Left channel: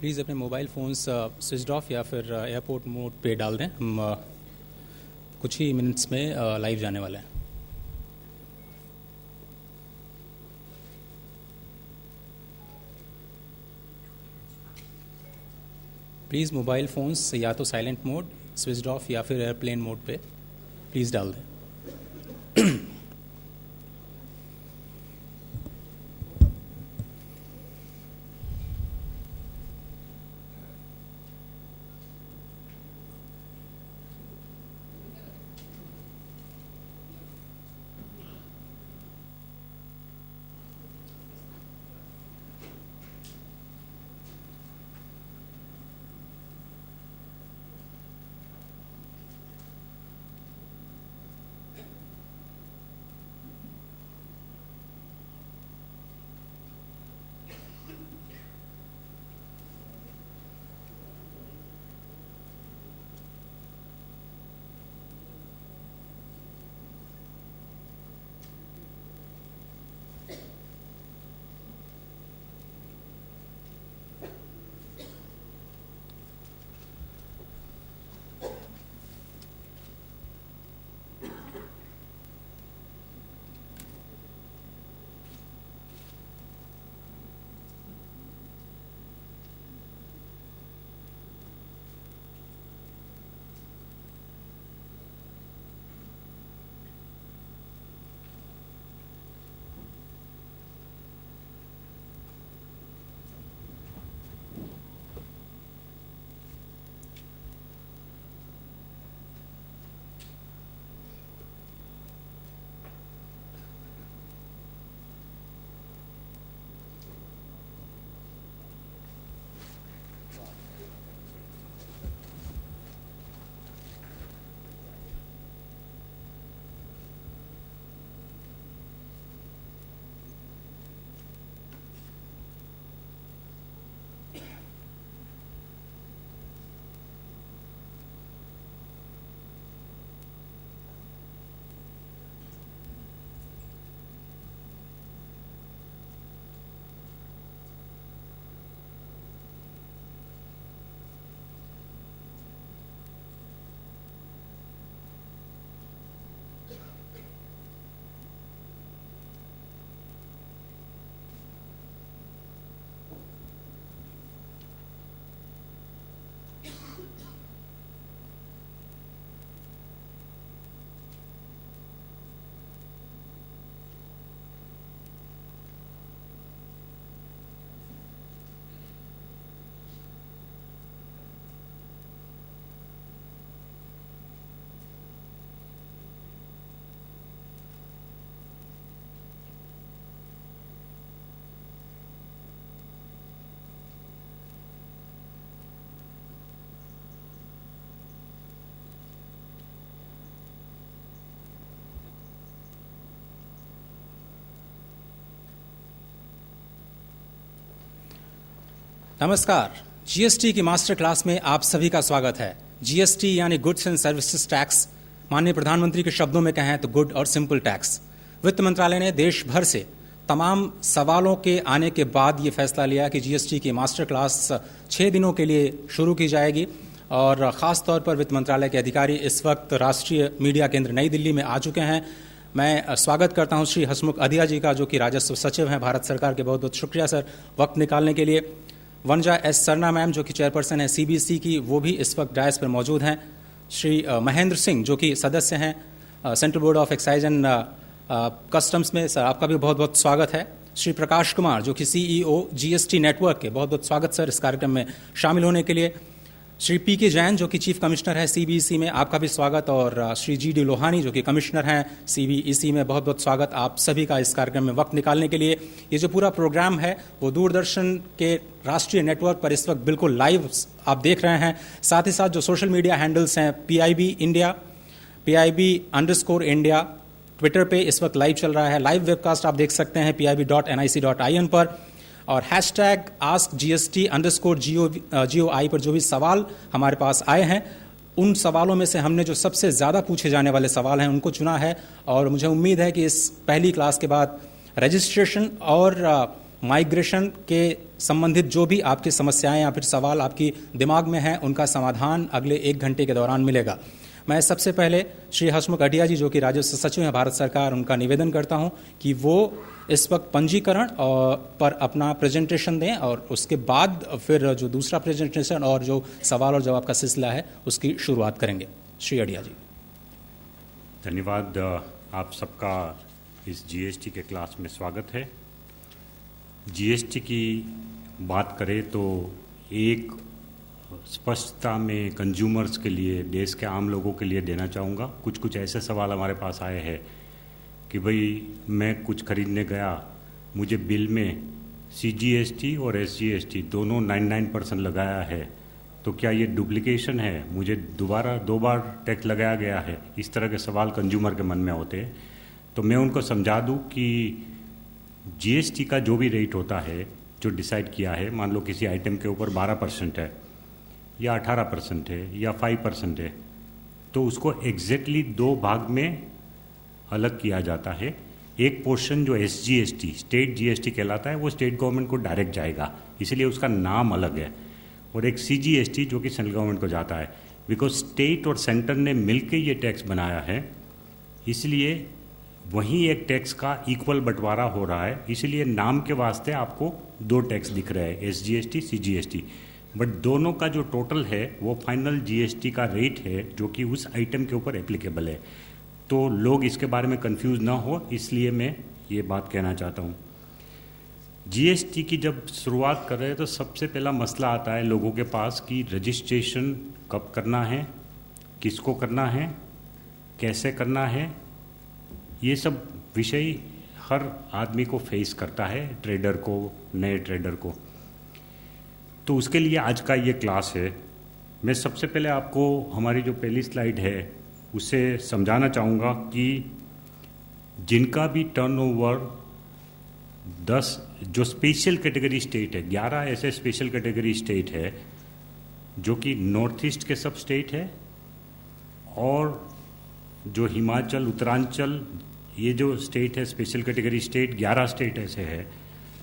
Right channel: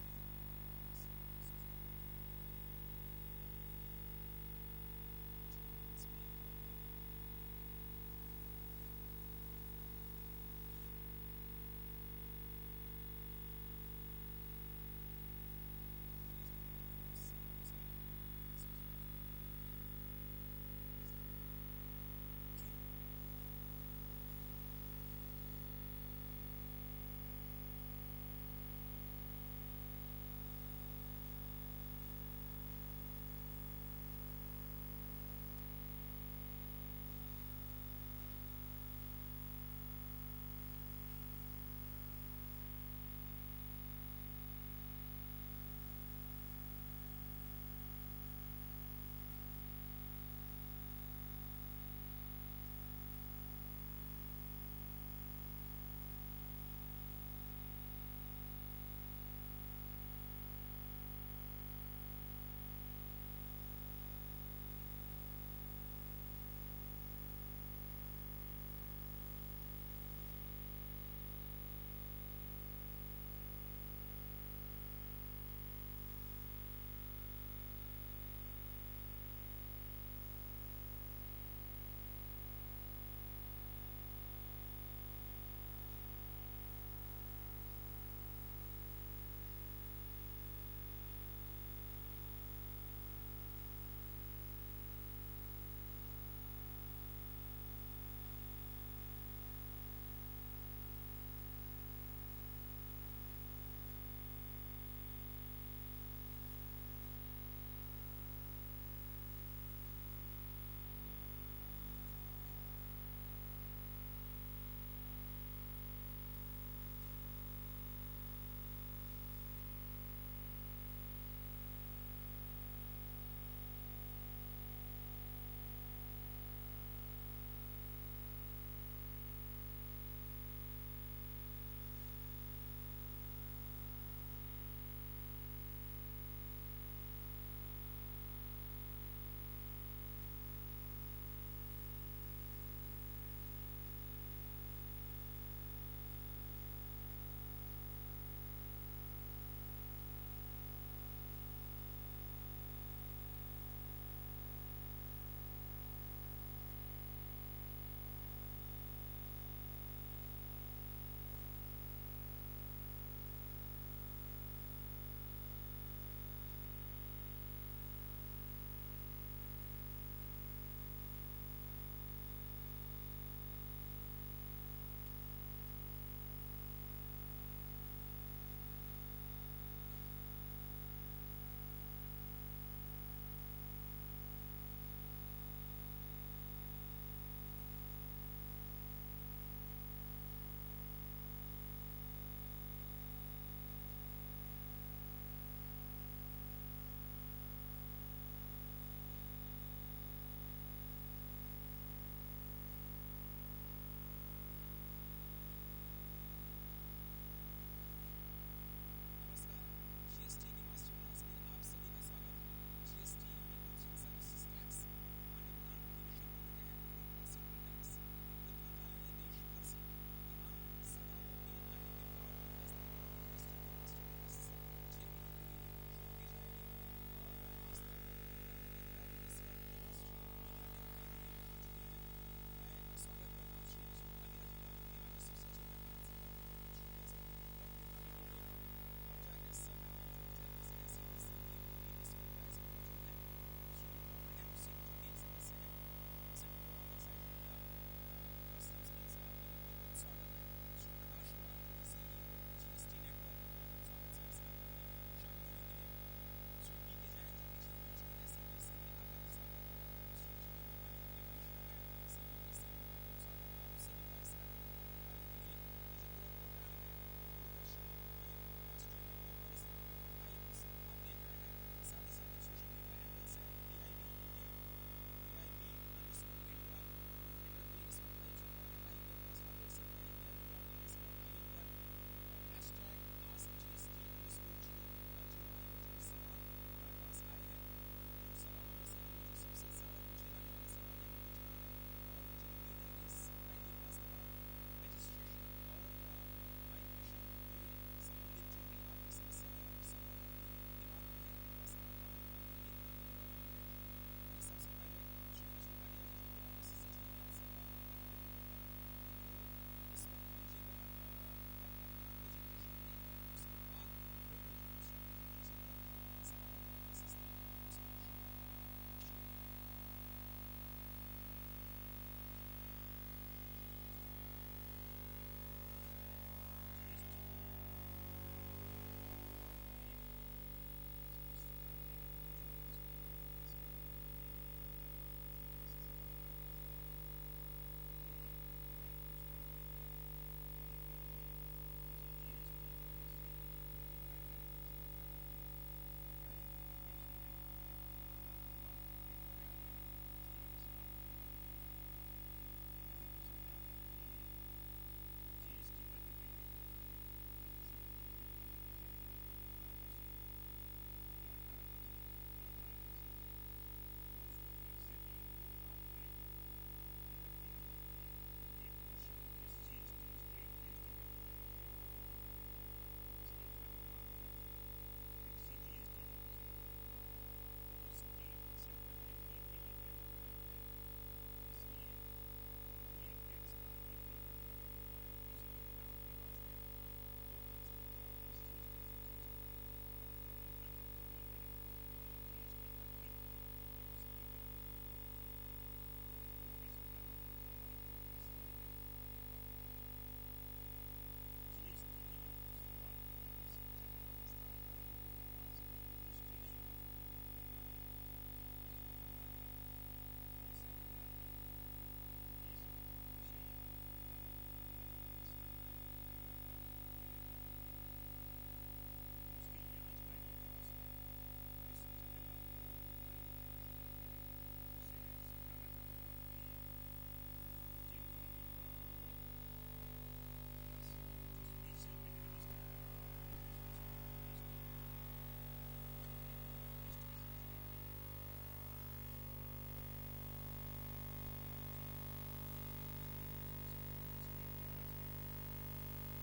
Please अपने mobile phones switch off या फिर एयरपोर्ट मोड पे डाल दें। हम कुछ ही मिनट्स में लाइव जाने वाले हैं। प्लीज़ मोबाइल फ़ोन्स या तो साइलेंट मोड, स्विच ऑफ या फिर एयरप्लेन मोड पे प्लीज़ डाल दें। नमस्कार, जीएसटी की मास्टर क्लास में आप सभी का स्वागत है। जीएसटी यानी गुड्स एंड सर्विसेज टैक्स, माननीय प्रधानमंत्री के शब्दों में कहें तो गुड और सिंपल टैक्स। वित्त मंत्रालय ने देश भर से तमाम सवालों के आने के बाद ये फैसला लिया कि जीएसटी की मास्टर क्लास 6 दिनों के लिए शुरू की जाएगी और ख़ास तौर पर वित्त मंत्रालय के अधिकारी इस वक्त राष्ट्रीय मीडिया केंद्र नई दिल्ली में आ चुके हैं। मैं स्वागत करता हूं श्री हसमुख अधिया जी का, जो कि राजस्व सचिव हैं भारत सरकार के। बहुत बहुत शुक्रिया सर वक्त निकालने के लिए। वनजा एस सरना मैम, जो कि चेयरपर्सन है सीबीसी की, वो भी इस वक्त डायस पर मौजूद हैं। श्री महेंद्र सिंह, जो कि सदस्य हैं central board of excise and customs में, सर आपका भी बहुत बहुत स्वागत है। श्री प्रकाश कुमार, जो कि सीईओ जीएसटी नेटवर्क के, बहुत बहुत स्वागत सर इस कार्यक्रम में शामिल होने के लिए। श्री पीके जैन, जो कि चीफ कमिश्नर है सीबीईसी में, आपका भी स्वागत। और श्री जीडी लोहानी, जो कि कमिश्नर हैं सीबीईसी में, बहुत बहुत स्वागत आप सभी का इस कार्यक्रम में वक्त निकालने के लिए। ये जो पूरा प्रोग्राम है वो दूरदर्शन के राष्ट्रीय नेटवर्क पर इस वक्त बिल्कुल लाइव आप देख रहे हैं। साथ ही साथ जो सोशल मीडिया हैंडल्स हैं, PIB इंडिया, PIB_India, ट्विटर पे इस वक्त लाइव चल रहा है। लाइव वेबकास्ट आप देख सकते हैं pib.nic.in पर। और #GST_GOI पर जो भी सवाल हमारे पास आए हैं, उन सवालों में से हमने जो सबसे ज़्यादा पूछे जाने वाले सवाल हैं उनको चुना है। और मुझे उम्मीद है कि इस पहली क्लास के बाद रजिस्ट्रेशन और माइग्रेशन के संबंधित जो भी आपकी समस्याएं या फिर सवाल आपकी दिमाग में हैं, उनका समाधान अगले 1 घंटे के दौरान मिलेगा। मैं सबसे पहले श्री हसमुख अढ़िया जी, जो कि राजस्व सचिव हैं भारत सरकार, उनका निवेदन करता हूं कि वो इस वक्त पंजीकरण पर अपना प्रेजेंटेशन दें और उसके बाद फिर जो दूसरा प्रेजेंटेशन और जो सवाल और जवाब का सिलसिला है उसकी शुरुआत करेंगे। श्री अढ़िया जी। धन्यवाद। आप सबका इस जीएसटी के क्लास में स्वागत है। जीएसटी की बात करें तो एक स्पष्टता में कंज्यूमर्स के लिए, देश के आम लोगों के लिए देना चाहूँगा। कुछ ऐसे सवाल हमारे पास आए हैं कि भाई मैं कुछ खरीदने गया, मुझे बिल में CGST और SGST दोनों 99% लगाया है, तो क्या ये डुप्लीकेशन है, मुझे दो बार टैक्स लगाया गया है? इस तरह के सवाल कंज्यूमर के मन में होते हैं। तो मैं उनको समझा दूं कि GST का जो भी रेट होता है, जो डिसाइड किया है, मान लो किसी आइटम के ऊपर 12% है या 18% है या 5% है, तो उसको एग्जैक्टली 2 भाग में अलग किया जाता है। एक पोर्शन जो SGST, स्टेट GST कहलाता है, वो स्टेट गवर्नमेंट को डायरेक्ट जाएगा, इसीलिए उसका नाम अलग है। और एक CGST जो कि सेंट्रल गवर्नमेंट को जाता है। बिकॉज स्टेट और सेंटर ने मिलकर ये टैक्स बनाया है, इसलिए वहीं एक टैक्स का इक्वल बंटवारा हो रहा है। इसलिए नाम के वास्ते आपको 2 टैक्स दिख रहे हैं, SGST, CGST, बट दोनों का जो टोटल है वो फाइनल GST का रेट है जो कि उस आइटम के ऊपर एप्लीकेबल है। तो लोग इसके बारे में कंफ्यूज ना हो, इसलिए मैं ये बात कहना चाहता हूँ। GST की जब शुरुआत कर रहे हैं तो सबसे पहला मसला आता है लोगों के पास कि रजिस्ट्रेशन कब करना है, किसको करना है, कैसे करना है। ये सब विषय हर आदमी को फेस करता है, ट्रेडर को, नए ट्रेडर को। तो उसके लिए आज का ये क्लास है। मैं सबसे पहले आपको हमारी जो पहली स्लाइड है उसे समझाना चाहूँगा कि जिनका भी टर्नओवर 10 जो स्पेशल कैटेगरी स्टेट है, 11 ऐसे स्पेशल कैटेगरी स्टेट है जो कि नॉर्थ ईस्ट के सब स्टेट है, और जो हिमाचल, उत्तरांचल, ये जो स्टेट है स्पेशल कैटेगरी स्टेट, 11 स्टेट ऐसे है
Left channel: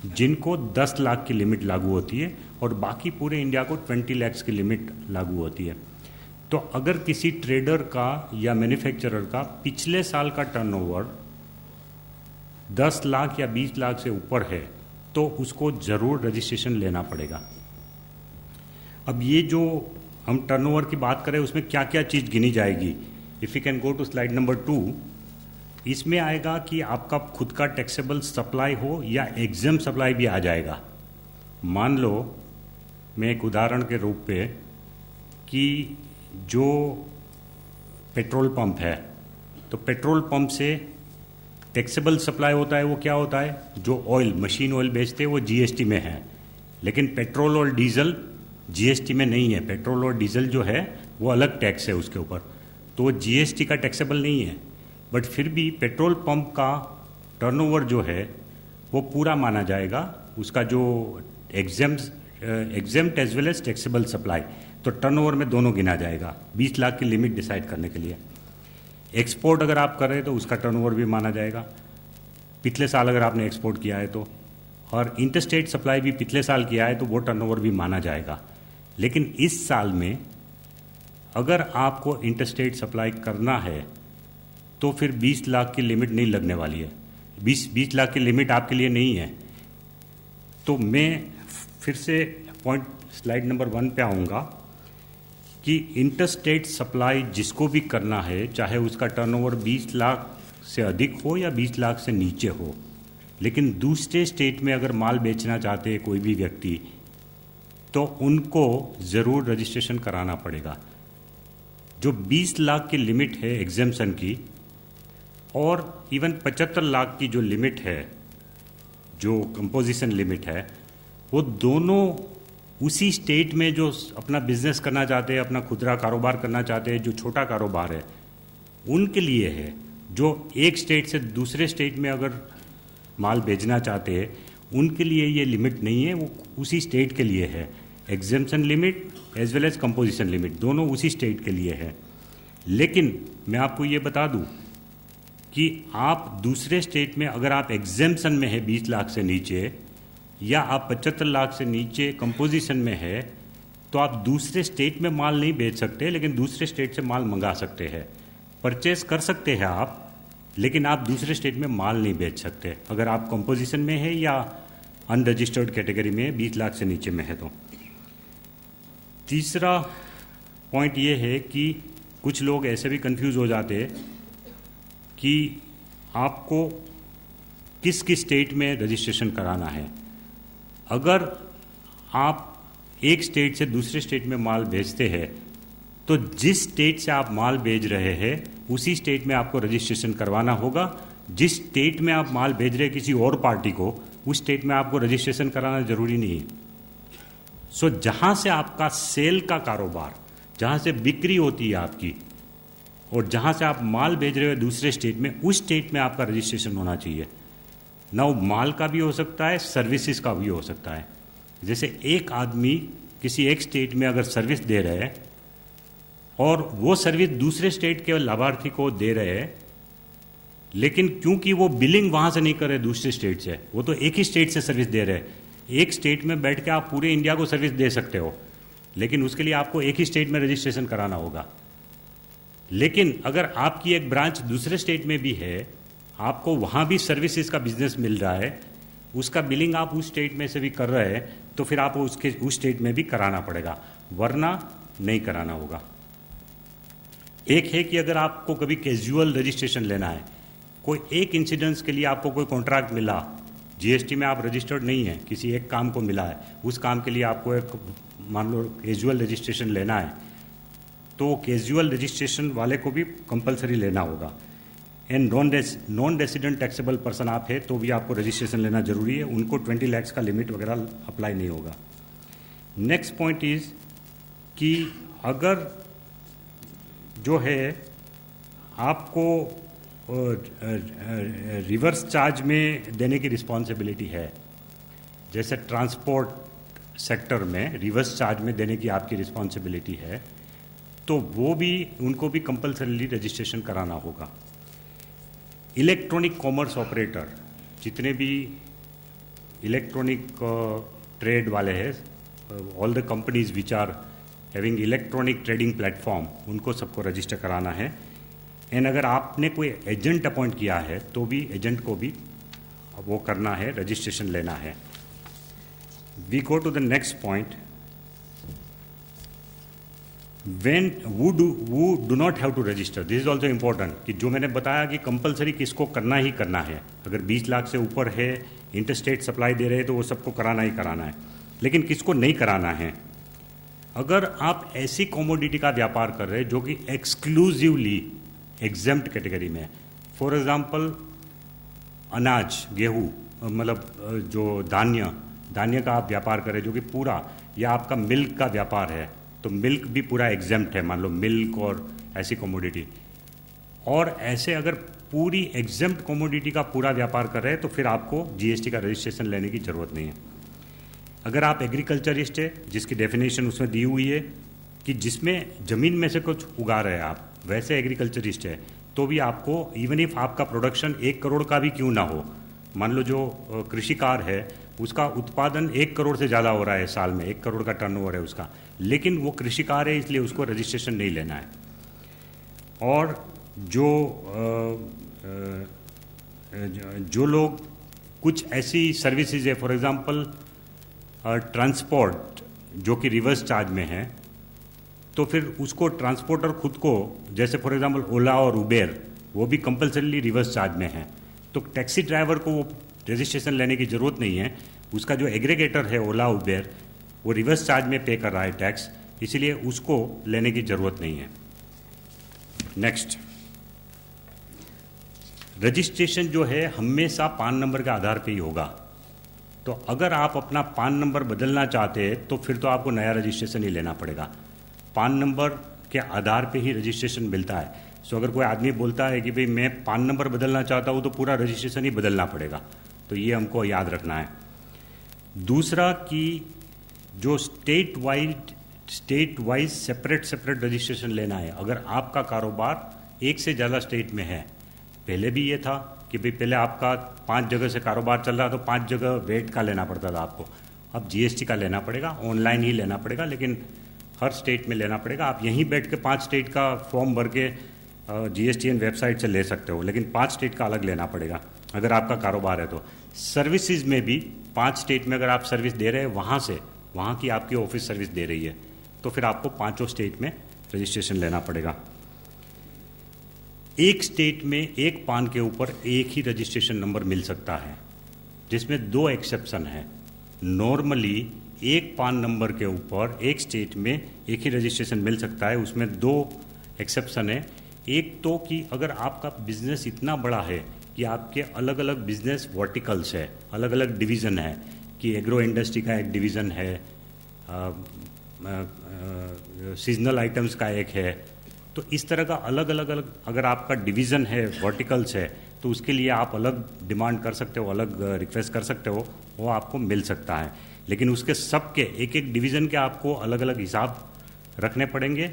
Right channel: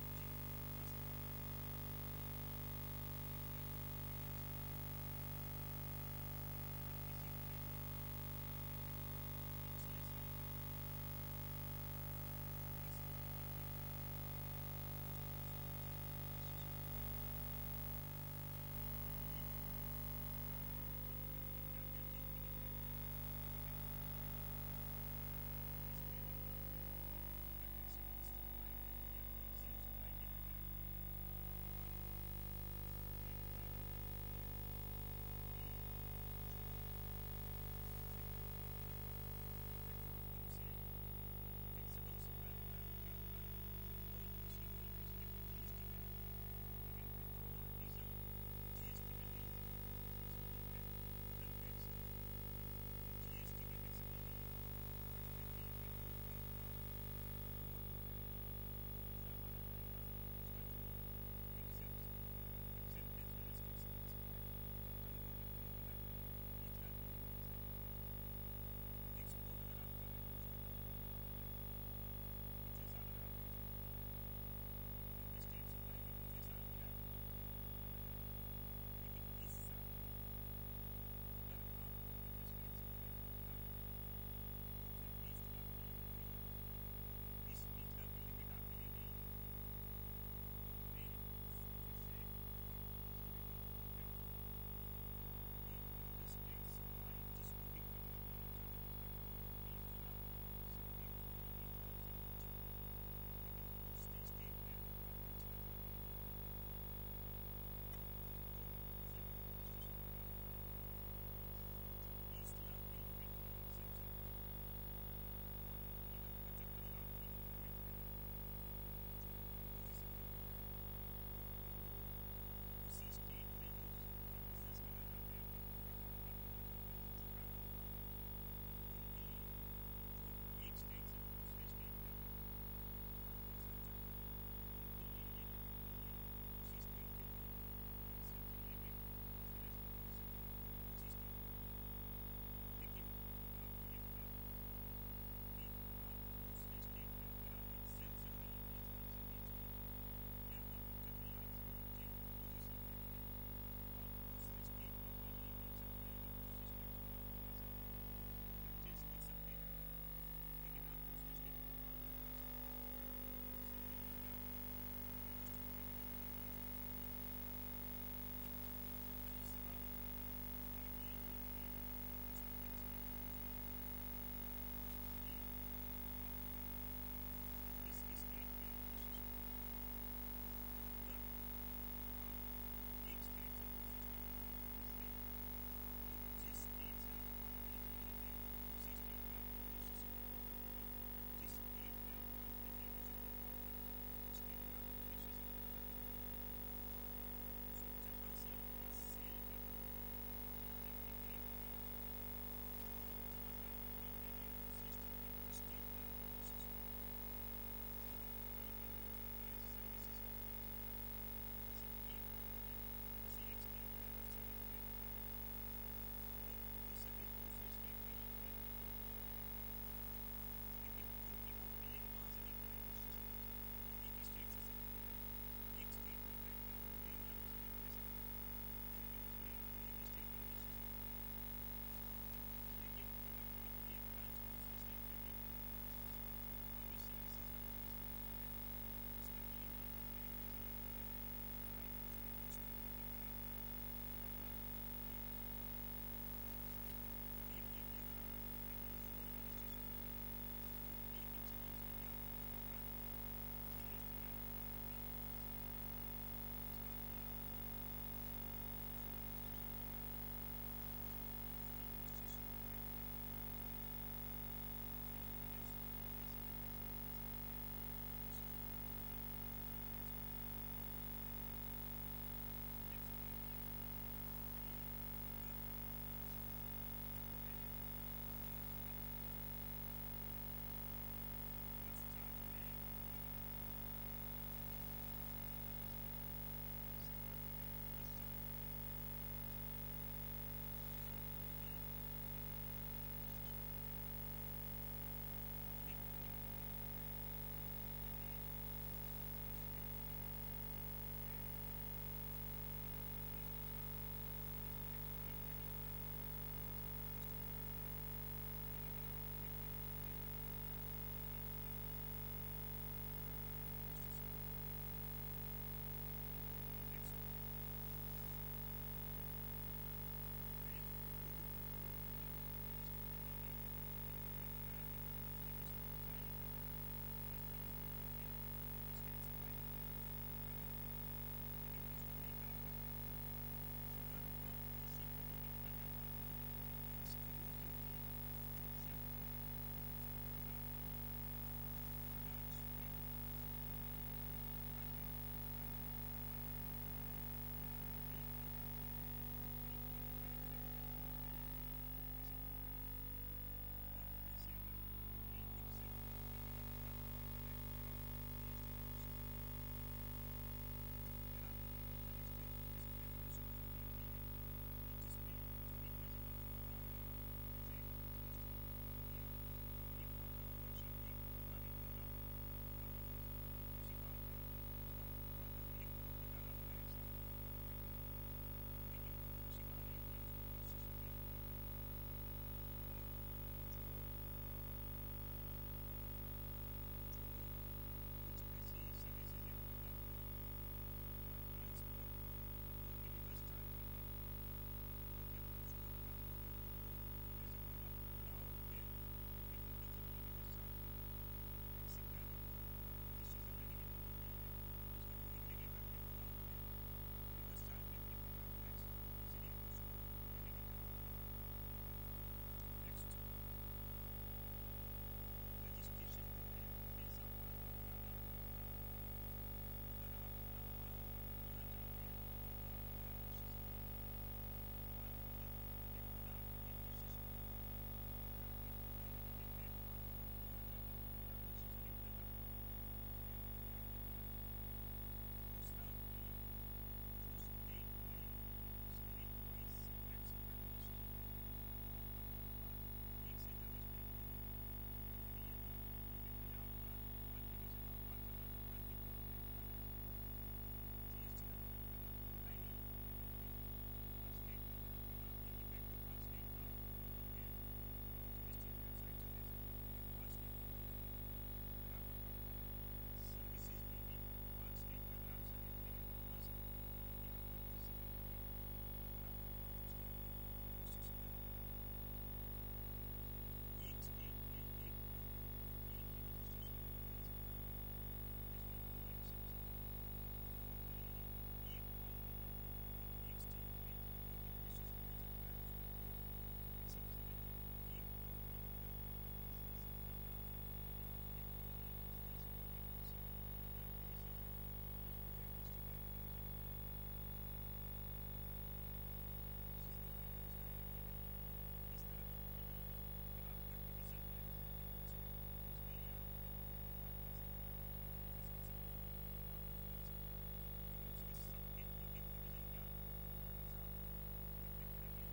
जिनको 10 लाख की लिमिट लागू होती है और बाकी पूरे इंडिया को 20 लाख की लिमिट लागू होती है। तो अगर किसी ट्रेडर का या मैन्युफैक्चरर का पिछले साल का टर्नओवर 10 लाख या 20 लाख से ऊपर है तो उसको ज़रूर रजिस्ट्रेशन लेना पड़ेगा। अब ये जो हम टर्नओवर की बात करें उसमें क्या क्या चीज़ गिनी जाएगी, if you can go to slide number 2, इसमें आएगा कि आपका खुद का टैक्सेबल सप्लाई हो या एग्जाम सप्लाई भी आ जाएगा। मान लो मैं एक उदाहरण के रूप पे कि जो पेट्रोल पंप है, तो पेट्रोल पंप से टैक्सेबल सप्लाई होता है, वो क्या होता है, जो ऑयल, मशीन ऑयल बेचते हैं वो GST में है, लेकिन पेट्रोल और डीजल GST में नहीं है। पेट्रोल और डीजल जो है वो अलग टैक्स है उसके ऊपर, तो वो GST का टैक्सेबल नहीं है। बट फिर भी पेट्रोल पंप का टर्नओवर जो है वो पूरा माना जाएगा, उसका जो exempt as well as taxable supply, तो टर्नओवर में दोनों गिना जाएगा 20 लाख की लिमिट डिसाइड करने के लिए। एक्सपोर्ट अगर आप कर रहे हैं तो उसका टर्नओवर भी माना जाएगा, पिछले साल अगर आपने एक्सपोर्ट किया है तो, और इंटरस्टेट सप्लाई भी पिछले साल किया है तो वो टर्नओवर भी माना जाएगा। लेकिन इस साल में अगर आपको इंटरस्टेट सप्लाई करना है तो फिर 20 लाख की लिमिट नहीं लगने वाली है, 20 लाख की लिमिट आपके लिए नहीं है। तो मैं फिर से पॉइंट स्लाइड नंबर 1 पे आऊँगा कि इंटरस्टेट सप्लाई जिसको भी करना है, चाहे उसका टर्नओवर 20 लाख से अधिक हो या 20 लाख से नीचे हो, लेकिन दूसरे स्टेट में अगर माल बेचना चाहते हैं कोई भी व्यक्ति, तो उनको ज़रूर रजिस्ट्रेशन कराना पड़ेगा। जो 20 लाख की लिमिट है एग्जेम्पशन की, और इवन 75 लाख की जो लिमिट है, जो कंपोजिशन लिमिट है, वो दोनों उसी स्टेट में जो अपना बिजनेस करना चाहते हैं, अपना खुदरा कारोबार करना चाहते हैं, जो छोटा कारोबार है उनके लिए है। जो एक स्टेट से दूसरे स्टेट में अगर माल भेजना चाहते हैं उनके लिए ये लिमिट नहीं है, वो उसी स्टेट के लिए है। Exemption limit as well as composition limit दोनों उसी स्टेट के लिए है। लेकिन मैं आपको ये बता दूं कि आप दूसरे स्टेट में अगर आप एग्जेम्पशन में है 20 लाख से नीचे, या आप 75 लाख से नीचे कंपोजिशन में है तो आप दूसरे स्टेट में माल नहीं बेच सकते, लेकिन दूसरे स्टेट से माल मंगा सकते हैं। परचेस कर सकते हैं आप, लेकिन आप दूसरे स्टेट में माल नहीं बेच सकते अगर आप कंपोजिशन में है या अनरजिस्टर्ड कैटेगरी में 20 लाख से नीचे में है। तो तीसरा पॉइंट ये है कि कुछ लोग ऐसे भी कंफ्यूज हो जाते हैं कि आपको किस किस स्टेट में रजिस्ट्रेशन कराना है। अगर आप एक स्टेट से दूसरे स्टेट में माल भेजते हैं तो जिस स्टेट से आप माल भेज रहे हैं उसी स्टेट में आपको रजिस्ट्रेशन करवाना होगा। जिस स्टेट में आप माल भेज रहे हैं किसी और पार्टी को, उस स्टेट में आपको रजिस्ट्रेशन कराना जरूरी नहीं है। सो जहां से आपका सेल का कारोबार, जहां से बिक्री होती है आपकी, और जहां से आप माल भेज रहे हो दूसरे स्टेट में, उस स्टेट में आपका रजिस्ट्रेशन होना चाहिए। ना वो माल का भी हो सकता है, सर्विसेज का भी हो सकता है। जैसे एक आदमी किसी एक स्टेट में अगर सर्विस दे रहे हैं और वो सर्विस दूसरे स्टेट के लाभार्थी को दे रहे हैं, लेकिन क्योंकि वो बिलिंग वहां से नहीं कर रहे दूसरे स्टेट से, वो तो एक ही स्टेट से सर्विस दे रहे हैं। एक स्टेट में बैठ के आप पूरे इंडिया को सर्विस दे सकते हो, लेकिन उसके लिए आपको एक ही स्टेट में रजिस्ट्रेशन कराना होगा। लेकिन अगर आपकी एक ब्रांच दूसरे स्टेट में भी है, आपको वहां भी सर्विसेज का बिजनेस मिल रहा है, उसका बिलिंग आप उस स्टेट में से भी कर रहे हैं, तो फिर आपको उस स्टेट में भी कराना पड़ेगा, वरना नहीं कराना होगा। एक है कि अगर आपको कभी कैजुअल रजिस्ट्रेशन लेना है, कोई एक इंसिडेंस के लिए आपको कोई कॉन्ट्रैक्ट मिला, जीएसटी में आप रजिस्टर्ड नहीं है, किसी एक काम को मिला है, उस काम के लिए आपको एक मान लो कैजुअल रजिस्ट्रेशन लेना है, तो कैजुअल रजिस्ट्रेशन वाले को भी कंपलसरी लेना होगा। And non resident taxable person आप है तो भी आपको रजिस्ट्रेशन लेना जरूरी है, उनको 20 लाख का लिमिट वगैरह अप्लाई नहीं होगा। नेक्स्ट पॉइंट इज कि अगर जो है आपको रिवर्स चार्ज में देने की रिस्पॉन्सिबिलिटी है, जैसे ट्रांसपोर्ट सेक्टर में रिवर्स चार्ज में देने की आपकी रिस्पॉन्सिबिलिटी है, तो वो भी उनको भी कंपलसरीली रजिस्ट्रेशन कराना होगा। इलेक्ट्रॉनिक कॉमर्स ऑपरेटर, जितने भी इलेक्ट्रॉनिक ट्रेड वाले हैं, all the companies which are having electronic trading platform, उनको सबको रजिस्टर कराना है। एंड अगर आपने कोई एजेंट अपॉइंट किया है तो भी एजेंट को भी वो करना है, रजिस्ट्रेशन लेना है। We go to the next point, when who do not have to register, this is also important, कि जो मैंने बताया कि कंपलसरी किसको करना ही करना है। अगर 20 लाख से ऊपर है, इंटरस्टेट सप्लाई दे रहे हैं, तो वो सबको कराना ही कराना है, लेकिन किसको नहीं कराना है। अगर आप ऐसी कमोडिटी का व्यापार कर रहे हैं जो कि एक्सक्लूसिवली एग्जेम्प्ट कैटेगरी में है, फॉर एग्जांपल अनाज, गेहूँ, मतलब जो धान्य का आप व्यापार करें जो कि पूरा, या आपका मिल्क का व्यापार है तो मिल्क भी पूरा एग्जेम्प्ट है, मान लो मिल्क और ऐसी कमोडिटी। और ऐसे अगर पूरी एग्जेम्प्ट कमोडिटी का पूरा व्यापार कर रहे हैं तो फिर आपको जीएसटी का रजिस्ट्रेशन लेने की ज़रूरत नहीं है। अगर आप एग्रीकल्चरिस्ट है, जिसकी डेफिनेशन उसमें दी हुई है कि जिसमें ज़मीन में से कुछ उगा रहे हैं आप, वैसे एग्रीकल्चरिस्ट है, तो भी आपको इवन इफ आपका प्रोडक्शन 1 करोड़ का भी क्यों ना हो, मान लो जो कृषिकार है उसका उत्पादन 1 करोड़ से ज़्यादा हो रहा है साल में, 1 करोड़ का टर्नओवर है उसका, लेकिन वो कृषिकार है इसलिए उसको रजिस्ट्रेशन नहीं लेना है। और जो लोग कुछ ऐसी सर्विसेज है, फॉर एग्जांपल ट्रांसपोर्ट जो कि रिवर्स चार्ज में है, तो फिर उसको ट्रांसपोर्टर खुद को, जैसे फॉर एग्जांपल ओला और उबेर, वो भी कंपलसरीली रिवर्स चार्ज में है, तो टैक्सी ड्राइवर को वो रजिस्ट्रेशन लेने की ज़रूरत नहीं है। उसका जो एग्रीगेटर है ओला उबेर, वो रिवर्स चार्ज में पे कर रहा है टैक्स, इसीलिए उसको लेने की ज़रूरत नहीं है। नेक्स्ट, रजिस्ट्रेशन जो है हमेशा पान नंबर के आधार पे ही होगा। तो अगर आप अपना पान नंबर बदलना चाहते हैं तो फिर तो आपको नया रजिस्ट्रेशन ही लेना पड़ेगा। पान नंबर के आधार पे ही रजिस्ट्रेशन मिलता है। सो अगर कोई आदमी बोलता है कि भाई मैं पान नंबर बदलना चाहता हूँ, तो पूरा रजिस्ट्रेशन ही बदलना पड़ेगा। तो ये हमको याद रखना है। दूसरा कि जो स्टेट वाइज सेपरेट रजिस्ट्रेशन लेना है। अगर आपका कारोबार एक से ज़्यादा स्टेट में है, पहले भी ये था कि भाई पहले आपका 5 जगह से कारोबार चल रहा तो 5 जगह वेट का लेना पड़ता था आपको, अब जीएसटी का लेना पड़ेगा, ऑनलाइन ही लेना पड़ेगा, लेकिन हर स्टेट में लेना पड़ेगा। आप यहीं बैठ के 5 स्टेट का फॉर्म भर के GSTN वेबसाइट से ले सकते हो, लेकिन 5 स्टेट का अलग लेना पड़ेगा अगर आपका कारोबार है तो। सर्विसेज में भी 5 स्टेट में अगर आप सर्विस दे रहे हैं, वहाँ की आपकी ऑफिस सर्विस दे रही है, तो फिर आपको 5 स्टेट में रजिस्ट्रेशन लेना पड़ेगा। एक स्टेट में एक पान के ऊपर एक ही रजिस्ट्रेशन नंबर मिल सकता है, जिसमें 2 एक्सेप्शन है। नॉर्मली एक पान नंबर के ऊपर एक स्टेट में एक ही रजिस्ट्रेशन मिल सकता है, उसमें 2 एक्सेप्शन है। एक तो कि अगर आपका बिजनेस इतना बड़ा है कि आपके अलग अलग बिजनेस वर्टिकल्स है, अलग अलग डिवीज़न है, कि एग्रो इंडस्ट्री का एक डिवीज़न है, सीजनल आइटम्स का एक है, तो इस तरह का अलग अलग अगर आपका डिवीज़न है, वर्टिकल्स है, तो उसके लिए आप अलग डिमांड कर सकते हो, अलग रिक्वेस्ट कर सकते हो, वो आपको मिल सकता है। लेकिन उसके सबके एक एक डिवीज़न के आपको अलग अलग हिसाब रखने पड़ेंगे।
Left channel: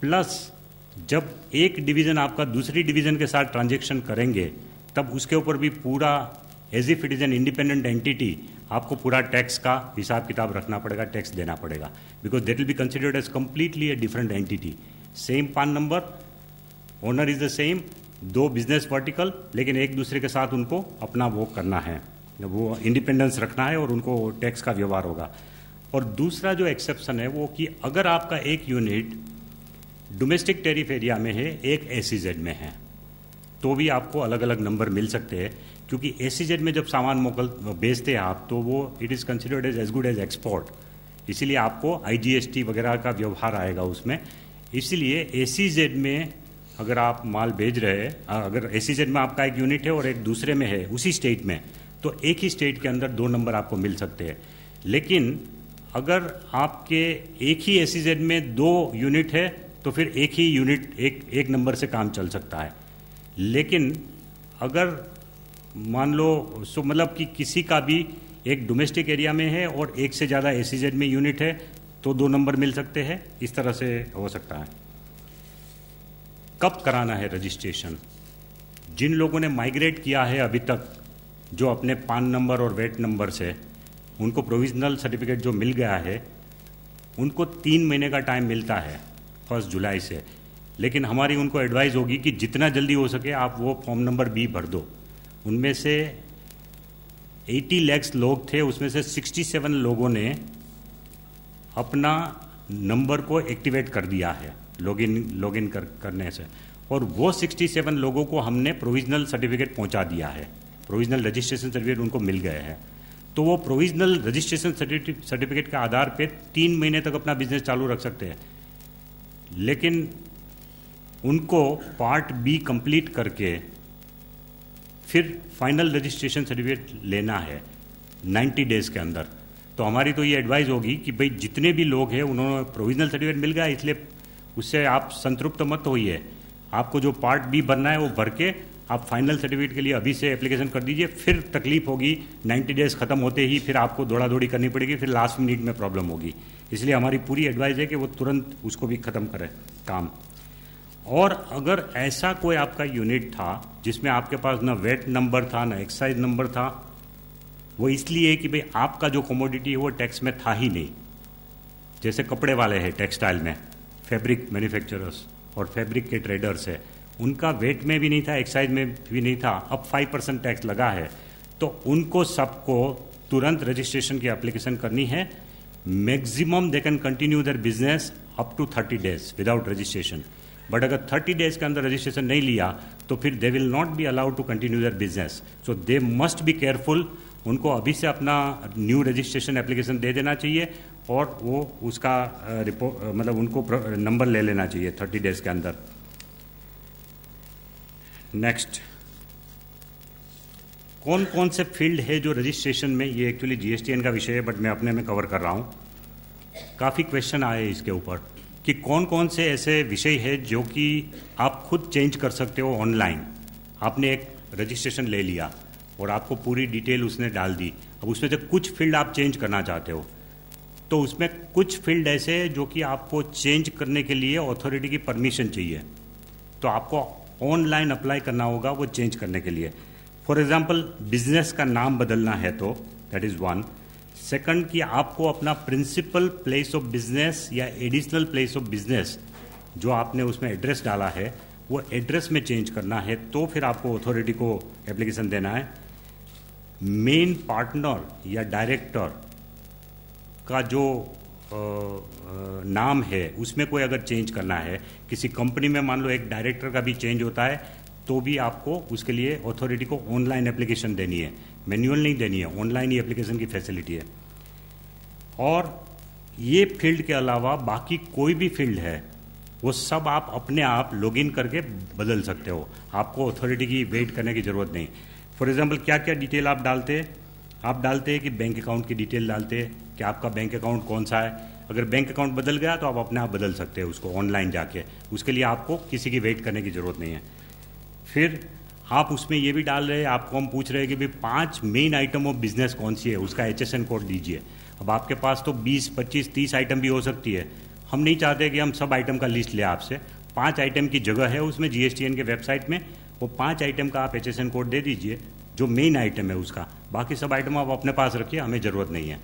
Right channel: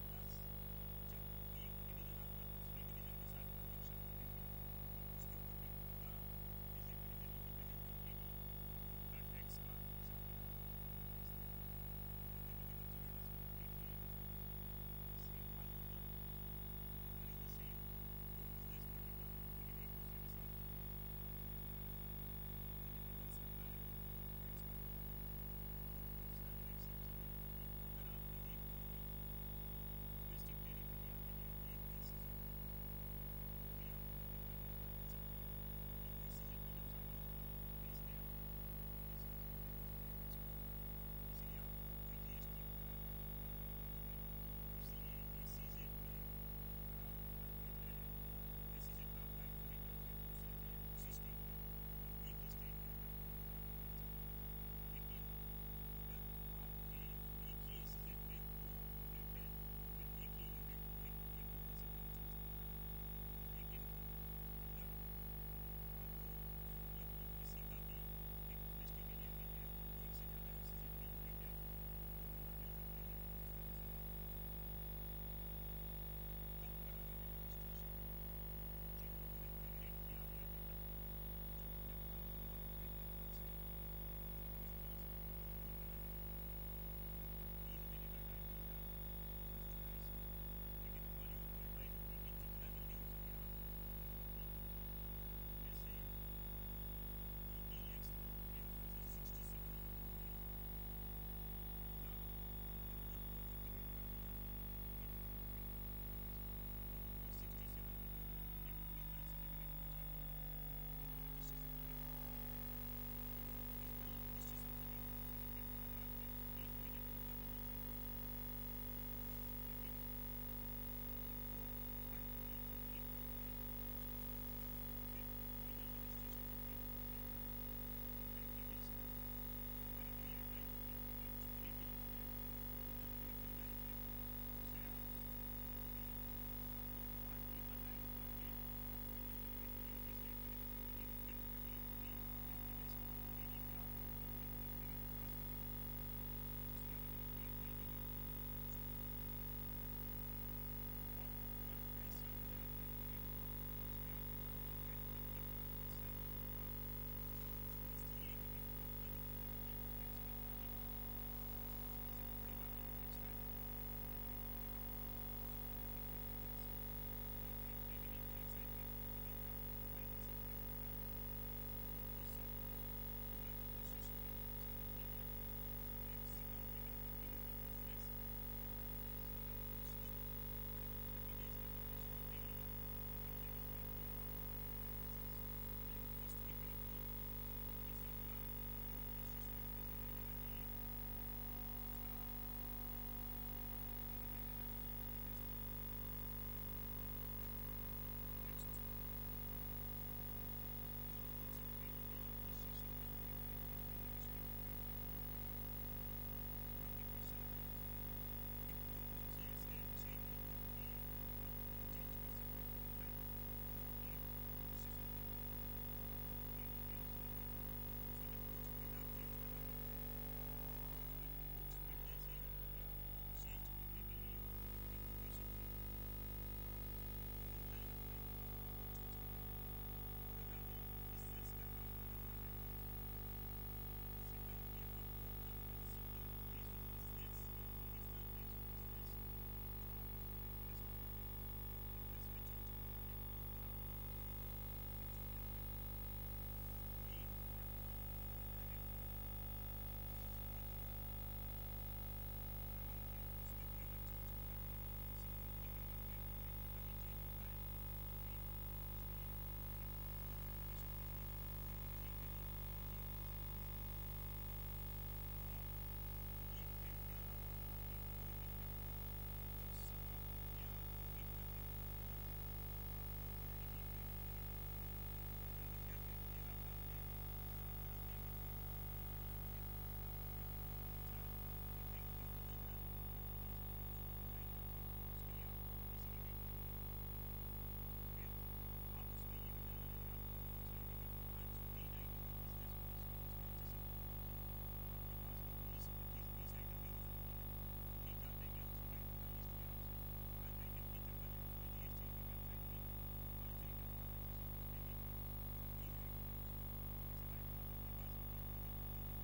प्लस जब एक डिवीज़न आपका दूसरी डिवीज़न के साथ ट्रांजेक्शन करेंगे, तब उसके ऊपर भी पूरा as if it is an independent entity आपको पूरा टैक्स का हिसाब किताब रखना पड़ेगा, टैक्स देना पड़ेगा, because that will be considered as completely a different entity. Same PAN number, owner is the same, 2 business vertical, लेकिन एक दूसरे के साथ उनको अपना वो करना है, वो इंडिपेंडेंस रखना है और उनको टैक्स का व्यवहार होगा। और दूसरा जो एक्सेप्शन है वो कि अगर आपका एक यूनिट डोमेस्टिक टैरिफ एरिया में है, एक SEZ में है, तो भी आपको अलग अलग नंबर मिल सकते हैं, क्योंकि SEZ में जब सामान बेचते हैं आप, तो वो it is considered as good as export, इसीलिए आपको IGST वगैरह का व्यवहार आएगा उसमें। इसीलिए SEZ में अगर आप माल भेज रहे हैं, अगर SEZ में आपका एक यूनिट है और एक दूसरे में है उसी स्टेट में, तो एक ही स्टेट के अंदर 2 नंबर आपको मिल सकते हैं। लेकिन अगर आपके एक ही SEZ में 2 यूनिट है, तो फिर एक ही यूनिट एक नंबर से काम चल सकता है। लेकिन अगर मान लो मतलब कि किसी का भी एक डोमेस्टिक एरिया में है और एक से ज़्यादा SEZ में यूनिट है, तो 2 नंबर मिल सकते हैं, इस तरह से हो सकता है। कब कराना है रजिस्ट्रेशन? जिन लोगों ने माइग्रेट किया है अभी तक, जो अपने पान नंबर और वेट नंबर से उनको प्रोविजनल सर्टिफिकेट जो मिल गया है, उनको 3 महीने का टाइम मिलता है 1 जुलाई से। लेकिन हमारी उनको एडवाइस होगी कि जितना जल्दी हो सके आप वो फॉर्म नंबर B भर दो। उनमें से 80 लाख लोग थे, उसमें से 67 लोगों ने अपना नंबर को एक्टिवेट कर दिया है लॉगिन करने से, और वो 67 लोगों को हमने प्रोविजनल सर्टिफिकेट पहुंचा दिया है, प्रोविजनल रजिस्ट्रेशन सर्टिफिकेट उनको मिल गए हैं। तो वो प्रोविजनल रजिस्ट्रेशन सर्टिफिकेट के आधार पे 3 महीने तक अपना बिजनेस चालू रख सकते हैं। लेकिन उनको पार्ट B कंप्लीट करके फिर फाइनल रजिस्ट्रेशन सर्टिफिकेट लेना है 90 डेज़ के अंदर। तो हमारी तो ये एडवाइस होगी कि भाई जितने भी लोग हैं उन्होंने प्रोविजनल सर्टिफिकेट मिल गया, इसलिए उससे आप संतृप्त मत होइए। आपको जो पार्ट B भरना है वो भर के आप फाइनल सर्टिफिकेट के लिए अभी से एप्लीकेशन कर दीजिए। फिर तकलीफ होगी 90 डेज़ ख़त्म होते ही, फिर आपको दौड़ा दौड़ी करनी पड़ेगी, फिर लास्ट मिनट में प्रॉब्लम होगी। इसलिए हमारी पूरी एडवाइस है कि वो तुरंत उसको भी ख़त्म करें काम। और अगर ऐसा कोई आपका यूनिट था जिसमें आपके पास ना वेट नंबर था ना एक्साइज नंबर था, वो इसलिए कि भाई आपका जो कमोडिटी है वो टैक्स में था ही नहीं। जैसे कपड़े वाले हैं टेक्सटाइल में, फैब्रिक मैन्युफैक्चरर्स और फैब्रिक के ट्रेडर्स है, उनका वेट में भी नहीं था, एक्साइज में भी नहीं था, अब 5% टैक्स लगा है, तो उनको सबको तुरंत रजिस्ट्रेशन की एप्लीकेशन करनी है। Maximum they can continue their business up to 30 days without registration, but अगर 30 डेज के अंदर रजिस्ट्रेशन नहीं लिया तो फिर they will not be allowed to continue their business. So they must be careful. उनको अभी से अपना न्यू रजिस्ट्रेशन एप्लीकेशन दे देना चाहिए और वो उसका मतलब उनको नंबर ले लेना चाहिए 30 डेज के अंदर। नेक्स्ट, कौन कौन से फील्ड है जो रजिस्ट्रेशन में, ये एक्चुअली GSTN का विषय है बट मैं अपने में कवर कर रहा हूँ। काफ़ी क्वेश्चन आए इसके ऊपर कि कौन कौन से ऐसे विषय है जो कि आप खुद चेंज कर सकते हो ऑनलाइन। आपने एक रजिस्ट्रेशन ले लिया और आपको पूरी डिटेल उसने डाल दी, अब उसमें से कुछ फील्ड आप चेंज करना चाहते हो, तो उसमें कुछ फील्ड ऐसे जो कि आपको चेंज करने के लिए अथॉरिटी की परमिशन चाहिए। तो आपको ऑनलाइन अप्लाई करना होगा वो चेंज करने के लिए। फॉर एग्जांपल बिजनेस का नाम बदलना है तो दैट इज़ वन। सेकंड कि आपको अपना प्रिंसिपल प्लेस ऑफ बिजनेस या एडिशनल प्लेस ऑफ बिजनेस जो आपने उसमें एड्रेस डाला है वो एड्रेस में चेंज करना है, तो फिर आपको अथॉरिटी को एप्लीकेशन देना है। मेन पार्टनर या डायरेक्टर का जो नाम है उसमें कोई अगर चेंज करना है, किसी कंपनी में मान लो एक डायरेक्टर का भी चेंज होता है, तो भी आपको उसके लिए अथॉरिटी को ऑनलाइन एप्लीकेशन देनी है, मैनुअल नहीं देनी है, ऑनलाइन ही एप्लीकेशन की फैसिलिटी है। और ये फील्ड के अलावा बाकी कोई भी फील्ड है वो सब आप अपने आप लॉगिन करके बदल सकते हो, आपको अथॉरिटी की वेट करने की ज़रूरत नहीं। फॉर एग्जांपल क्या क्या डिटेल आप डालते हैं, आप डालते हैं कि बैंक अकाउंट की डिटेल डालते हैं कि आपका बैंक अकाउंट कौन सा है। अगर बैंक अकाउंट बदल गया तो आप अपने आप बदल सकते हैं उसको ऑनलाइन जाके, उसके लिए आपको किसी की वेट करने की ज़रूरत नहीं है। फिर आप उसमें ये भी डाल रहे हैं, आपको हम पूछ रहे हैं कि भाई 5 मेन आइटम ऑफ बिजनेस कौन सी है, उसका HSN कोड दीजिए। अब आपके पास तो 20, 25, 30 आइटम भी हो सकती है, हम नहीं चाहते कि हम सब आइटम का लिस्ट ले आपसे। 5 आइटम की जगह है उसमें GSTN के वेबसाइट में, वो 5 आइटम का आप HSN कोड दे दीजिए जो मेन आइटम है उसका, बाकी सब आइटम आप अपने पास रखिए, हमें ज़रूरत नहीं है।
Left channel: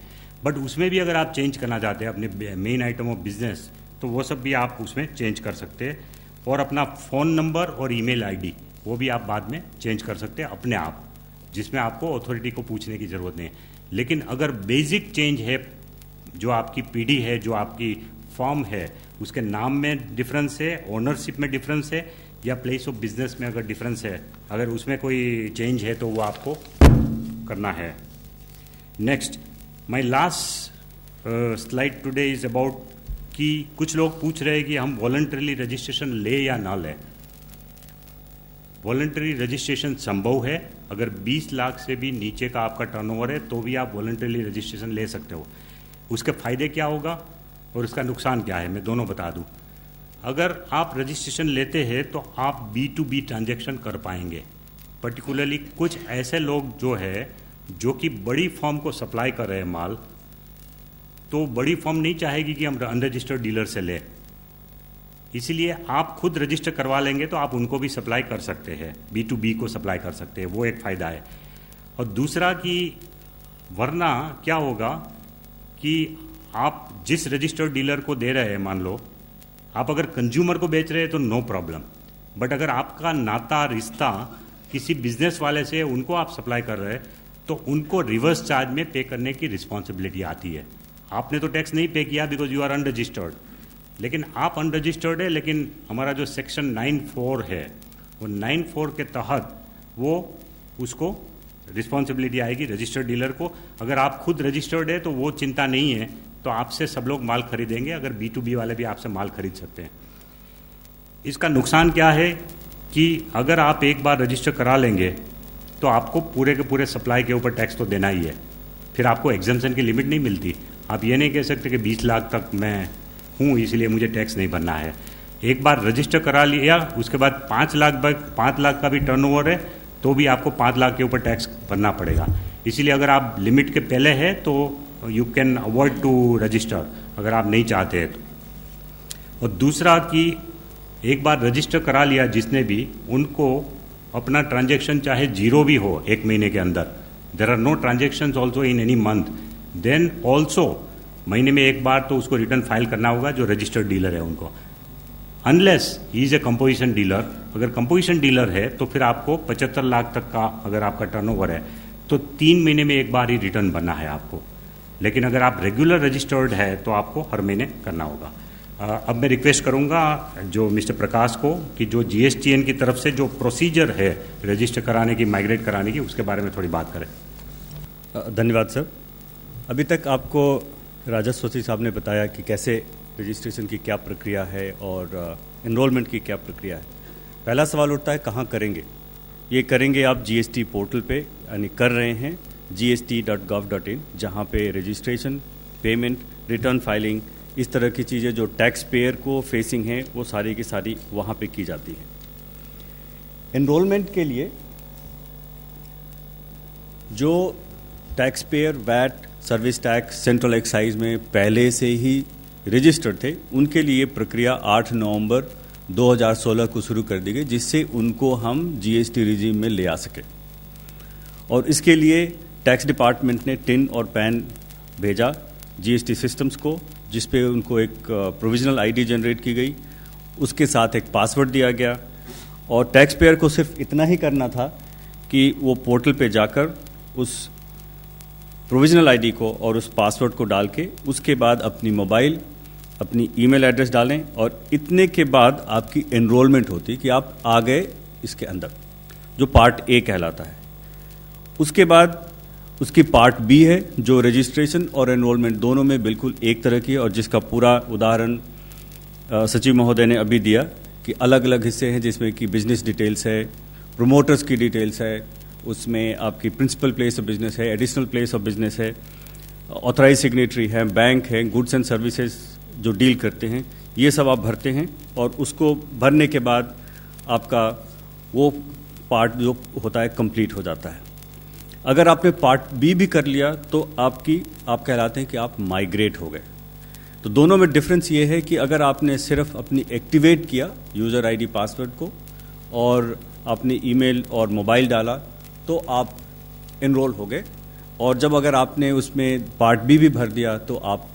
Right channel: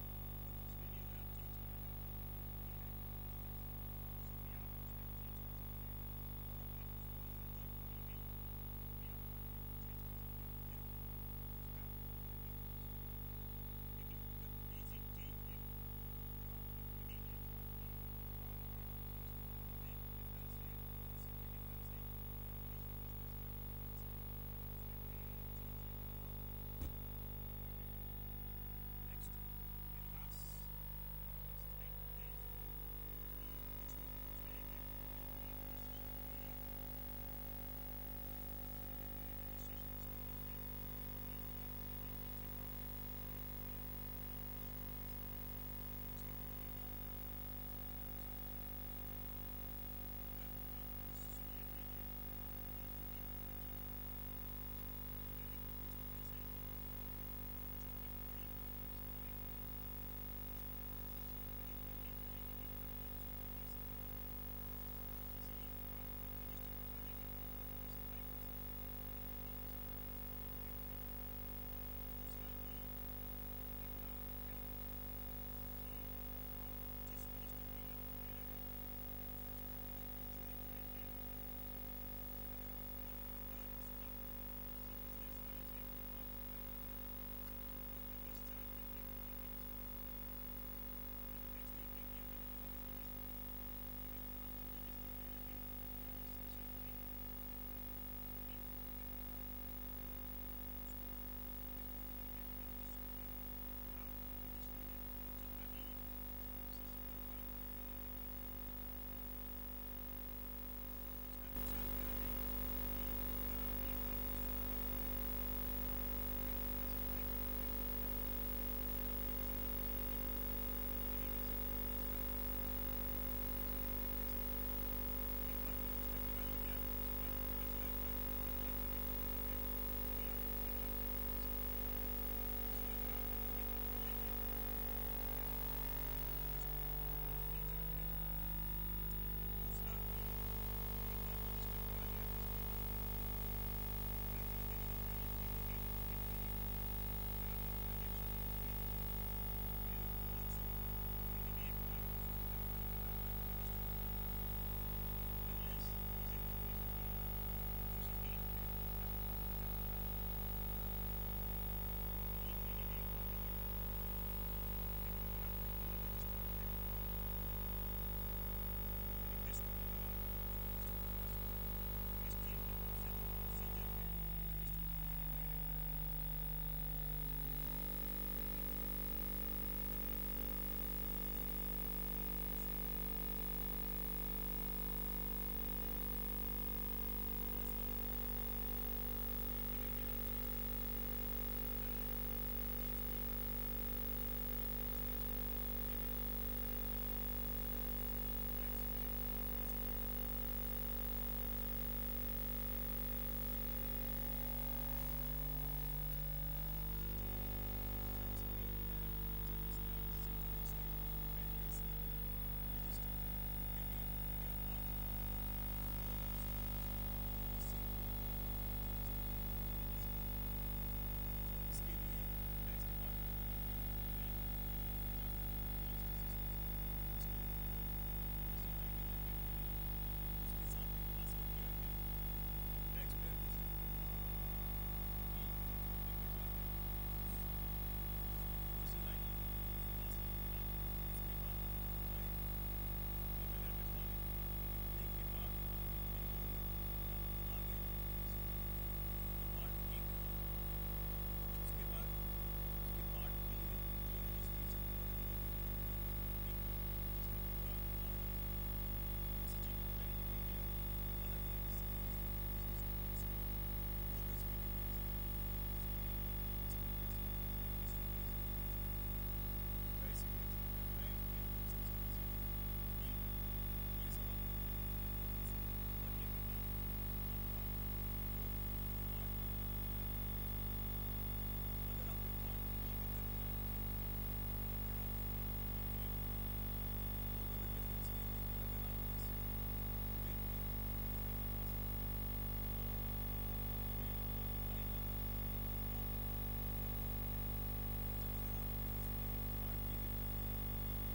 बट उसमें भी अगर आप चेंज करना चाहते हैं अपने मेन आइटम ऑफ बिजनेस, तो वो सब भी आप उसमें चेंज कर सकते हैं। और अपना फ़ोन नंबर और ईमेल आईडी वो भी आप बाद में चेंज कर सकते हैं अपने आप, जिसमें आपको अथॉरिटी को पूछने की ज़रूरत नहीं है। लेकिन अगर बेसिक चेंज है, जो आपकी पीढ़ी है, जो आपकी फॉर्म है, उसके नाम में डिफरेंस है, ओनरशिप में डिफरेंस है, या प्लेस ऑफ बिजनेस में अगर डिफरेंस है, अगर उसमें कोई चेंज है तो वो आपको करना है। Next, my last slide today is about कि कुछ लोग पूछ रहे हैं कि हम वॉलंटरीली रजिस्ट्रेशन ले या ना लें। वॉलंटरी रजिस्ट्रेशन संभव है, अगर 20 लाख से भी नीचे का आपका टर्नओवर है तो भी आप वॉलंटरीली रजिस्ट्रेशन ले सकते हो। उसके फ़ायदे क्या होगा और उसका नुकसान क्या है, मैं दोनों बता दूं। अगर आप रजिस्ट्रेशन लेते हैं तो आप B2B ट्रांजैक्शन कर पाएंगे। पर्टिकुलरली कुछ ऐसे लोग जो है जो कि बड़ी फर्म को सप्लाई कर रहे हैं माल, तो बड़ी फर्म नहीं चाहेगी कि हम अनरजिस्टर्ड डीलर से लें, इसलिए आप खुद रजिस्टर करवा लेंगे तो आप उनको भी सप्लाई कर सकते हैं, B2B को सप्लाई कर सकते हैं, वो एक फ़ायदा है। और दूसरा कि वरना क्या होगा कि आप जिस रजिस्टर्ड डीलर को दे रहे हैं, मान लो आप अगर कंज्यूमर को बेच रहे हैं तो नो प्रॉब्लम, बट अगर आपका नाता रिश्ता किसी बिजनेस वाले से उनको आप सप्लाई कर रहे हैं तो उनको रिवर्स चार्ज में पे करने की रिस्पॉन्सिबिलिटी आती है। आपने तो टैक्स नहीं पे किया बिकॉज यू आर अनरजिस्टर्ड, लेकिन आप अनरजिस्टर्ड है, लेकिन हमारा जो सेक्शन 9(4) है वो 9(4) के तहत वो उसको रिस्पॉन्सिबिलिटी आएगी रजिस्टर्ड डीलर को। अगर आप खुद रजिस्टर्ड है तो वो चिंता नहीं है, तो आपसे सब लोग माल खरीदेंगे, अगर B2B वाले भी आपसे माल खरीद सकते हैं। इसका नुकसान क्या है कि अगर आप एक बार रजिस्टर करा लेंगे तो आपको पूरे के पूरे सप्लाई के ऊपर टैक्स तो देना ही है, फिर आपको एग्जम्पशन की लिमिट नहीं मिलती। आप ये नहीं कह सकते कि 20 लाख तक मैं हूँ इसलिए मुझे टैक्स नहीं भरना है। एक बार रजिस्टर करा लिया, उसके बाद 5 लाख का भी टर्नओवर है तो भी आपको 5 लाख के ऊपर टैक्स भरना पड़ेगा। इसीलिए अगर आप लिमिट के पहले है तो you can avoid to register, अगर आप नहीं चाहते हैं तो। और दूसरा कि एक बार रजिस्टर करा लिया जिसने भी, उनको अपना ट्रांजैक्शन चाहे जीरो भी हो 1 महीने के अंदर, there are no transactions also in any month, then also महीने में एक बार तो उसको रिटर्न फाइल करना होगा जो रजिस्टर्ड डीलर है उनको, unless he is a composition dealer. अगर कंपोजिशन डीलर है तो फिर आपको 75 लाख तक का अगर आपका टर्नओवर है तो 3 महीने में एक बार ही रिटर्न भरना है आपको। लेकिन अगर आप रेगुलर रजिस्टर्ड है तो आपको हर महीने करना होगा। अब मैं रिक्वेस्ट करूंगा जो मिस्टर प्रकाश को कि जो GSTN की तरफ से जो प्रोसीजर है रजिस्टर कराने की, माइग्रेट कराने की, उसके बारे में थोड़ी बात करें। धन्यवाद सर। अभी तक आपको राजस्व सचिव साहब ने बताया कि कैसे रजिस्ट्रेशन की क्या प्रक्रिया है और एनरोलमेंट की क्या प्रक्रिया है। पहला सवाल उठता है कहाँ करेंगे। ये करेंगे आप GST पोर्टल पे, यानी कर रहे हैं gst.gov.in, जहाँ पे रजिस्ट्रेशन, पेमेंट, रिटर्न फाइलिंग, इस तरह की चीज़ें जो टैक्स पेयर को फेसिंग हैं वो सारी की सारी वहाँ पे की जाती है। एनरोलमेंट के लिए जो tax payer VAT, service tax, central excise में पहले से ही रजिस्टर्ड थे, उनके लिए प्रक्रिया 8 नवंबर 2016 को शुरू कर दी गई, जिससे उनको हम जीएसटी रिजीम में ले आ सके। और इसके लिए टैक्स डिपार्टमेंट ने टिन और पैन भेजा जीएसटी सिस्टम्स को, जिस पे उनको एक प्रोविजनल आईडी जनरेट की गई, उसके साथ एक पासवर्ड दिया गया और टैक्स पेयर को सिर्फ इतना ही करना था कि वो पोर्टल पे जाकर उस प्रोविजनल आईडी को और उस पासवर्ड को डाल के उसके बाद अपनी मोबाइल, अपनी ईमेल एड्रेस डालें और इतने के बाद आपकी एनरोलमेंट होती कि आप आ गए इसके अंदर, जो पार्ट ए कहलाता है। उसके बाद उसकी पार्ट बी है, जो रजिस्ट्रेशन और एनरोलमेंट दोनों में बिल्कुल एक तरह की है और जिसका पूरा उदाहरण सचिव महोदय ने अभी दिया कि अलग अलग हिस्से हैं, जिसमें कि बिजनेस डिटेल्स है, प्रोमोटर्स की डिटेल्स है, उसमें आपकी प्रिंसिपल प्लेस ऑफ बिजनेस है, एडिशनल प्लेस ऑफ बिजनेस है, ऑथराइज सिग्नेटरी है, बैंक है, गुड्स एंड सर्विसेज जो डील करते हैं, ये सब आप भरते हैं और उसको भरने के बाद आपका वो पार्ट जो होता है कंप्लीट हो जाता है। अगर आपने पार्ट बी भी कर लिया तो आप कहलाते हैं कि आप माइग्रेट हो गए। तो दोनों में डिफरेंस ये है कि अगर आपने सिर्फ अपनी एक्टिवेट किया यूज़र आईडी पासवर्ड को और आपने ईमेल और मोबाइल डाला तो आप एनरोल हो गए, और जब अगर आपने उसमें पार्ट बी भी भर दिया तो आप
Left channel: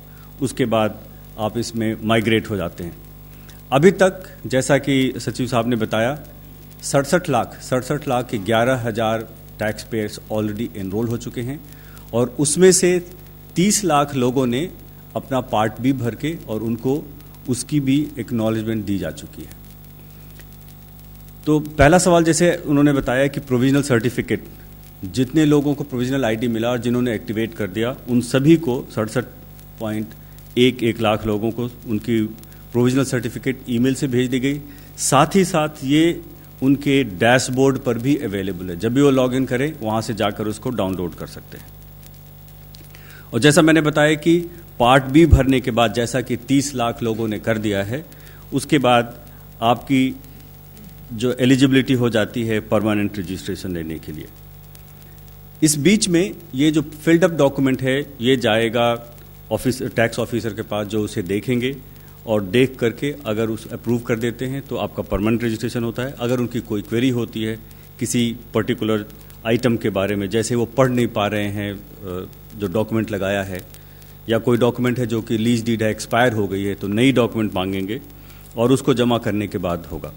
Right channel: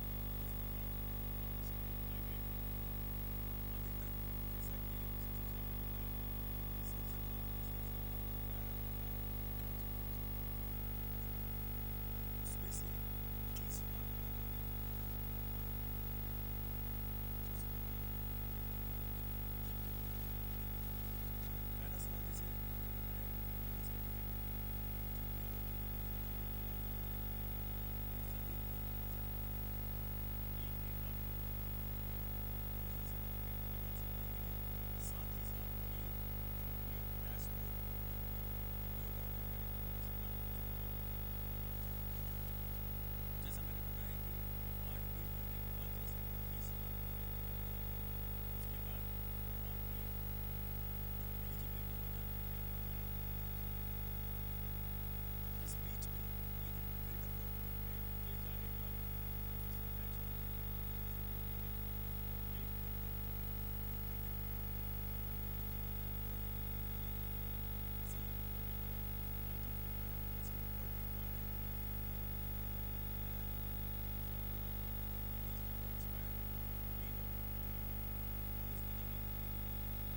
उसके बाद आप इसमें माइग्रेट हो जाते हैं। अभी तक जैसा कि सचिव साहब ने बताया 67 लाख के 11,000 टैक्स पेयर्स ऑलरेडी एनरोल हो चुके हैं और उसमें से 30 लाख लोगों ने अपना पार्ट बी भर के और उनको उसकी भी एक्नॉलेजमेंट दी जा चुकी है। तो पहला सवाल जैसे उन्होंने बताया कि प्रोविजनल सर्टिफिकेट, जितने लोगों को प्रोविजनल आईडी मिला और जिन्होंने एक्टिवेट कर दिया उन सभी को 67.11 लाख लोगों को उनकी प्रोविजनल सर्टिफिकेट ईमेल से भेज दी गई। साथ ही साथ ये उनके डैशबोर्ड पर भी अवेलेबल है, जब भी वो लॉगिन करें वहाँ से जाकर उसको डाउनलोड कर सकते हैं। और जैसा मैंने बताया कि पार्ट बी भरने के बाद जैसा कि 30 लाख लोगों ने कर दिया है, उसके बाद आपकी जो एलिजिबिलिटी हो जाती है परमानेंट रजिस्ट्रेशन लेने के लिए। इस बीच में ये जो फिल्ड अप डॉक्यूमेंट है ये जाएगा टैक्स ऑफिसर के पास, जो उसे देखेंगे और देख करके अगर उस अप्रूव कर देते हैं तो आपका परमानेंट रजिस्ट्रेशन होता है। अगर उनकी कोई क्वेरी होती है किसी पर्टिकुलर आइटम के बारे में, जैसे वो पढ़ नहीं पा रहे हैं जो डॉक्यूमेंट लगाया है, या कोई डॉक्यूमेंट है जो कि लीज डीड है एक्सपायर हो गई है, तो नई डॉक्यूमेंट मांगेंगे और उसको जमा करने के बाद होगा।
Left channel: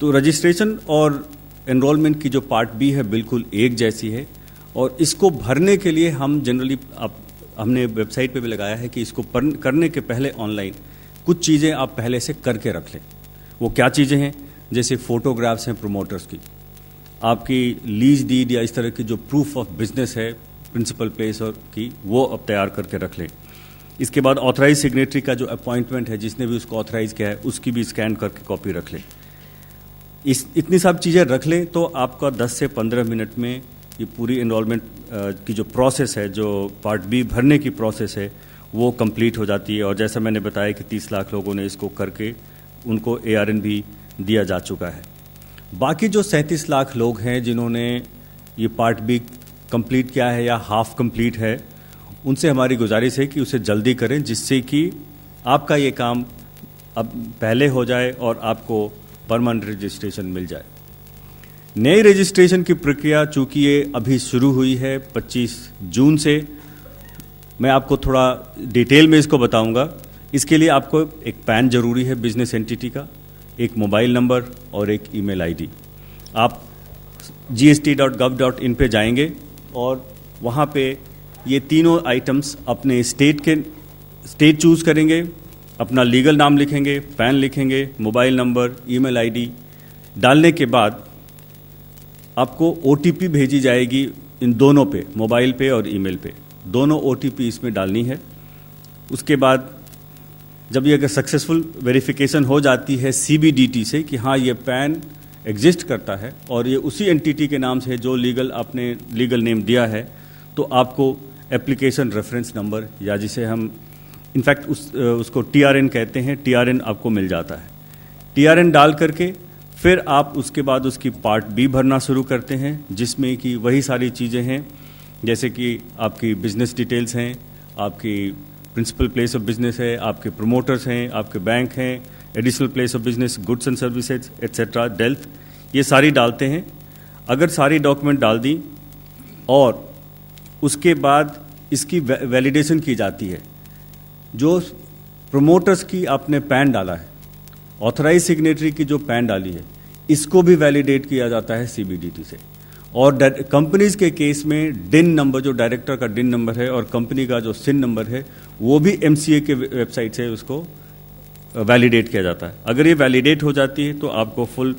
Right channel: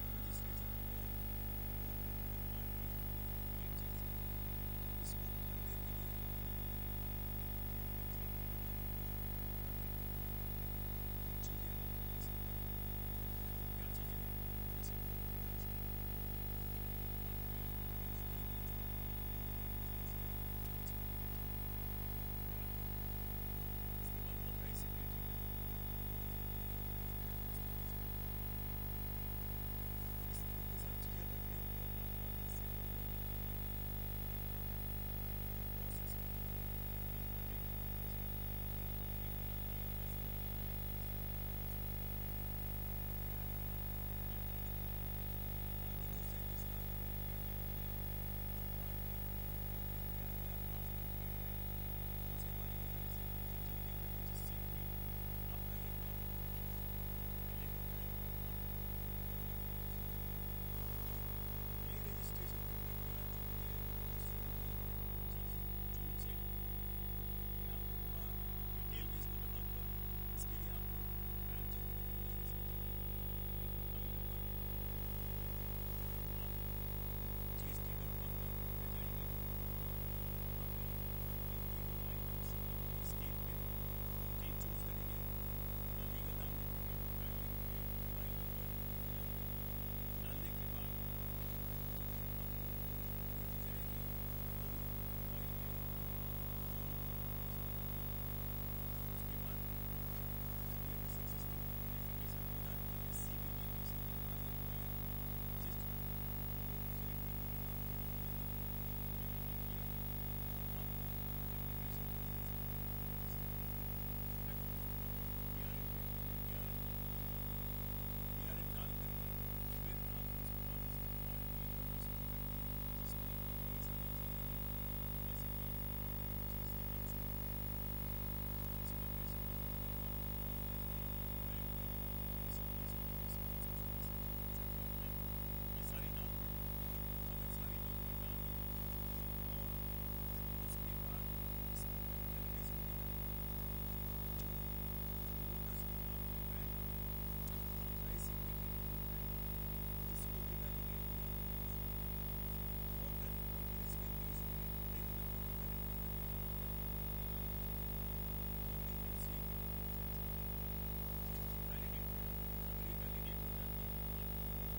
तो रजिस्ट्रेशन और एनरोलमेंट की जो पार्ट बी है बिल्कुल एक जैसी है और इसको भरने के लिए हम जनरली हमने वेबसाइट पे भी लगाया है कि इसको करने के पहले ऑनलाइन कुछ चीज़ें आप पहले से करके रख लें। वो क्या चीज़ें हैं? जैसे फ़ोटोग्राफ्स हैं प्रोमोटर्स की, आपकी लीज डीड या इस तरह की जो प्रूफ ऑफ बिजनेस है प्रिंसिपल प्लेस और की, वो अब तैयार करके रख लें। इसके बाद ऑथराइज सिग्नेटरी का जो अपॉइंटमेंट है, जिसने भी उसको ऑथराइज किया है, उसकी भी स्कैन करके कॉपी रख लें। इतनी सब चीज़ें रख लें तो आपका 10 से 15 मिनट में ये पूरी एनरोलमेंट की जो प्रोसेस है, जो पार्ट बी भरने की प्रोसेस है, वो कंप्लीट हो जाती है। और जैसा मैंने बताया कि 30 लाख लोगों ने इसको करके उनको ARN भी दिया जा चुका है। बाकी जो 37 लाख लोग हैं जिन्होंने ये पार्ट बी कंप्लीट किया है या हाफ कंप्लीट है, उनसे हमारी गुजारिश है कि उसे जल्दी करें, जिससे कि आपका ये काम अब पहले हो जाए और आपको परमानेंट रजिस्ट्रेशन मिल जाए। नई रजिस्ट्रेशन की प्रक्रिया चूँकि ये अभी शुरू हुई है 25 जून से, मैं आपको थोड़ा डिटेल में इसको बताऊंगा। इसके लिए आपको एक पैन जरूरी है बिजनेस एंटिटी का, एक मोबाइल नंबर और एक ईमेल आईडी। आप gst.gov.in पे जाएंगे और वहाँ पे ये तीनों आइटम्स अपने स्टेट चूज़ करेंगे, अपना लीगल नाम लिखेंगे, पैन लिखेंगे, मोबाइल नंबर, ईमेल आईडी डालने के बाद आपको OTP भेजी जाएगी इन दोनों पे, मोबाइल पे और ईमेल पे, दोनों OTP इसमें डालनी है। उसके बाद जब ये अगर सक्सेसफुल वेरिफिकेशन हो जाती है CBDT से कि हाँ ये पैन एग्जिस्ट करता है और ये उसी एंटिटी के नाम से जो आपने लीगल नेम दिया है, तो आपको एप्लीकेशन रेफरेंस नंबर या जिसे हम इनफैक्ट उसको TRN कहते हैं, TRN आपको मिल जाता है। TRN डाल करके फिर आप उसके बाद उसकी पार्ट बी भरना शुरू करते हैं, जिसमें कि वही सारी चीज़ें हैं जैसे कि आपकी बिजनेस डिटेल्स हैं, आपकी प्रिंसिपल प्लेस ऑफ बिजनेस है, आपके प्रोमोटर्स हैं, आपके बैंक हैं, additional place of business, goods and services etcetera, dealt, ये सारी डालते हैं। अगर सारी डॉक्यूमेंट डाल दी और उसके बाद इसकी वैलिडेशन की जाती है, जो प्रोमोटर्स की आपने पैन डाला है, ऑथराइज सिग्नेटरी की जो पैन डाली है, इसको भी वैलिडेट किया जाता है सीबीडीटी से। और कंपनीज के केस में डिन नंबर, जो डायरेक्टर का डिन नंबर है और कंपनी का जो सिन नंबर है, वो भी एमसीए के वेबसाइट से उसको वैलिडेट किया जाता है। अगर ये वैलिडेट हो जाती है तो आपको फुल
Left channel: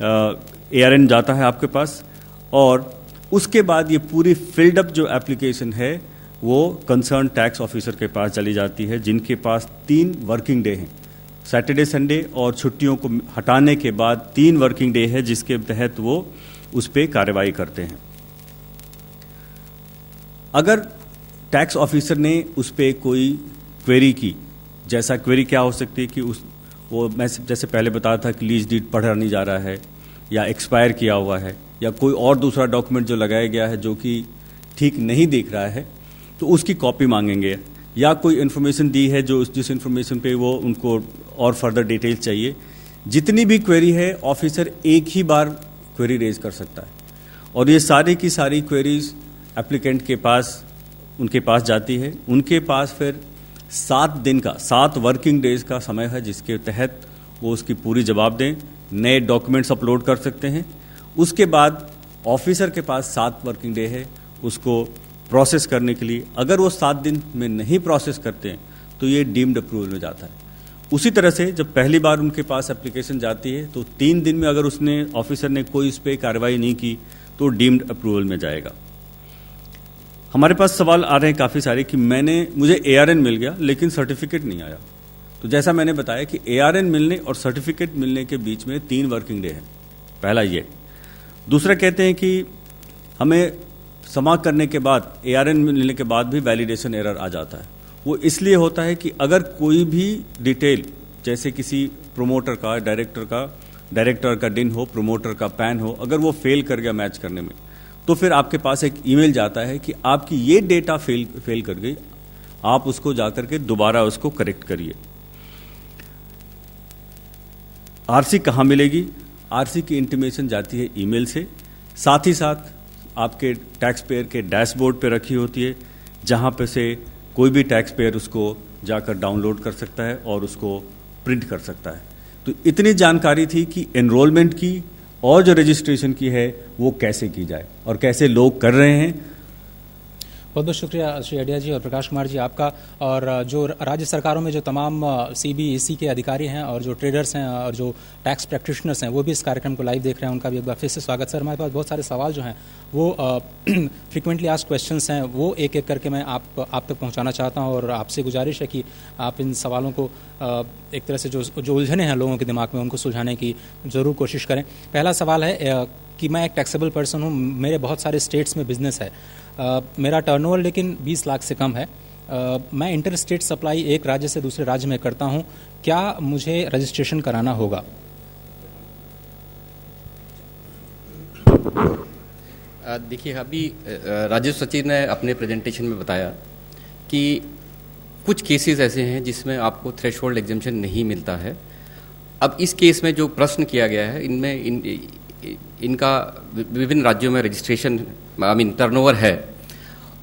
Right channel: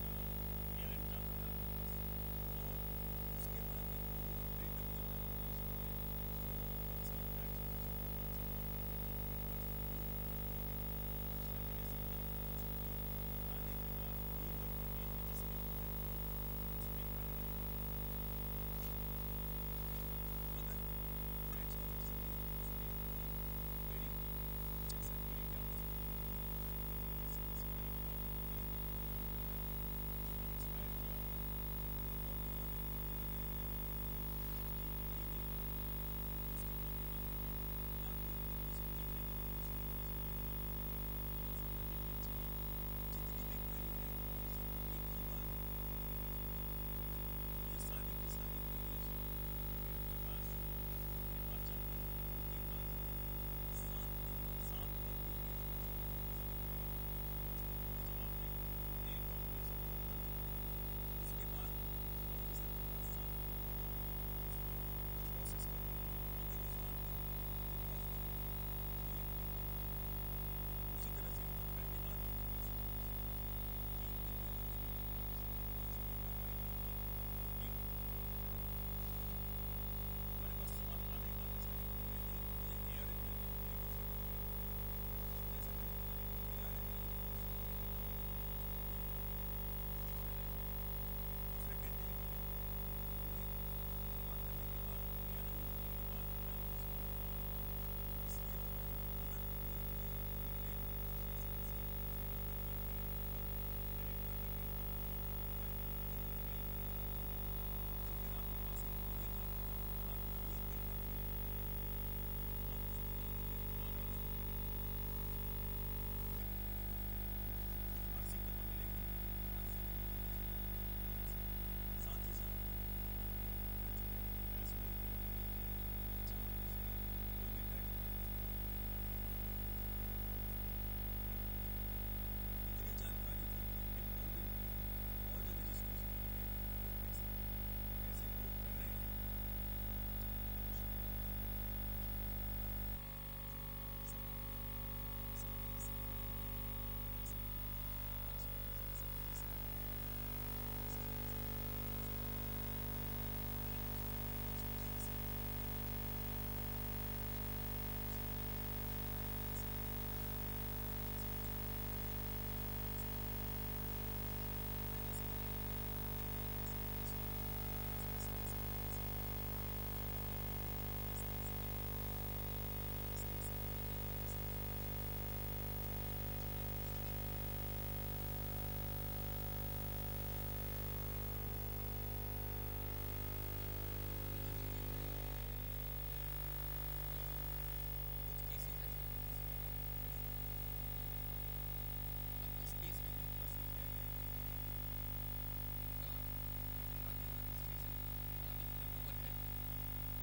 एआरएन जाता है आपके पास, और उसके बाद ये पूरी फिल्ड अप जो एप्लीकेशन है वो कंसर्न टैक्स ऑफिसर के पास चली जाती है, जिनके पास 3 वर्किंग डे हैं। सैटरडे संडे और छुट्टियों को हटाने के बाद 3 वर्किंग डे है जिसके तहत वो उस पर कार्रवाई करते हैं। अगर टैक्स ऑफिसर ने उस पर कोई क्वेरी की, जैसा क्वेरी क्या हो सकती है कि वो मैं जैसे पहले बताया था कि लीज डीड पढ़ा नहीं जा रहा है, या एक्सपायर किया हुआ है, या कोई और दूसरा डॉक्यूमेंट जो लगाया गया है जो कि ठीक नहीं दिख रहा है, तो उसकी कॉपी मांगेंगे। या कोई इन्फॉर्मेशन दी है जो जिस इन्फॉर्मेशन पे वो उनको और फर्दर डिटेल्स चाहिए। जितनी भी क्वेरी है ऑफिसर एक ही बार क्वेरी रेज कर सकता है, और ये सारी की सारी क्वेरीज एप्लीकेंट के पास, उनके पास जाती है। उनके पास फिर 7 दिन का, 7 वर्किंग डेज का समय है जिसके तहत वो उसकी पूरी जवाब दें, नए डॉक्यूमेंट्स अपलोड कर सकते हैं। उसके बाद ऑफिसर के पास 7 वर्किंग डे है उसको प्रोसेस करने के लिए। अगर वो 7 दिन में नहीं प्रोसेस करते हैं तो ये डीम्ड अप्रूवल में जाता है। उसी तरह से जब पहली बार उनके पास एप्लीकेशन जाती है तो 3 दिन में अगर उसने ऑफिसर ने कोई इस पर कार्रवाई नहीं की तो डीम्ड अप्रूवल में जाएगा। हमारे पास सवाल आ रहे हैं काफ़ी सारे कि मुझे एआरएन मिल गया लेकिन सर्टिफिकेट नहीं आया। तो जैसा मैंने बताया कि एआरएन मिलने और सर्टिफिकेट मिलने के बीच में 3 वर्किंग डे है। पहला ये। दूसरा कहते हैं कि हमें समा करने के बाद, एआरएन मिलने के बाद भी वैलिडेशन एरर आ जाता है। वो इसलिए होता है कि अगर कोई भी डिटेल, जैसे किसी प्रोमोटर का, डायरेक्टर का डिन हो, प्रोमोटर का पैन हो, अगर वो फेल कर गया मैच करने में, तो फिर आपके पास एक ईमेल जाता है कि आपकी ये डेटा फेल कर गई, आप उसको जाकर के दोबारा उसको करेक्ट करिए। आरसी कहाँ मिलेगी? आरसी की इंटीमेशन जाती है ईमेल से, साथ ही साथ आपके टैक्स पेयर के डैशबोर्ड पे रखी होती है, जहाँ पे से कोई भी टैक्स पेयर उसको जाकर डाउनलोड कर सकता है और उसको प्रिंट कर सकता है। तो इतनी जानकारी थी कि एनरोलमेंट की और जो रजिस्ट्रेशन की है वो कैसे की जाए और कैसे लोग कर रहे हैं। बहुत बहुत शुक्रिया श्री अडिया जी और प्रकाश कुमार जी आपका। और जो राज्य सरकारों में जो तमाम सीबीएसई के अधिकारी हैं और जो ट्रेडर्स हैं और जो टैक्स प्रैक्टिशनर्स हैं वो भी इस कार्यक्रम को लाइव देख रहे हैं, उनका भी एक बार फिर से स्वागत। सर, हमारे पास बहुत सारे सवाल जो हैं वो फ्रिक्वेंटली आस्क्ड क्वेश्चंस हैं, वो एक एक करके मैं आप तक पहुंचाना चाहता हूं, और आपसे गुजारिश है कि आप इन सवालों को एक तरह से जो उलझने हैं लोगों के दिमाग में उनको सुलझाने की ज़रूर कोशिश करें। पहला सवाल है कि मैं एक टैक्सेबल पर्सन हूँ, मेरे बहुत सारे स्टेट्स में बिजनेस है, मेरा टर्नओवर लेकिन 20 लाख से कम है, मैं इंटर स्टेट सप्लाई एक राज्य से दूसरे राज्य में करता हूं, क्या मुझे रजिस्ट्रेशन कराना होगा? देखिए, अभी राजस्व सचिव ने अपने प्रेजेंटेशन में बताया कि कुछ केसेस ऐसे हैं जिसमें आपको थ्रेशोल्ड एग्जेम्पशन नहीं मिलता है। अब इस केस में जो प्रश्न किया गया है, इनमें इनका विभिन्न राज्यों में रजिस्ट्रेशन टर्नओवर है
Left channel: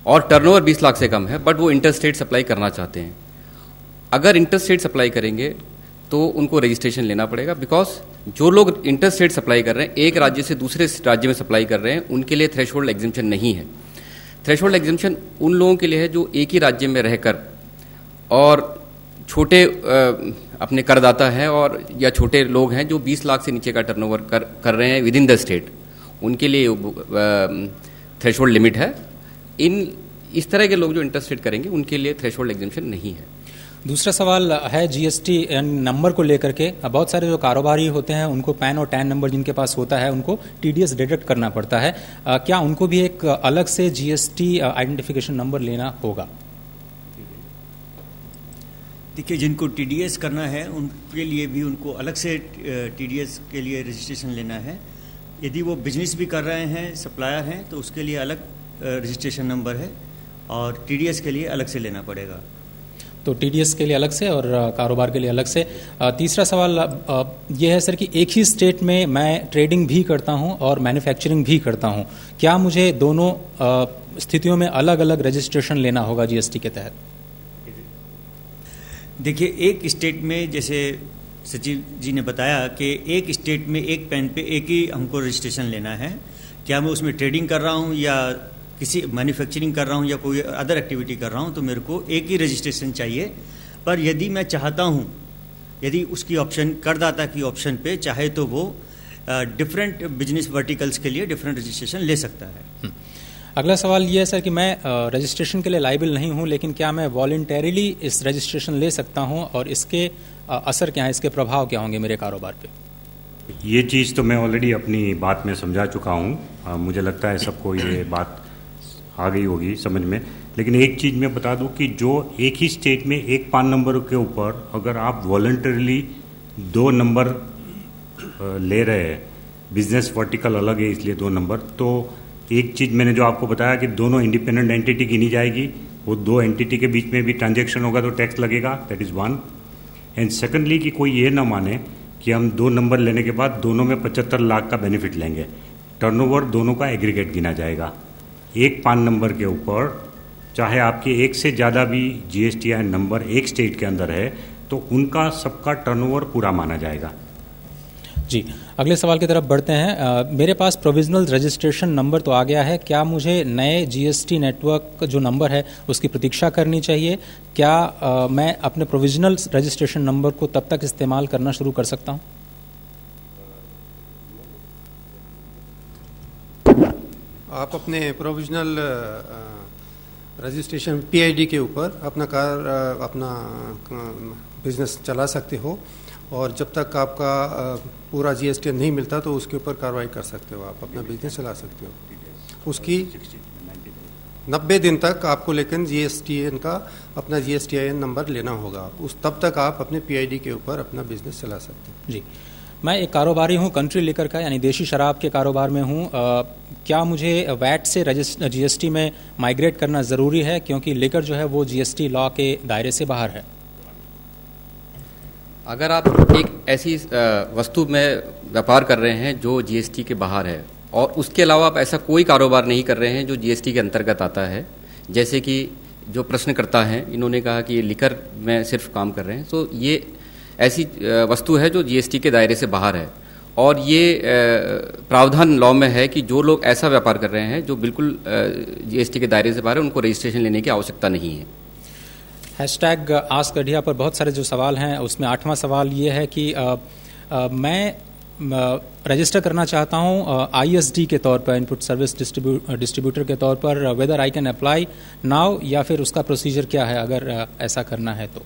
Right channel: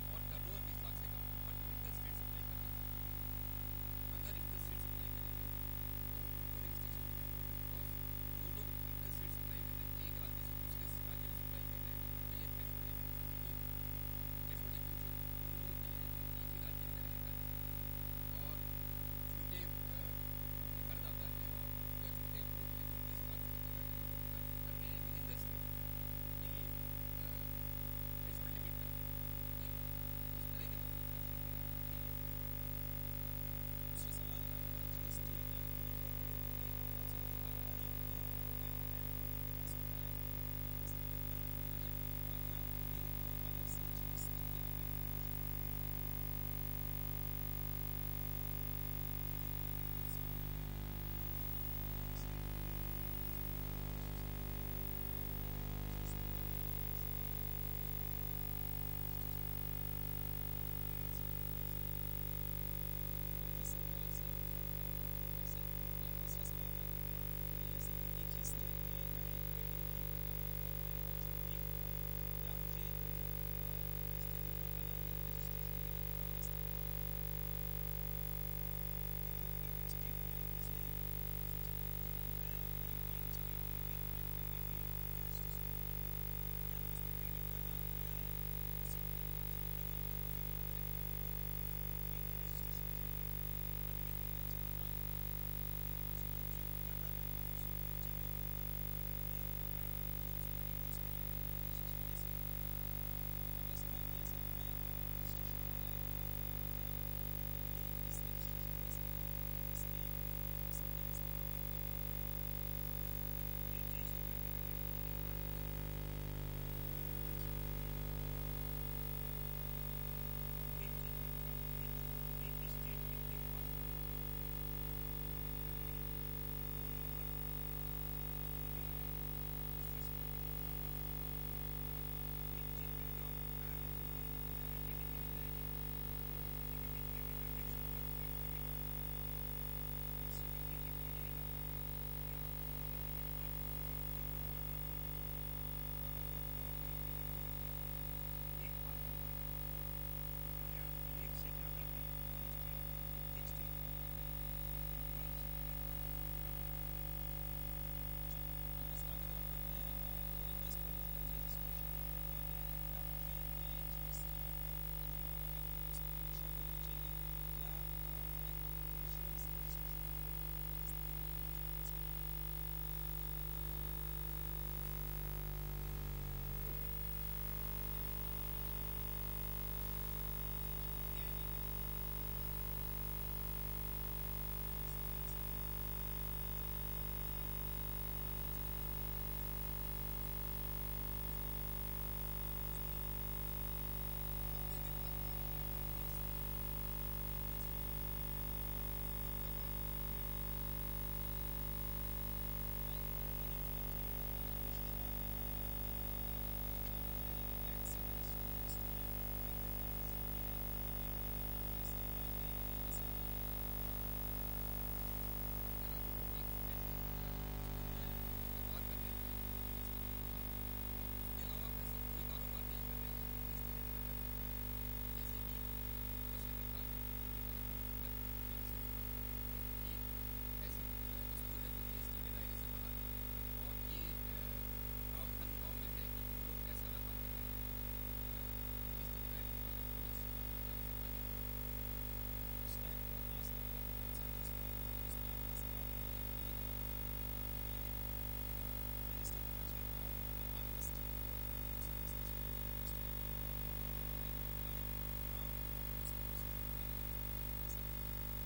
और टर्नओवर 20 लाख से कम है, बट वो इंटर स्टेट सप्लाई करना चाहते हैं। अगर इंटर स्टेट सप्लाई करेंगे तो उनको रजिस्ट्रेशन लेना पड़ेगा, बिकॉज जो लोग इंटर स्टेट सप्लाई कर रहे हैं, एक राज्य से दूसरे राज्य में सप्लाई कर रहे हैं, उनके लिए थ्रेशोल्ड एग्जेम्पशन नहीं है। थ्रेशोल्ड एग्जेम्पशन उन लोगों के लिए है जो एक ही राज्य में रहकर और छोटे अपने करदाता हैं और या छोटे लोग हैं जो 20 लाख से नीचे का टर्नओवर कर रहे हैं विद इन द स्टेट, उनके लिए थ्रेशोल्ड लिमिट है। इस तरह के लोग जो इंटर स्टेट करेंगे उनके लिए थ्रेशोल्ड एग्जेम्पशन नहीं है। दूसरा सवाल है जीएसटी नंबर को लेकर के। बहुत सारे जो कारोबारी होते हैं उनको पैन और टैन नंबर जिनके पास होता है उनको टीडीएस डिडक्ट करना पड़ता है, क्या उनको भी एक अलग से जीएसटी आइडेंटिफिकेशन नंबर लेना होगा? देखिए, जिनको टीडीएस करना है उनके लिए भी उनको अलग से टीडीएस के लिए रजिस्ट्रेशन लेना है। यदि वो बिजनेस भी कर रहे हैं, सप्लायर हैं, तो उसके लिए अलग रजिस्ट्रेशन नंबर है और टीडीएस के लिए अलग से लेना पड़ेगा। तो टीडीएस के लिए अलग से और कारोबार के लिए अलग से। तीसरा सवाल ये है सर कि एक ही स्टेट में मैं ट्रेडिंग भी करता हूं और मैन्युफैक्चरिंग भी करता हूं, क्या मुझे दोनों स्थितियों में अलग अलग रजिस्ट्रेशन लेना होगा जीएसटी के तहत? देखिए, एक स्टेट में जैसे सचिव जी ने बताया कि एक स्टेट में एक पैन पे एक ही हमको रजिस्ट्रेशन लेना है। क्या मैं उसमें ट्रेडिंग कर रहा हूँ या किसी मैन्युफैक्चरिंग कर रहा हूँ या कोई अदर एक्टिविटी कर रहा हूँ, तो मेरे को एक ही रजिस्ट्रेशन चाहिए। पर यदि मैं चाहता हूँ, यदि उसकी ऑप्शन करदाता की ऑप्शन पे चाहे तो वो डिफरेंट बिजनेस वर्टिकल्स के लिए डिफरेंट रजिस्ट्रेशन ले सकता है। अगला सवाल ये है सर कि मैं रजिस्ट्रेशन के लिए लाइबल नहीं हूँ, लेकिन क्या मैं वॉलंटरीली इस रजिस्ट्रेशन ले सकता हूँ और इसके असर क्या है, इसके प्रभाव क्या होंगे मेरे कारोबार पे? ये चीज़ तो मैं ऑलरेडी अपनी बात में समझा चुका हूँ। मुझे लगता है सबको ये बात आ गई होगी समझ में। लेकिन एक चीज़ मैं बता दूं कि जो एक ही स्टेट में एक पान नंबर के ऊपर अगर आप वॉलंटरीली 2 नंबर ले रहे हैं, बिजनेस वर्टिकल अलग है इसलिए 2 नंबर, तो एक चीज़ मैंने जो आपको बताया कि दोनों इंडिपेंडेंट एंटिटी गिनी जाएगी, वो 2 एंटिटी के बीच में भी ट्रांजैक्शन होगा तो टैक्स लगेगा, दैट इज़ 1। एंड सेकेंडली कि कोई ये ना माने कि हम 2 नंबर लेने के बाद दोनों में 75 लाख का बेनिफिट लेंगे। टर्नओवर दोनों का एग्रीगेट गिना जाएगा। एक पान नंबर के ऊपर चाहे आपके एक से ज़्यादा भी GSTIN नंबर एक स्टेट के अंदर है तो उनका सबका टर्नओवर पूरा माना जाएगा। जी, अगले सवाल की तरफ बढ़ते हैं। मेरे पास प्रोविजनल रजिस्ट्रेशन नंबर तो आ गया है, क्या मुझे नए जीएसटी नेटवर्क जो नंबर है उसकी प्रतीक्षा करनी चाहिए? क्या मैं अपने प्रोविजनल रजिस्ट्रेशन नंबर को तब तक इस्तेमाल करना शुरू कर सकता हूं? आप अपने प्रोविजनल रजिस्ट्रेशन PID के ऊपर अपना बिजनेस चला सकते हो, और जब तक आपका पूरा GST नहीं मिलता तो उसके ऊपर कार्रवाई कर सकते हो, आप अपना बिजनेस चला सकते हो। उसकी 90 दिन तक आपको लेकिन GSTN का अपना GSTIN नंबर लेना होगा, तब तक आप अपने PID के ऊपर अपना बिजनेस चला सकते हो। जी, मैं एक कारोबारी हूं कंट्री लिकर का, यानी देशी शराब के कारोबार में हूं। क्या मुझे वैट से GST में माइग्रेट करना ज़रूरी है, क्योंकि लिकर जो है वो GST लॉ के दायरे से बाहर है? अगर आप एक ऐसी वस्तु में व्यापार कर रहे हैं जो GST के बाहर है और उसके अलावा आप ऐसा कोई कारोबार नहीं कर रहे हैं जो GST के अंतर्गत आता है, जैसे कि जो प्रश्नकर्ता हैं इन्होंने कहा कि ये लिकर में सिर्फ काम कर रहे हैं, तो ये ऐसी वस्तु है जो GST के दायरे से बाहर है। और ये प्रावधान लॉ में है कि जो लोग ऐसा व्यापार कर रहे हैं जो बिल्कुल GST के दायरे से बाहर है, उनको रजिस्ट्रेशन लेने की आवश्यकता नहीं है। हैशटैग आस्क गढ़िया पर बहुत सारे जो सवाल हैं उसमें 8वां सवाल ये है कि मैं रजिस्टर करना चाहता हूं ISD के तौर पर, इनपुट सर्विस डिस्ट्रीब्यूटर के तौर पर, whether I can apply now, या फिर उसका प्रोसीजर क्या है अगर ऐसा करना है तो?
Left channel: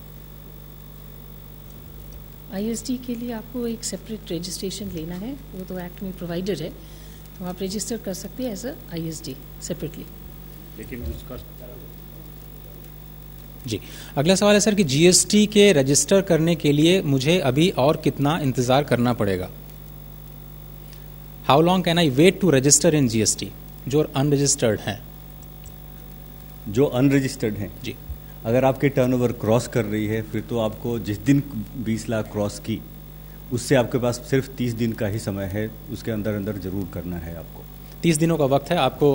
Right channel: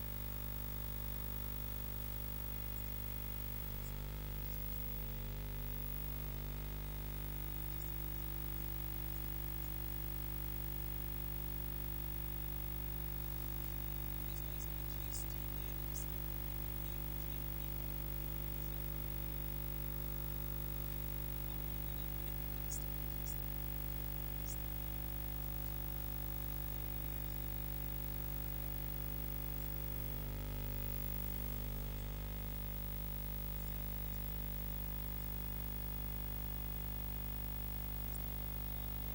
ISD के लिए आपको एक सेपरेट रजिस्ट्रेशन लेना है, वो तो एक्ट में प्रोवाइडेड है, तो आप रजिस्टर कर सकते हैं एज अ ISD सेपरेटली। लेकिन उसका जी, अगला सवाल है सर कि GST के रजिस्टर करने के लिए मुझे अभी और कितना इंतज़ार करना पड़ेगा? How long can I wait to register in GST, जो अनरजिस्टर्ड हैं? जो अनरजिस्टर्ड हैं जी, अगर आपके टर्नओवर क्रॉस कर रही है, फिर तो आपको जिस दिन 20 लाख क्रॉस की उससे आपके पास सिर्फ 30 दिन का ही समय है, उसके अंदर अंदर ज़रूर करना है आपको। 30 दिनों का वक्त है आपको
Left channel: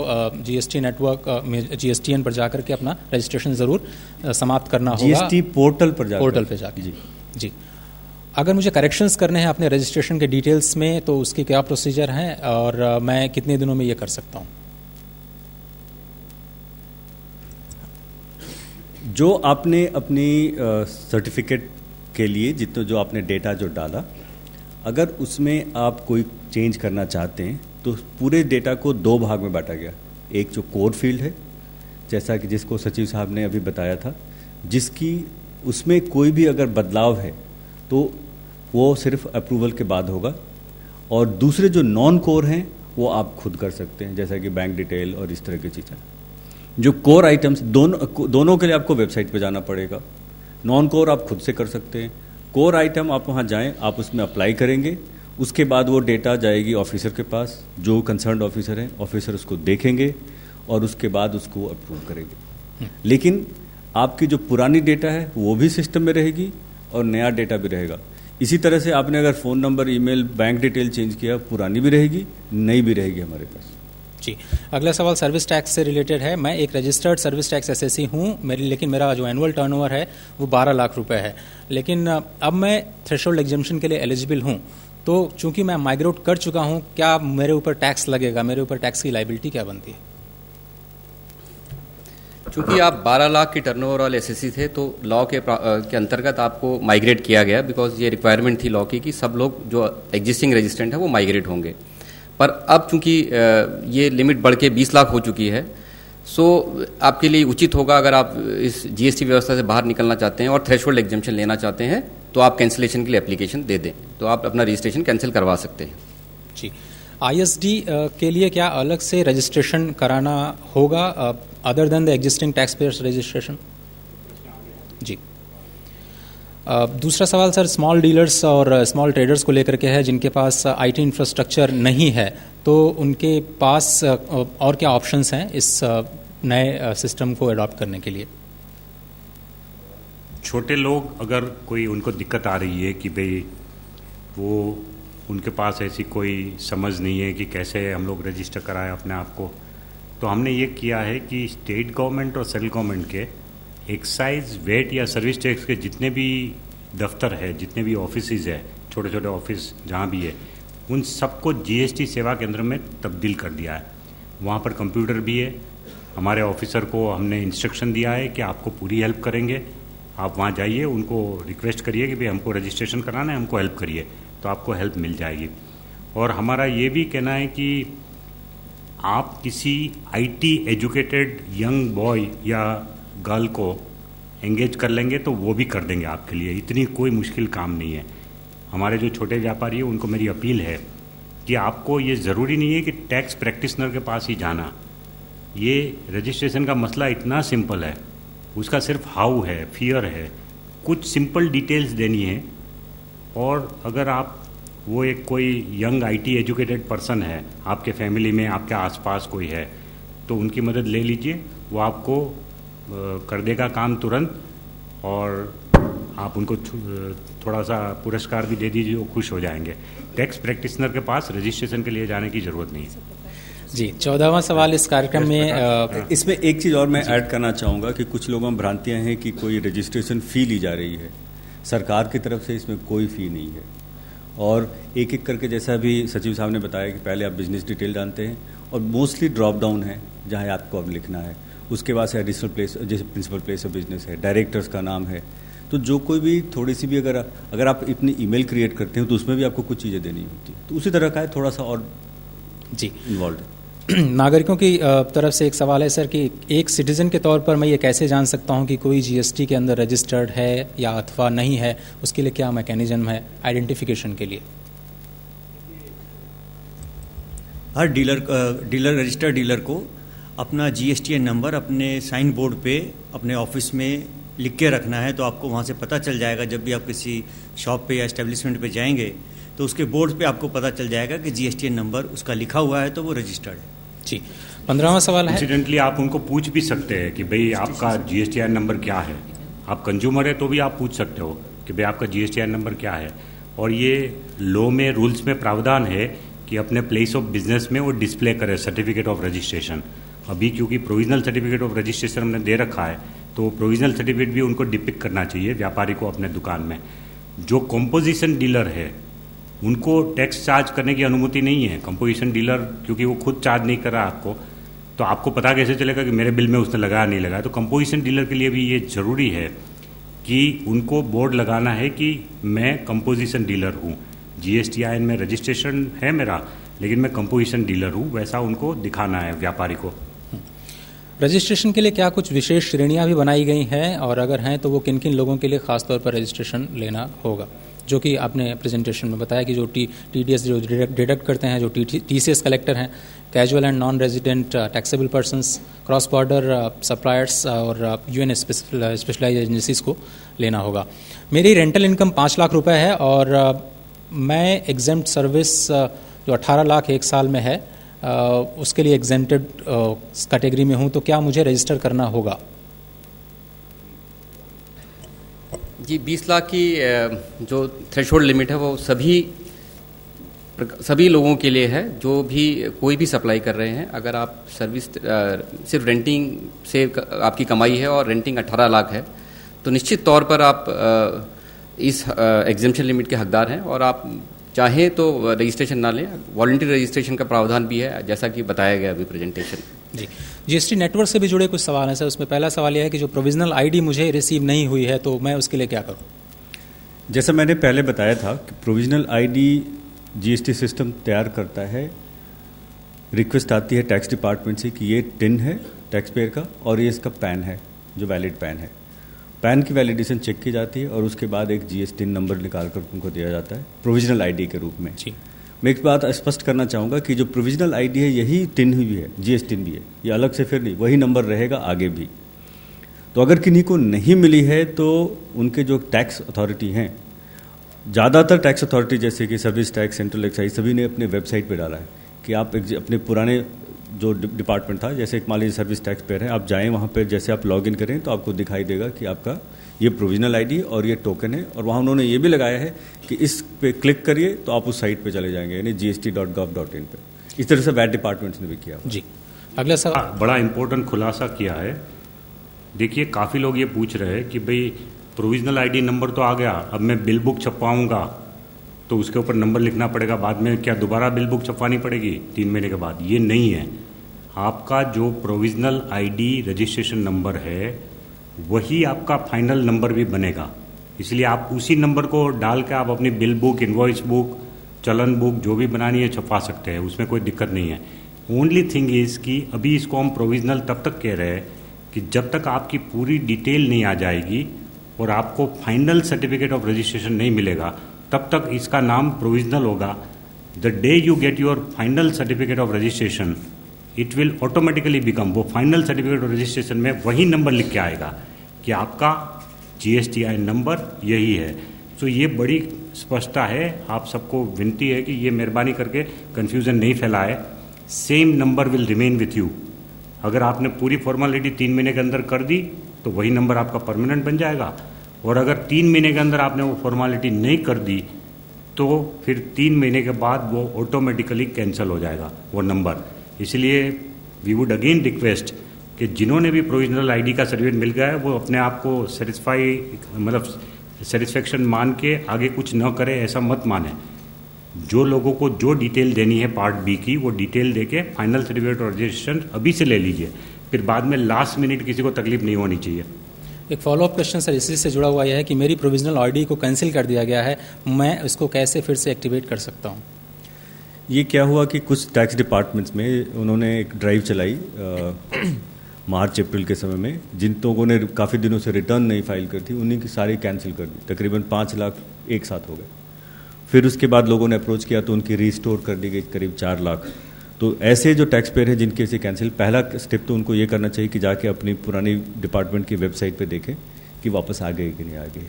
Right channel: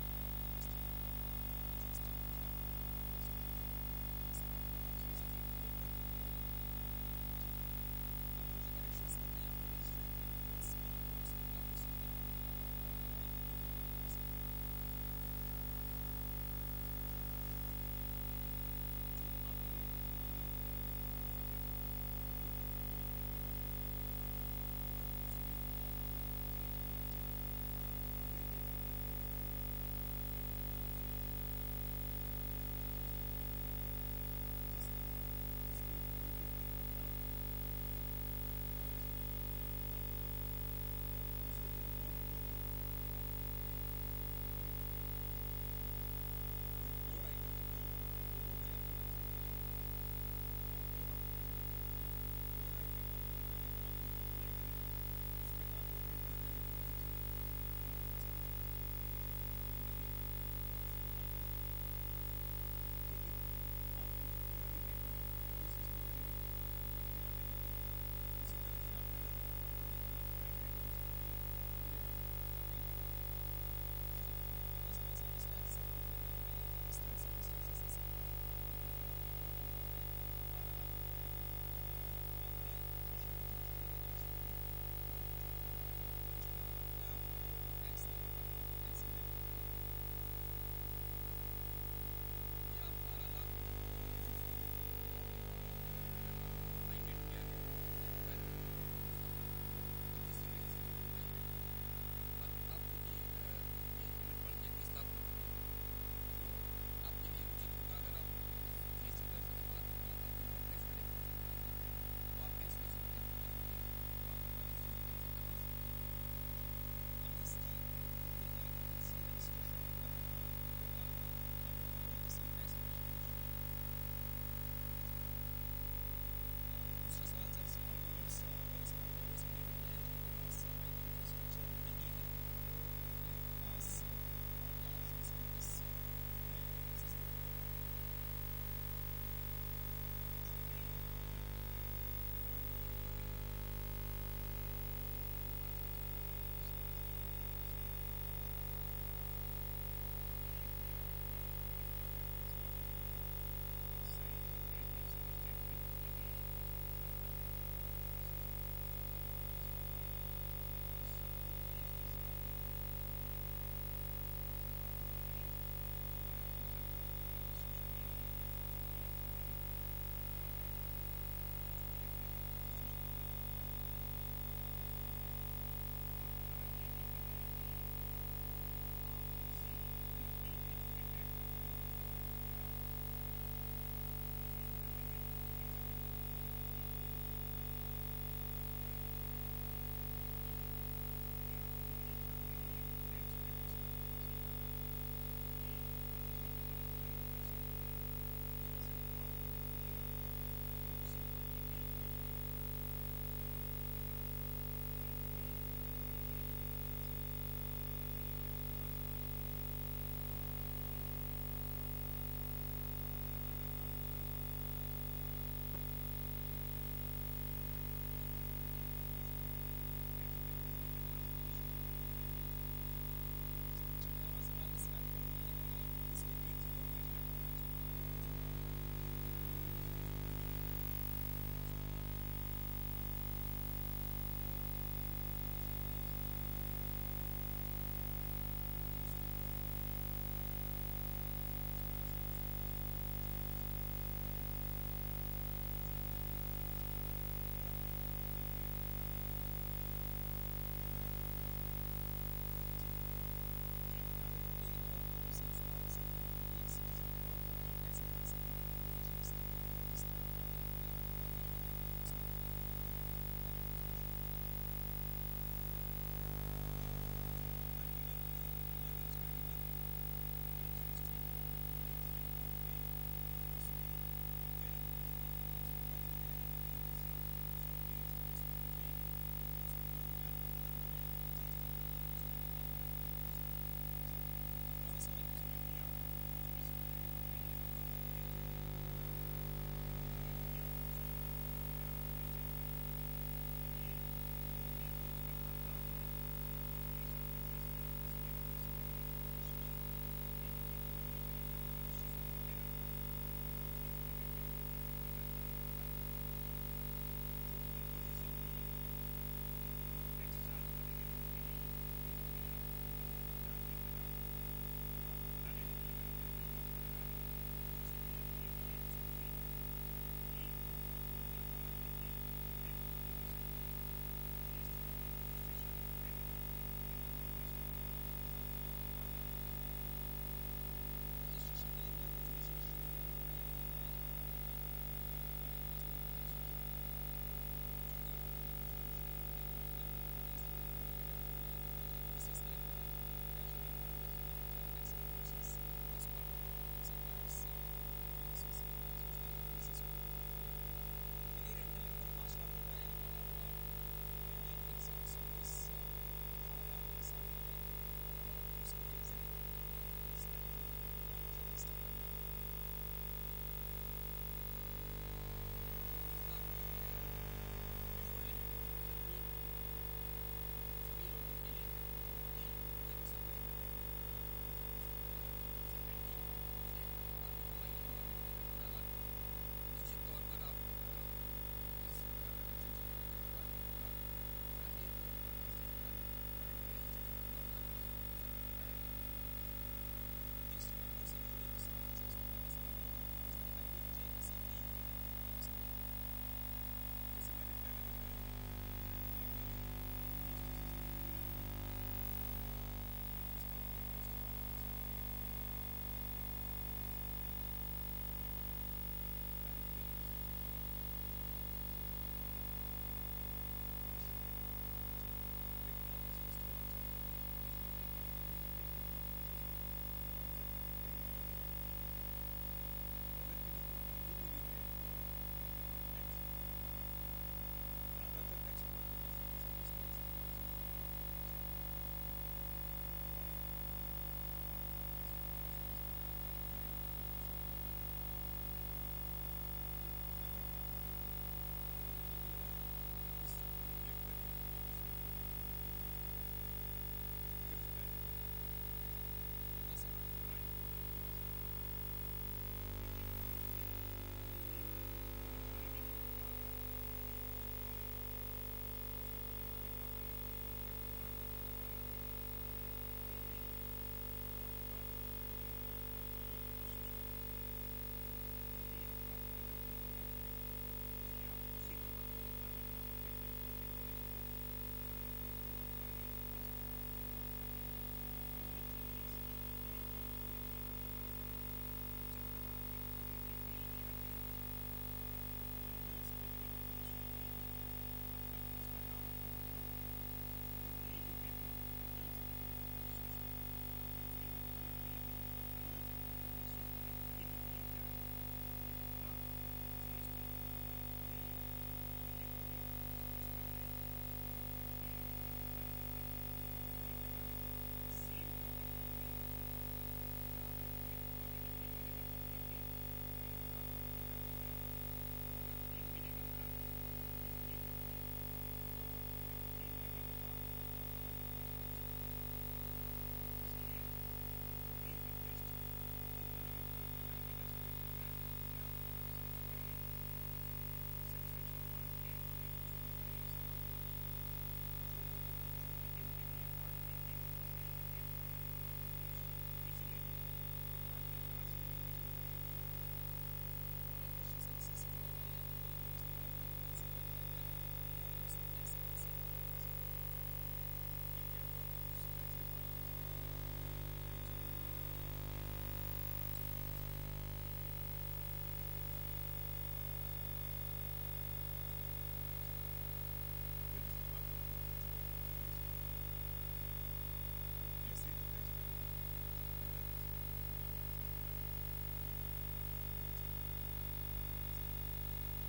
GST नेटवर्क में GSTN पर जाकर के अपना रजिस्ट्रेशन ज़रूर समाप्त करना होगा। GST पोर्टल पर जाकर जी। अगर मुझे करेक्शंस करने हैं अपने रजिस्ट्रेशन के डिटेल्स में तो उसके क्या प्रोसीजर हैं और मैं कितने दिनों में ये कर सकता हूँ? जो आपने अपनी सर्टिफिकेट के लिए जो आपने डेटा जो डाला, अगर उसमें आप कोई चेंज करना चाहते हैं तो पूरे डेटा को 2 भाग में बांटा गया। एक जो कोर फील्ड है, जैसा कि जिसको सचिव साहब ने अभी बताया था, जिसकी उसमें कोई भी अगर बदलाव है तो वो सिर्फ अप्रूवल के बाद होगा, और दूसरे जो नॉन कोर हैं वो आप खुद कर सकते हैं, जैसा कि बैंक डिटेल और इस तरह की चीज़ें। जो कोर आइटम्स दोनों के लिए आपको वेबसाइट पे जाना पड़ेगा। नॉन कोर आप खुद से कर सकते हैं। कोर आइटम आप वहाँ जाएं, आप उसमें अप्लाई करेंगे, उसके बाद वो डेटा जाएगी ऑफिसर के पास, जो कंसर्न्ड ऑफिसर हैं, ऑफिसर उसको देखेंगे और उसके बाद उसको अप्रूव करेंगे। लेकिन आपकी जो पुरानी डेटा है वो भी सिस्टम में रहेगी और नया डेटा भी रहेगा। इसी तरह से आपने अगर phone number, email, bank detail change किया, पुरानी भी रहेगी, नई भी रहेगी हमारे पास। जी, अगला सवाल सर्विस टैक्स से रिलेटेड है। मैं एक रजिस्टर्ड सर्विस टैक्स एसएससी हूँ, लेकिन मेरा जो एनुअल टर्नओवर है वो 12 लाख रुपए है। लेकिन अब मैं थ्रेशोल्ड एग्जम्पशन के लिए एलिजिबल हूँ, तो चूंकि मैं माइग्रेट कर चुका हूँ, क्या मेरे ऊपर टैक्स लगेगा? मेरे ऊपर टैक्स की लाइबिलिटी क्या बनती है? चूंकि आप 12 लाख की टर्नओवर वाले एसएससी थे, तो लॉ के अंतर्गत आपको माइग्रेट किया गया, बिकॉज ये रिक्वायरमेंट थी लॉ की कि सब लोग जो एग्जिस्टिंग रजिस्ट्रेंट है वो माइग्रेट होंगे। पर अब चूंकि ये लिमिट बढ़ के 20 लाख हो चुकी है, सो आपके लिए उचित होगा, अगर आप इस जीएसटी व्यवस्था से बाहर निकलना चाहते हैं और थ्रेशोल्ड एग्जम्पशन लेना चाहते हैं, तो आप कैंसिलेशन के लिए एप्लीकेशन दे दें, तो आप अपना रजिस्ट्रेशन कैंसिल करवा सकते हैं। जी, आईएसडी के लिए क्या अलग से रजिस्ट्रेशन कराना होगा other than the existing tax payers registration? जी, दूसरा सवाल सर स्मॉल डीलर्स और स्मॉल ट्रेडर्स को लेकर के है, जिनके पास आईटी इंफ्रास्ट्रक्चर नहीं है, तो उनके पास और क्या ऑप्शंस हैं इस नए सिस्टम को अडॉप्ट करने के लिए? छोटे लोग, अगर कोई उनको दिक्कत आ रही है कि भाई वो उनके पास ऐसी कोई समझ नहीं है कि कैसे हम लोग रजिस्टर कराएं अपने आप को, तो हमने ये किया है कि स्टेट गवर्नमेंट और सेंट्रल गवर्नमेंट के एक्साइज, वेट या सर्विस टैक्स के जितने भी दफ्तर है, जितने भी ऑफिसेज है, छोटे छोटे ऑफिस जहाँ भी है, उन सबको जीएसटी सेवा केंद्र में तब्दील कर दिया है। वहाँ पर कंप्यूटर भी है। हमारे ऑफिसर को हमने इंस्ट्रक्शन दिया है कि आपको पूरी हेल्प करेंगे, आप वहाँ जाइए, उनको रिक्वेस्ट करिए कि भाई हमको रजिस्ट्रेशन कराना है, हमको हेल्प करिए, तो आपको हेल्प मिल जाएगी। और हमारा ये भी कहना है कि आप किसी आईटी एजुकेटेड यंग बॉय या गर्ल को एंगेज कर लेंगे तो वो भी कर देंगे आपके लिए, इतनी कोई मुश्किल काम नहीं है। हमारे जो छोटे व्यापारी हैं उनको मेरी अपील है कि आपको ये ज़रूरी नहीं है कि टैक्स प्रैक्टिशनर के पास ही जाना। ये रजिस्ट्रेशन का मसला इतना सिंपल है, उसका सिर्फ हाउ है, फियर है, कुछ सिंपल डिटेल्स देनी है। और अगर आप वो एक कोई यंग आईटी एजुकेटेड पर्सन है, आपके फैमिली में, आपके आसपास कोई है, तो उनकी मदद ले लीजिए, वो आपको कर देगा काम तुरंत, और आप उनको थोड़ा सा पुरस्कार भी दे दीजिए, वो खुश हो जाएंगे। टैक्स प्रैक्टिशनर के पास रजिस्ट्रेशन के लिए जाने की ज़रूरत नहीं है। जी, 14वां सवाल इस कार्यक्रम में इसमें एक चीज़ और मैं ऐड करना चाहूँगा कि कुछ लोगों में भ्रांतियाँ हैं कि कोई रजिस्ट्रेशन फ़ी ली जा रही है। सरकार की तरफ से इसमें कोई फ़ी नहीं है, और एक एक करके, जैसा भी सचिव साहब ने बताया कि पहले आप बिजनेस डिटेल जानते हैं, और मोस्टली ड्रॉप डाउन है जहाँ आपको अब लिखना है, उसके बाद से एडिशनल प्लेस, जैसे प्रिंसिपल प्लेस ऑफ बिजनेस है, डायरेक्टर्स का नाम है, तो जो कोई भी थोड़ी सी भी अगर आप इतनी ईमेल क्रिएट करते हो तो उसमें भी आपको कुछ चीज़ें देनी होती है, तो उसी तरह का है, थोड़ा सा और जी इन्वॉल्व है। नागरिकों की तरफ से एक सवाल है सर कि एक सिटीज़न के तौर पर मैं ये कैसे जान सकता हूँ कि कोई जीएसटी के अंदर रजिस्टर्ड है या अथवा नहीं है? उसके लिए क्या मैकेनिज्म है आइडेंटिफिकेशन के लिए? हर रजिस्टर्ड डीलर को अपना जीएसटीएन नंबर अपने साइन बोर्ड पे अपने ऑफिस में लिख के रखना है, तो आपको वहाँ से पता चल जाएगा। जब भी आप किसी शॉप पे या एस्टेब्लिशमेंट पे जाएंगे तो उसके बोर्ड पे आपको पता चल जाएगा कि जीएसटीएन नंबर उसका लिखा हुआ है, तो वो रजिस्टर्ड है। जी, 15वां सवाल है। इंसिडेंटली आप उनको पूछ भी सकते हैं कि भाई आपका जीएसटीआईएन नंबर क्या है। आप कंज्यूमर है तो भी आप पूछ सकते हो कि भाई आपका जीएसटीआईएन नंबर क्या है। और ये लॉ में, रूल्स में प्रावधान है कि अपने प्लेस ऑफ बिजनेस में वो डिस्प्ले करे सर्टिफिकेट ऑफ रजिस्ट्रेशन। अभी क्योंकि प्रोविजनल सर्टिफिकेट ऑफ रजिस्ट्रेशन हमने दे रखा है, तो प्रोविजनल सर्टिफिकेट भी उनको डिपिक्ट करना चाहिए व्यापारी को अपने दुकान में। जो कंपोजिशन डीलर है उनको टैक्स चार्ज करने की अनुमति नहीं है। कंपोजिशन डीलर क्योंकि वो खुद चार्ज नहीं कर रहा आपको, तो आपको पता कैसे चलेगा कि मेरे बिल में उसने लगाया नहीं लगाया? तो कंपोजिशन डीलर के लिए भी ये ज़रूरी है कि उनको बोर्ड लगाना है कि मैं कंपोजिशन डीलर हूँ, जीएसटीआईएन में रजिस्ट्रेशन है मेरा, लेकिन मैं कंपोजिशन डीलर हूँ, वैसा उनको दिखाना है व्यापारी को। रजिस्ट्रेशन के लिए क्या कुछ विशेष श्रेणियां भी बनाई गई हैं, और अगर हैं तो वो किन किन लोगों के लिए खास तौर पर रजिस्ट्रेशन लेना होगा? जो कि आपने प्रेजेंटेशन में बताया कि जो टीडीएस जो डिडक्ट करते हैं, जो टीसीएस कलेक्टर हैं, casual and non resident taxable persons, cross border suppliers और यूएन स्पेशलाइज्ड एजेंसीज को लेना होगा। मेरी रेंटल इनकम 5 लाख रुपए है और मैं एग्जेम्प्ट सर्विस जो 18 लाख एक साल में है उसके लिए एग्जेम्प्टेड कैटेगरी में हूँ, तो क्या मुझे रजिस्टर करना होगा? जी 20 लाख की जो थ्रेशोल्ड लिमिट है वो सभी लोगों के लिए है जो भी कोई भी सप्लाई कर रहे हैं। अगर आप सर्विस सिर्फ रेंटिंग से आपकी कमाई है और रेंटिंग 18 लाख है तो निश्चित तौर पर आप इस एग्जेम्पशन लिमिट के हकदार हैं और आप चाहें तो रजिस्ट्रेशन ना लें। वॉलंटरी रजिस्ट्रेशन का प्रावधान भी है जैसा कि बताया गया अभी प्रेजेंटेशन। जी, जीएसटी नेटवर्क से भी जुड़े कुछ सवाल हैं सर। उसमें पहला सवाल यह है कि जो प्रोविजनल आईडी मुझे रिसीव नहीं हुई है तो मैं उसके लिए क्या करूं? जैसा मैंने पहले बताया था कि प्रोविजनल आईडी जीएसटी सिस्टम तैयार करता है, रिक्वेस्ट आती है टैक्स डिपार्टमेंट से कि ये टिन है टैक्स पेयर का और ये इसका पैन है जो वैलिड पैन है। पैन की वैलिडेशन चेक की जाती है और उसके बाद एक जीएसटी नंबर निकाल कर उनको दिया जाता है प्रोविजनल आईडी के रूप में। जी, मैं एक बात स्पष्ट करना चाहूँगा कि जो प्रोविजनल आईडी है यही टिन भी है, जीएसटी भी है, ये अलग से फिर नहीं, वही नंबर रहेगा आगे भी। तो अगर किन्हीं को नहीं मिली है तो उनके जो टैक्स अथॉरिटी हैं, ज़्यादातर टैक्स अथॉरिटी जैसे कि सर्विस टैक्स, सेंट्रल एक्साइज, सभी ने अपने वेबसाइट पे डाला है कि आप अपने पुराने जो डिपार्टमेंट था, जैसे मान लीजिए सर्विस टैक्स पेयर है, आप जाएं वहाँ पे, जैसे आप लॉगिन करें तो आपको दिखाई देगा कि आपका ये प्रोविजनल आईडी और ये टोकन है। और वहाँ उन्होंने ये भी लगाया है कि इस पे क्लिक करिए तो आप उस साइट पे चले जाएंगे, यानी gst.gov.in पे। इस तरह से वैट डिपार्टमेंट्स ने भी किया। जी, अगला सवाल। बड़ा इम्पोर्टेंट खुलासा किया है। देखिए, काफ़ी लोग ये पूछ रहे हैं कि भाई प्रोविजनल आईडी नंबर तो आ गया, अब मैं बिल बुक छपवाऊँगा तो उसके ऊपर नंबर लिखना पड़ेगा, बाद में क्या दोबारा बिल बुक छपवानी पड़ेगी 3 महीने के बाद? ये नहीं है। आपका जो प्रोविजनल आईडी रजिस्ट्रेशन नंबर है वही आपका फाइनल नंबर भी बनेगा, इसलिए आप उसी नंबर को डाल के आप अपनी बिल बुक, इनवॉइस बुक, चलन बुक जो भी बनानी है छपवा सकते हैं, उसमें कोई दिक्कत नहीं है। ओनली थिंग इज़ कि अभी इसको हम प्रोविजनल तब तक कह रहे हैं कि जब तक आपकी पूरी डिटेल नहीं आ जाएगी और आपको फाइनल सर्टिफिकेट ऑफ रजिस्ट्रेशन नहीं मिलेगा तब तक इसका नाम प्रोविजनल होगा। The day you get your final certificate of registration it will automatically become, वो फाइनल सर्टिफिकेट ऑफ रजिस्ट्रेशन में वही नंबर लिख के आएगा कि आपका GSTI नंबर यही है। तो ये बड़ी स्पष्टता है। आप सबको विनती है कि ये मेहरबानी करके कन्फ्यूज़न नहीं फैलाए। Same number will remain with you. अगर आपने पूरी फॉर्मेलिटी 3 महीने के अंदर कर दी तो वही नंबर आपका परमानेंट बन जाएगा, और अगर 3 महीने के अंदर आपने वो फॉर्मेलिटी नहीं कर दी तो फिर 3 महीने के बाद वो ऑटोमेटिकली कैंसिल हो जाएगा वो नंबर। इसलिए वी वुड अगेन रिक्वेस्ट कि जिन्होंने भी प्रोविजनल आईडी का सर्टिफिकेट मिल गया है वो अपने आप को सेटिस्फैक्शन मान के आगे कुछ न करे, ऐसा मत माने। जो लोगों को जो डिटेल देनी है पार्ट बी की, वो डिटेल देके फाइनल सर्टिफिकेट और रजिस्ट्रेशन अभी से ले लीजिए, फिर बाद में लास्ट मिनट किसी को तकलीफ नहीं होनी चाहिए। एक फॉलोअप क्वेश्चन सर इसी से जुड़ा हुआ यह है कि मेरी प्रोविजनल आईडी को कैंसिल कर दिया गया है, मैं इसको कैसे फिर से एक्टिवेट कर सकता हूँ? ये क्या हुआ कि कुछ टैक्स डिपार्टमेंट्स में उन्होंने एक ड्राइव चलाई मार्च अप्रैल के समय में, जिन लोगों ने काफ़ी दिनों से रिटर्न नहीं फाइल कर थी उन्हीं की सारी कैंसिल कर दी। तकरीबन 5 लाख एक साथ हो गए। फिर उसके बाद लोगों ने अप्रोच किया तो उनकी रीस्टोर कर दी गई करीब 4 लाख। तो ऐसे जो टैक्स पेयर हैं जिनके से कैंसिल, पहला स्टेप तो उनको ये करना चाहिए कि जाके अपनी पुरानी डिपार्टमेंट की वेबसाइट पे देखें कि वापस आ गए कि नहीं आ गए।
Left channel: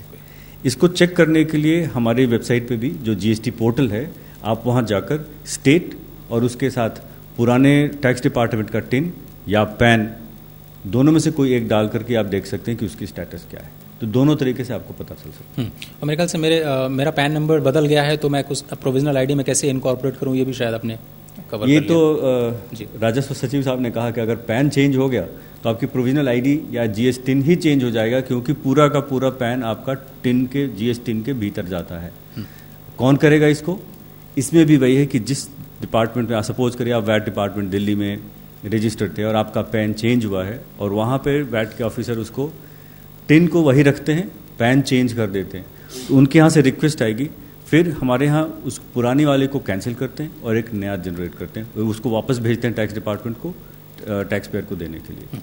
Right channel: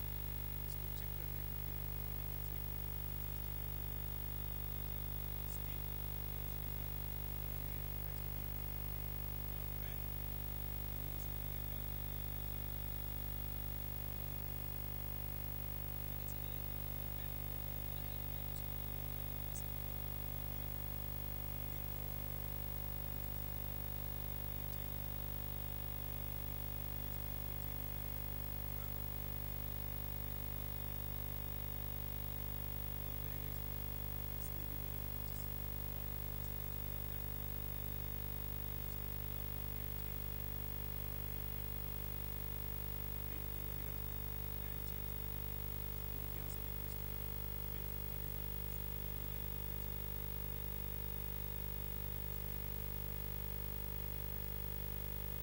इसको चेक करने के लिए हमारी वेबसाइट पे भी जो GST पोर्टल है, आप वहाँ जाकर स्टेट और उसके साथ पुराने टैक्स डिपार्टमेंट का टिन या पैन, दोनों में से कोई एक डाल करके आप देख सकते हैं कि उसकी स्टेटस क्या है। तो दोनों तरीके से आपको पता चल सकता है। और मेरे ख्याल से मेरा पैन नंबर बदल गया है तो मैं कुछ प्रोविजनल आईडी में कैसे इनकॉर्पोरेट करूँ, ये भी शायद अपने कवर ये कर तो राजस्व सचिव साहब ने कहा कि अगर पैन चेंज हो गया तो आपकी प्रोविजनल आईडी या GS टिन ही चेंज हो जाएगा, क्योंकि पूरा का पूरा पैन आपका टिन के GS टिन के भीतर जाता है। कौन करेगा इसको? इसमें भी वही है कि जिस डिपार्टमेंट में, सपोज करिए आप वैट डिपार्टमेंट दिल्ली में रजिस्टर्ड थे और आपका पैन चेंज हुआ है और वहाँ पे वैट के ऑफिसर उसको टिन को वही रखते हैं, पैन चेंज कर देते हैं, तो उनके यहाँ से रिक्वेस्ट आएगी, फिर हमारे यहाँ उस पुरानी वाले को कैंसिल करते हैं और एक नया जनरेट करते हैं, उसको वापस भेजते हैं टैक्स डिपार्टमेंट को, टैक्स पेयर को देने के लिए।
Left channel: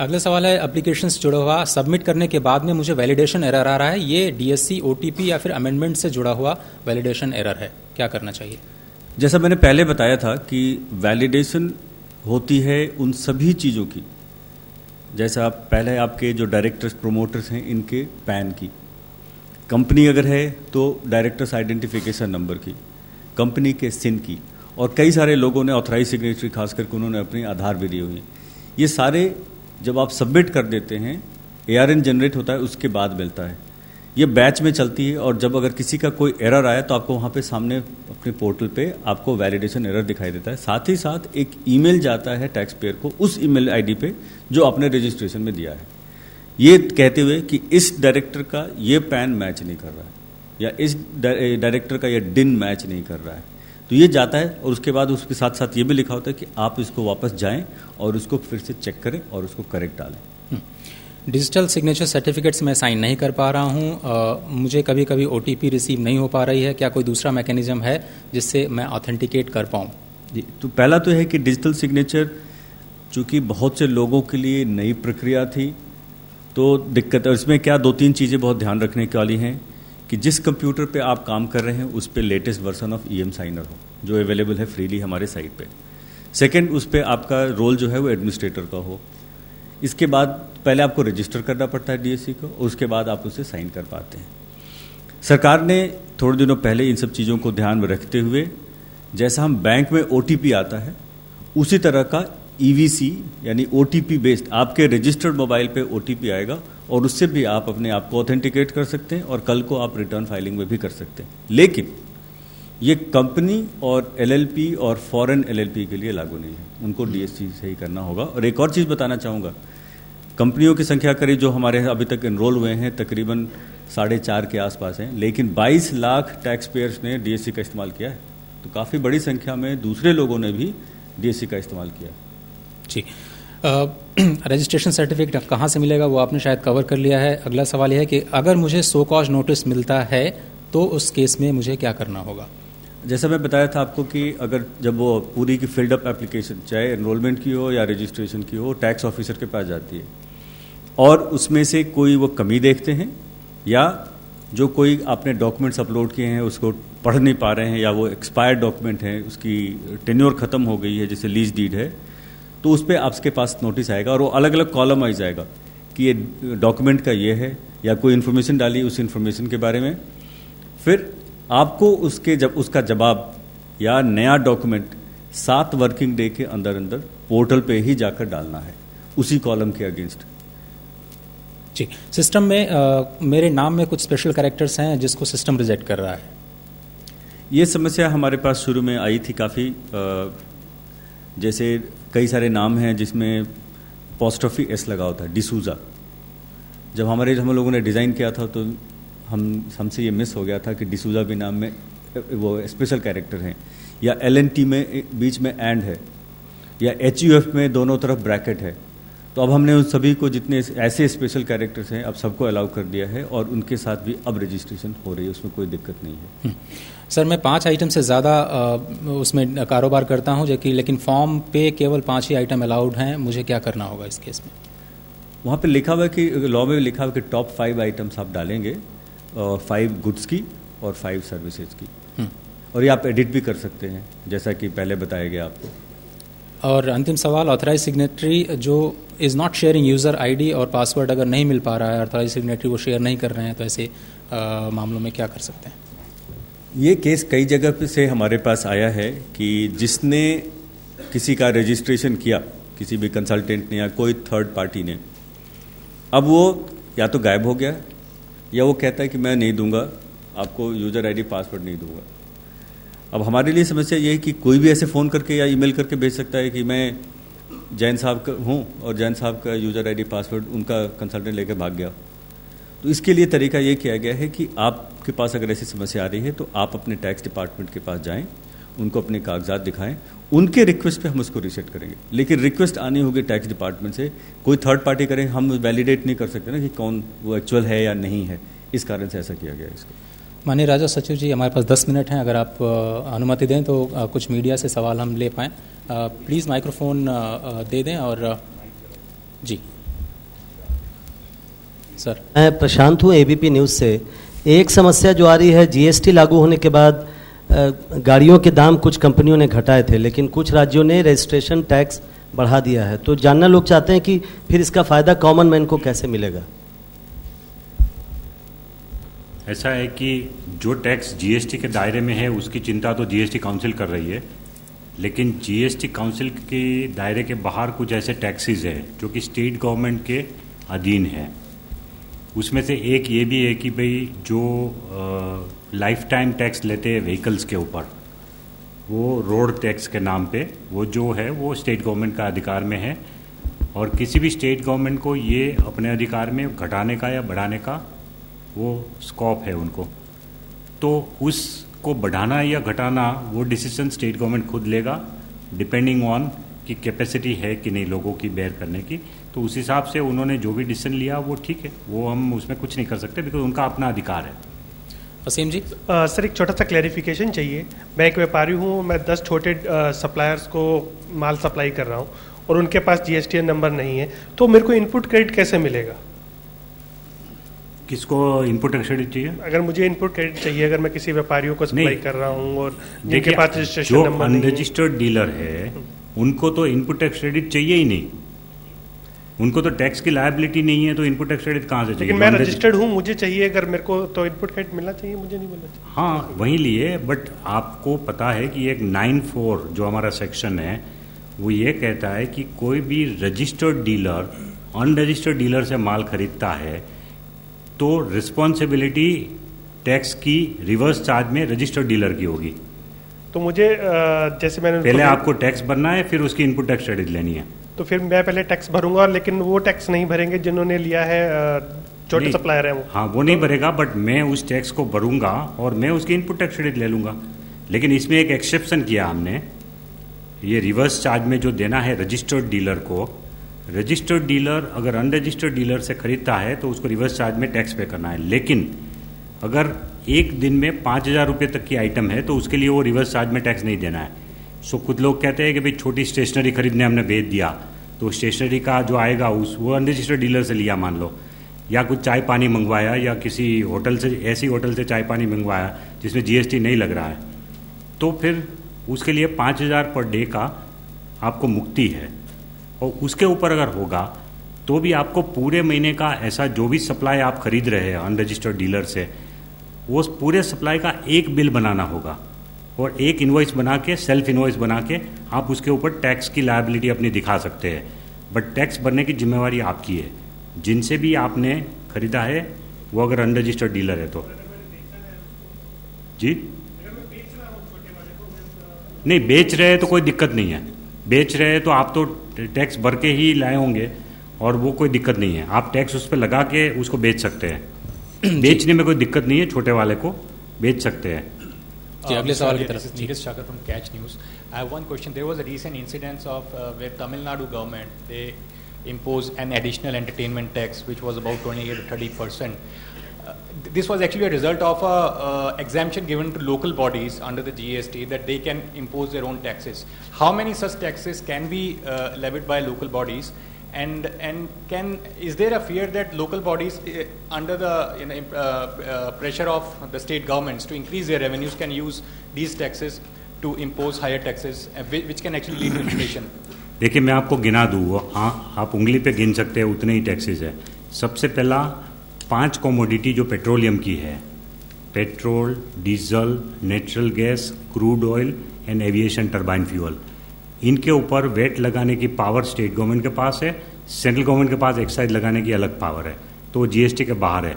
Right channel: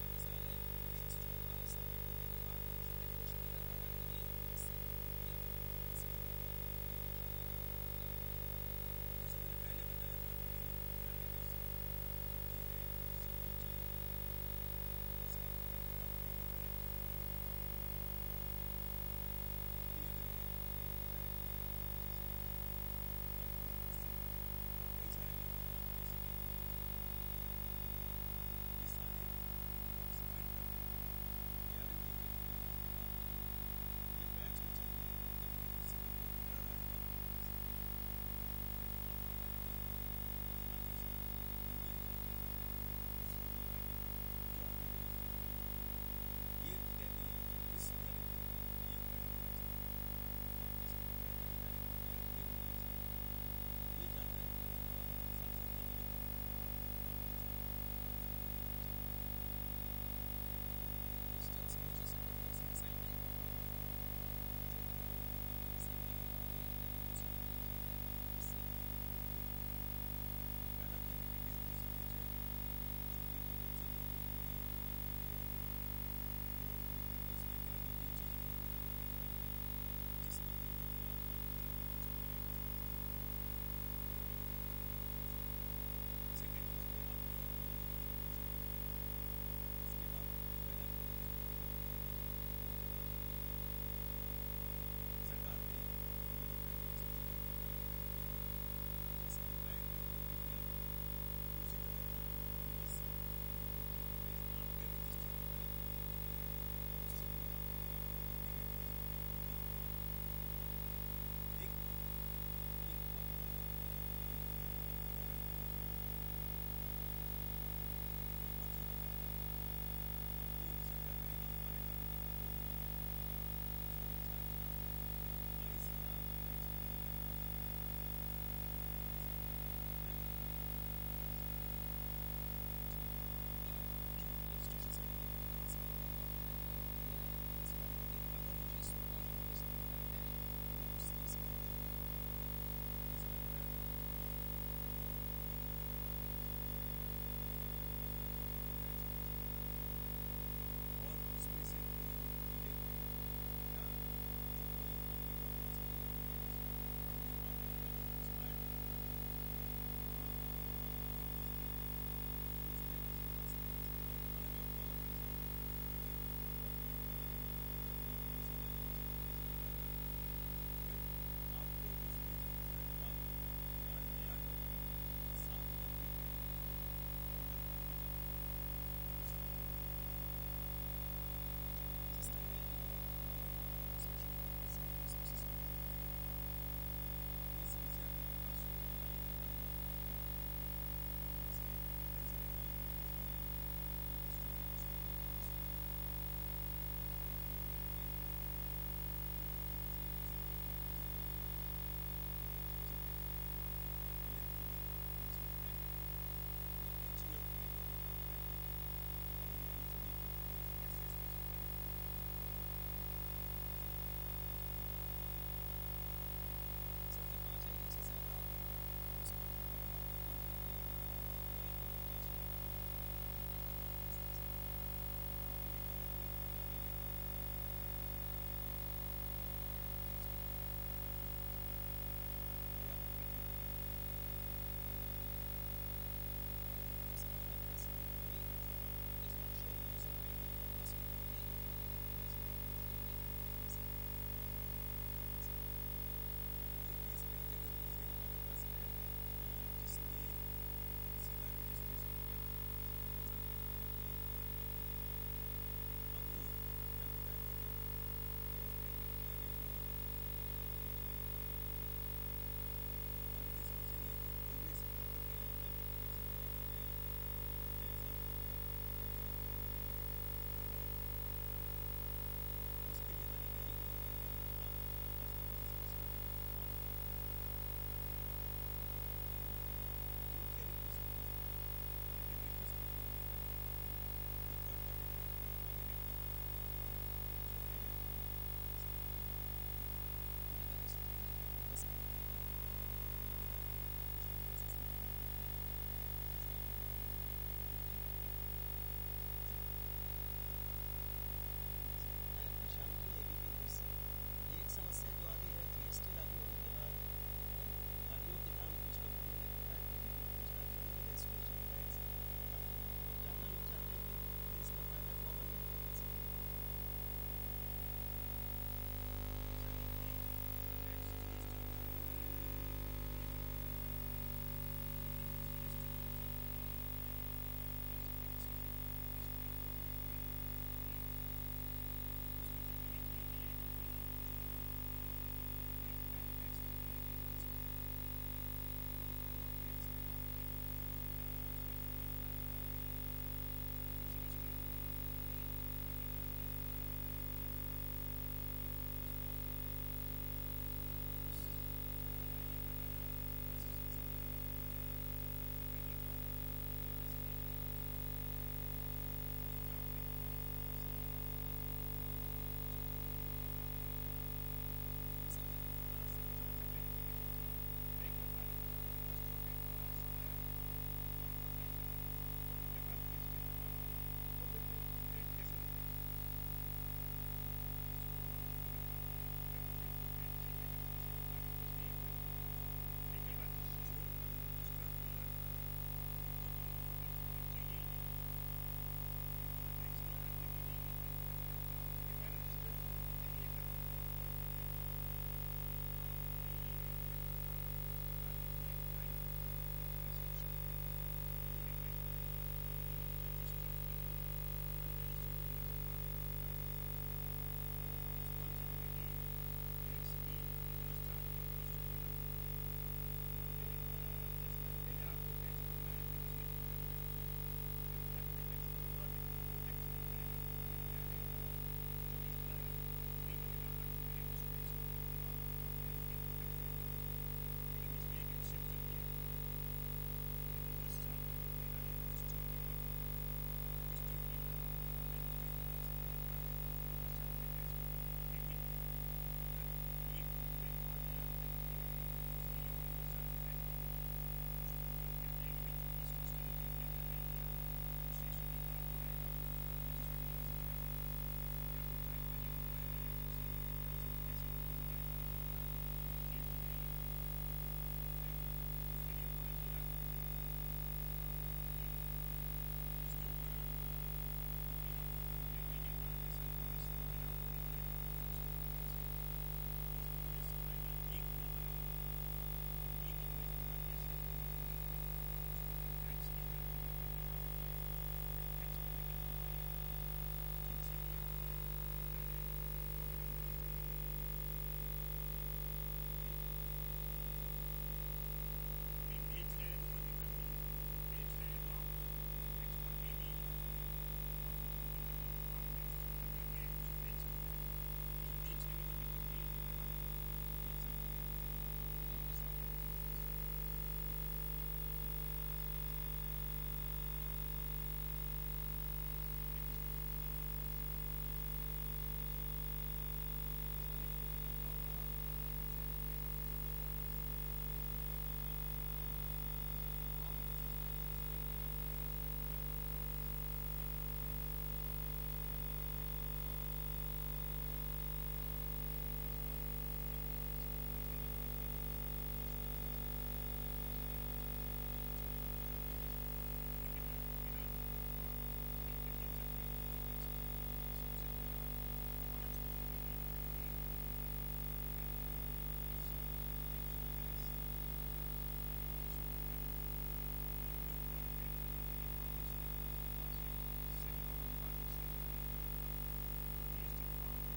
अगला सवाल है एप्लीकेशन से जुड़ा हुआ, सबमिट करने के बाद में मुझे वैलिडेशन एरर आ रहा है, ये DSC OTP या फिर अमेंडमेंट से जुड़ा हुआ वैलिडेशन एरर है, क्या करना चाहिए? जैसा मैंने पहले बताया था कि वैलिडेशन होती है उन सभी चीज़ों की, जैसा आप पहले आपके जो डायरेक्टर्स प्रोमोटर्स हैं इनके पैन की, कंपनी अगर है तो डायरेक्टर्स आइडेंटिफिकेशन नंबर की, कंपनी के सिन की, और कई सारे लोगों ने ऑथराइज सिग्नेचरी खास करके उन्होंने अपनी आधार भी दी हुई। ये सारे जब आप सबमिट कर देते हैं, ARN जनरेट होता है, उसके बाद मिलता है। ये बैच में चलती है, और जब अगर किसी का कोई एरर आया तो आपको वहाँ पे सामने अपने पोर्टल पे आपको वैलिडेशन एरर दिखाई देता है। साथ ही साथ एक ईमेल जाता है टैक्स पेयर को उस ईमेल आईडी पे जो आपने रजिस्ट्रेशन में दिया है, ये कहते हुए कि इस डायरेक्टर का ये पैन मैच नहीं कर रहा है या इस डायरेक्टर का ये डिन मैच नहीं कर रहा है, तो ये जाता है। और उसके बाद उसके साथ साथ ये भी लिखा होता है कि आप इसको वापस जाएं और उसको फिर से चेक करें और उसको करेक्ट डालें। डिजिटल सिग्नेचर सर्टिफिकेट्स में साइन नहीं कर पा रहा हूँ, मुझे कभी कभी OTP रिसीव नहीं हो पा रही है, क्या कोई दूसरा मैकेनिज्म है जिससे मैं ऑथेंटिकेट कर पाऊँ? जी, तो पहला तो है कि डिजिटल सिग्नेचर चूँकि बहुत से लोगों के लिए नई प्रक्रिया थी तो दिक्कत है। इसमें क्या 2-3 चीज़ें बहुत ध्यान रखने की वाली हैं कि जिस कंप्यूटर पे आप काम कर रहे हैं उस पे latest version of EM signer हो जो अवेलेबल है फ्रीली हमारे साइट पे। सेकंड, उस पे आपका रोल जो है वो एडमिनिस्ट्रेटर का हो। इसके बाद पहले आपको रजिस्टर करना पड़ता है DSC को, और उसके बाद आप उसे साइन कर पाते हैं। सरकार ने थोड़े दिनों पहले इन सब चीज़ों को ध्यान में रखते हुए, जैसा हम बैंक में OTP आता है उसी तरह का EVC यानी OTP बेस्ड आपके रजिस्टर्ड मोबाइल पे OTP आएगा और उससे भी आप अपने आप को ऑथेंटिकेट कर सकते हैं और कल को आप रिटर्न फाइलिंग में भी कर सकते हैं। लेकिन ये कंपनी और LLP और फॉरेन LLP के लिए लागू नहीं है, उनको DSC से ही करना होगा। और एक और चीज़ बताना चाहूँगा, कंपनियों की संख्या करीब जो हमारे अभी तक इनरोल हुए हैं तकरीबन 4.5 के आसपास हैं, लेकिन 22 लाख टैक्स पेयर्स ने DSC का इस्तेमाल किया है, तो काफ़ी बड़ी संख्या में दूसरे लोगों ने भी DSC का इस्तेमाल किया। जी, रजिस्ट्रेशन सर्टिफिकेट कहाँ से मिलेगा वो आपने शायद कवर कर लिया है। अगला सवाल यह है कि अगर मुझे सो कॉज नोटिस मिलता है तो उस केस में मुझे क्या करना होगा? जैसा मैं बताया था आपको कि अगर जब वो पूरी की फिल्ड अप एप्लीकेशन चाहे एनरोलमेंट की हो या रजिस्ट्रेशन की हो टैक्स ऑफिसर के पास जाती है और उसमें से कोई वो कमी देखते हैं या जो कोई आपने डॉक्यूमेंट्स अपलोड किए हैं उसको पढ़ नहीं पा रहे हैं या वो एक्सपायर्ड डॉक्यूमेंट है, उसकी टेन्योर ख़त्म हो गई है, जैसे लीज डीड है, तो उस पर आपके पास नोटिस आएगा और वो अलग अलग कॉलम आ जाएगा कि ये डॉक्यूमेंट का ये है या कोई इन्फॉर्मेशन डाली उस इन्फॉर्मेशन के बारे में। फिर आपको उसका जवाब या नया डॉक्यूमेंट 7 वर्किंग डे के अंदर अंदर पोर्टल पे ही जाकर डालना है उसी कॉलम के अगेंस्ट। जी, सिस्टम में मेरे नाम में कुछ स्पेशल कैरेक्टर्स हैं जिसको सिस्टम रिजेक्ट कर रहा है। ये समस्या हमारे पास शुरू में आई थी काफ़ी, जैसे कई सारे नाम हैं जिसमें पोस्टॉफी एस लगा होता है, डिसूजा। जब हम लोगों ने डिज़ाइन किया था तो हमसे ये मिस हो गया था कि डिसूजा भी नाम में वो स्पेशल कैरेक्टर हैं, या LNT में बीच में एंड है, या HUF में दोनों तरफ ब्रैकेट है। तो अब हमने उन सभी को जितने ऐसे स्पेशल कैरेक्टर्स हैं अब सबको अलाउ कर दिया है और उनके साथ भी अब रजिस्ट्रेशन हो रही है, उसमें कोई दिक्कत नहीं है। सर, मैं 5 आइटम से ज़्यादा उसमें कारोबार करता हूँ लेकिन फॉर्म पे केवल 5 ही आइटम अलाउड हैं, मुझे क्या करना होगा इस केस में? वहाँ पे लिखा हुआ है कि लॉ में लिखा हुआ है कि टॉप 5 आइटम्स आप डालेंगे, 5 गुड्स की और 5 सर्विसेज की, और ये आप एडिट भी कर सकते हैं जैसा कि पहले बताया गया आपको। और अंतिम सवाल, ऑथराइज सिग्नेटरी जो is not sharing user ID और पासवर्ड अगर नहीं मिल पा रहा है, ऑथराइज सिग्नेटरी वो शेयर नहीं कर रहे हैं, तो ऐसे मामलों में क्या कर सकते हैं? ये केस कई जगह पे से हमारे पास आया है कि जिसने किसी का रजिस्ट्रेशन किया, किसी भी कंसल्टेंट ने या कोई थर्ड पार्टी ने, अब वो या तो गायब हो गया या वो कहता है कि मैं नहीं दूंगा आपको यूज़र ID पासवर्ड नहीं दूंगा। अब हमारे लिए समस्या ये है कि कोई भी ऐसे फ़ोन करके या ईमेल करके भेज सकता है कि मैं जैन साहब का हूँ और जैन साहब का यूज़र ID पासवर्ड उनका कंसल्टेंट लेकर भाग गया। तो इसके लिए तरीका ये किया गया है कि आपके पास अगर ऐसी समस्या आ रही है तो आप अपने टैक्स डिपार्टमेंट के पास जाएं, उनको अपने कागजात दिखाएं, उनके रिक्वेस्ट पे हम उसको रीसेट करेंगे। लेकिन रिक्वेस्ट आनी होगी टैक्स डिपार्टमेंट से, कोई थर्ड पार्टी करें, हम वैलिडेट नहीं कर सकते ना कि कौन वो एक्चुअल है या नहीं है, इस कारण से ऐसा किया गया है इसको। माननीय राजस्व सचिव जी, हमारे पास 10 मिनट हैं, अगर आप अनुमति दें तो कुछ मीडिया से सवाल हम ले पाएँ। प्लीज़ माइक्रोफोन दे दें। और जी सर। मैं प्रशांत हूँ ABP न्यूज़ से। एक समस्या जो आ रही है, GST लागू होने के बाद गाड़ियों के दाम कुछ कंपनियों ने घटाए थे, लेकिन कुछ राज्यों ने रजिस्ट्रेशन टैक्स बढ़ा दिया है। तो जानना लोग चाहते हैं कि फिर इसका फ़ायदा कॉमन मैन को कैसे मिलेगा? ऐसा है कि जो टैक्स GST के दायरे में है उसकी चिंता तो GST काउंसिल कर रही है, लेकिन GST काउंसिल के दायरे के बाहर कुछ ऐसे टैक्सेस हैं जो कि स्टेट गवर्नमेंट के अधीन है। उसमें से एक ये भी है कि भाई जो लाइफ टाइम टैक्स लेते हैं व्हीकल्स के ऊपर, वो रोड टैक्स के नाम पे वो जो है वो स्टेट गवर्नमेंट का अधिकार में है, और किसी भी स्टेट गवर्नमेंट को ये अपने अधिकार में घटाने का या बढ़ाने का वो स्कोप है उनको। तो उसको बढ़ाना या घटाना वो डिसीजन स्टेट गवर्नमेंट खुद लेगा, डिपेंडिंग ऑन कि कैपेसिटी है कि नहीं लोगों की बेयर करने की। तो उस हिसाब से उन्होंने जो भी डिसीजन लिया वो ठीक है, वो हम उसमें कुछ नहीं कर सकते बिकॉज उनका अपना अधिकार है। वसीम जी। सर एक छोटा सा क्लैरिफिकेशन चाहिए। मैं एक व्यापारी हूँ, मैं 10 छोटे सप्लायर्स को माल सप्लाई कर रहा हूँ और उनके पास GSTN नंबर नहीं है, तो मेरे को इनपुट क्रेडिट कैसे मिलेगा? किसको इनपुट क्रेडिट चाहिए? अगर मुझे इनपुट क्रेडिट चाहिए, अगर मैं किसी व्यापारियों को सप्लाई कर रहा हूँ और जिनके देखिए, पास रजिस्ट्रेशन जो नंबर नहीं है, अनरजिस्टर्ड डीलर है उनको तो इनपुट टैक्स क्रेडिट चाहिए ही नहीं, उनको तो टैक्स की लायबिलिटी नहीं है, तो इनपुट टैक्स क्रेडिट कहाँ से चाहिए? लेकिन मैं रजिस्टर्ड हूँ, मुझे चाहिए, अगर मेरे को तो इनपुट क्रेडिट मिलना चाहिए, मुझे नहीं मिलना चाहिए। हाँ वही लिए, बट आपको पता है कि एक 9(4) जो हमारा सेक्शन है वो ये कहता है कि कोई भी रजिस्टर्ड डीलर अनरजिस्टर्ड डीलर से माल खरीदता है तो रिस्पॉन्सिबिलिटी टैक्स की रिवर्स चार्ज में रजिस्टर्ड डीलर की होगी। तो मुझे जैसे मैंने पहले आपको टैक्स भरना है, फिर उसकी इनपुट टैक्स क्रेडिट लेनी है। तो फिर मैं पहले टैक्स भरूंगा, लेकिन वो टैक्स नहीं भरेंगे जिन्होंने लिया है, छोटे नहीं, सप्लायर हैं वो। हाँ वो नहीं भरेगा, बट मैं उस टैक्स को भरूंगा और मैं उसकी इनपुट टैक्स क्रेडिट ले लूंगा। लेकिन इसमें एक एक्सेप्शन किया हमने, ये रिवर्स चार्ज में जो देना है रजिस्टर्ड डीलर को, रजिस्टर्ड डीलर अगर अनरजिस्टर्ड डीलर से खरीदता है तो उसको रिवर्स चार्ज में टैक्स पे करना है। लेकिन अगर एक दिन में 5,000 रुपये तक की आइटम है तो उसके लिए वो रिवर्स चार्ज में टैक्स नहीं देना है। सो कुछ लोग कहते हैं कि भाई छोटी स्टेशनरी खरीदने हमने भेज दिया तो स्टेशनरी का जो आएगा उस वो अनरजिस्टर्ड डीलर से लिया मान लो, या कुछ चाय पानी मंगवाया या किसी होटल से, ऐसी होटल से चाय पानी मंगवाया जिसमें GST नहीं लग रहा है, तो फिर उसके लिए 5,000 पर डे का आपको मुक्ति है। और उसके ऊपर अगर होगा तो भी आपको पूरे महीने का ऐसा जो भी सप्लाई आप खरीद रहे हैं अनरजिस्टर्ड डीलर से, वो पूरे सप्लाई का एक बिल बनाना होगा और एक इनवॉइस बना के, सेल्फ इनवॉइस बना के आप उसके ऊपर टैक्स की लायबिलिटी अपनी दिखा सकते हैं। बट टैक्स भरने की जिम्मेवारी आपकी है, जिनसे भी आपने खरीदा है वो अगर अनरजिस्टर्ड डीलर है तो। जी नहीं, बेच रहे हैं तो कोई दिक्कत नहीं है, बेच रहे हैं तो आप तो टैक्स भर के ही लाए होंगे और वो कोई दिक्कत नहीं है, आप टैक्स उस पर लगा के उसको बेच सकते हैं। बेचने में कोई दिक्कत नहीं है, छोटे वाले को बेच सकते हैं। जी अगले सवाल की तरफ। Neeraj Chakra from Catch News. I have one question. There was a recent incident of where Tamil Nadu government they imposed an additional entertainment tax which was about 28 to 30%. This was actually a result of a exemption given to local bodies under the GST that they can impose their own taxes. How many such taxes can be levied by local bodies? And is there a fear that local bodies under the pressure of the state governments to increase their revenues can use these taxes to impose higher taxes which can actually lead to inflation? देखिए मैं आपको गिना दूँ, आप उंगली पे गिन सकते हैं उतने ही टैक्सेस है। सबसे पहला 5 कमोडिटी जो पेट्रोलियम की है, petrol, diesel, natural gas, crude oil and aviation turbine fuel, इनके ऊपर वेट लगाने की पावर स्टेट गवर्नमेंट के पास है, सेंट्रल गवर्नमेंट के पास एक्साइज लगाने की अलग पावर है, तो GST के बाहर है।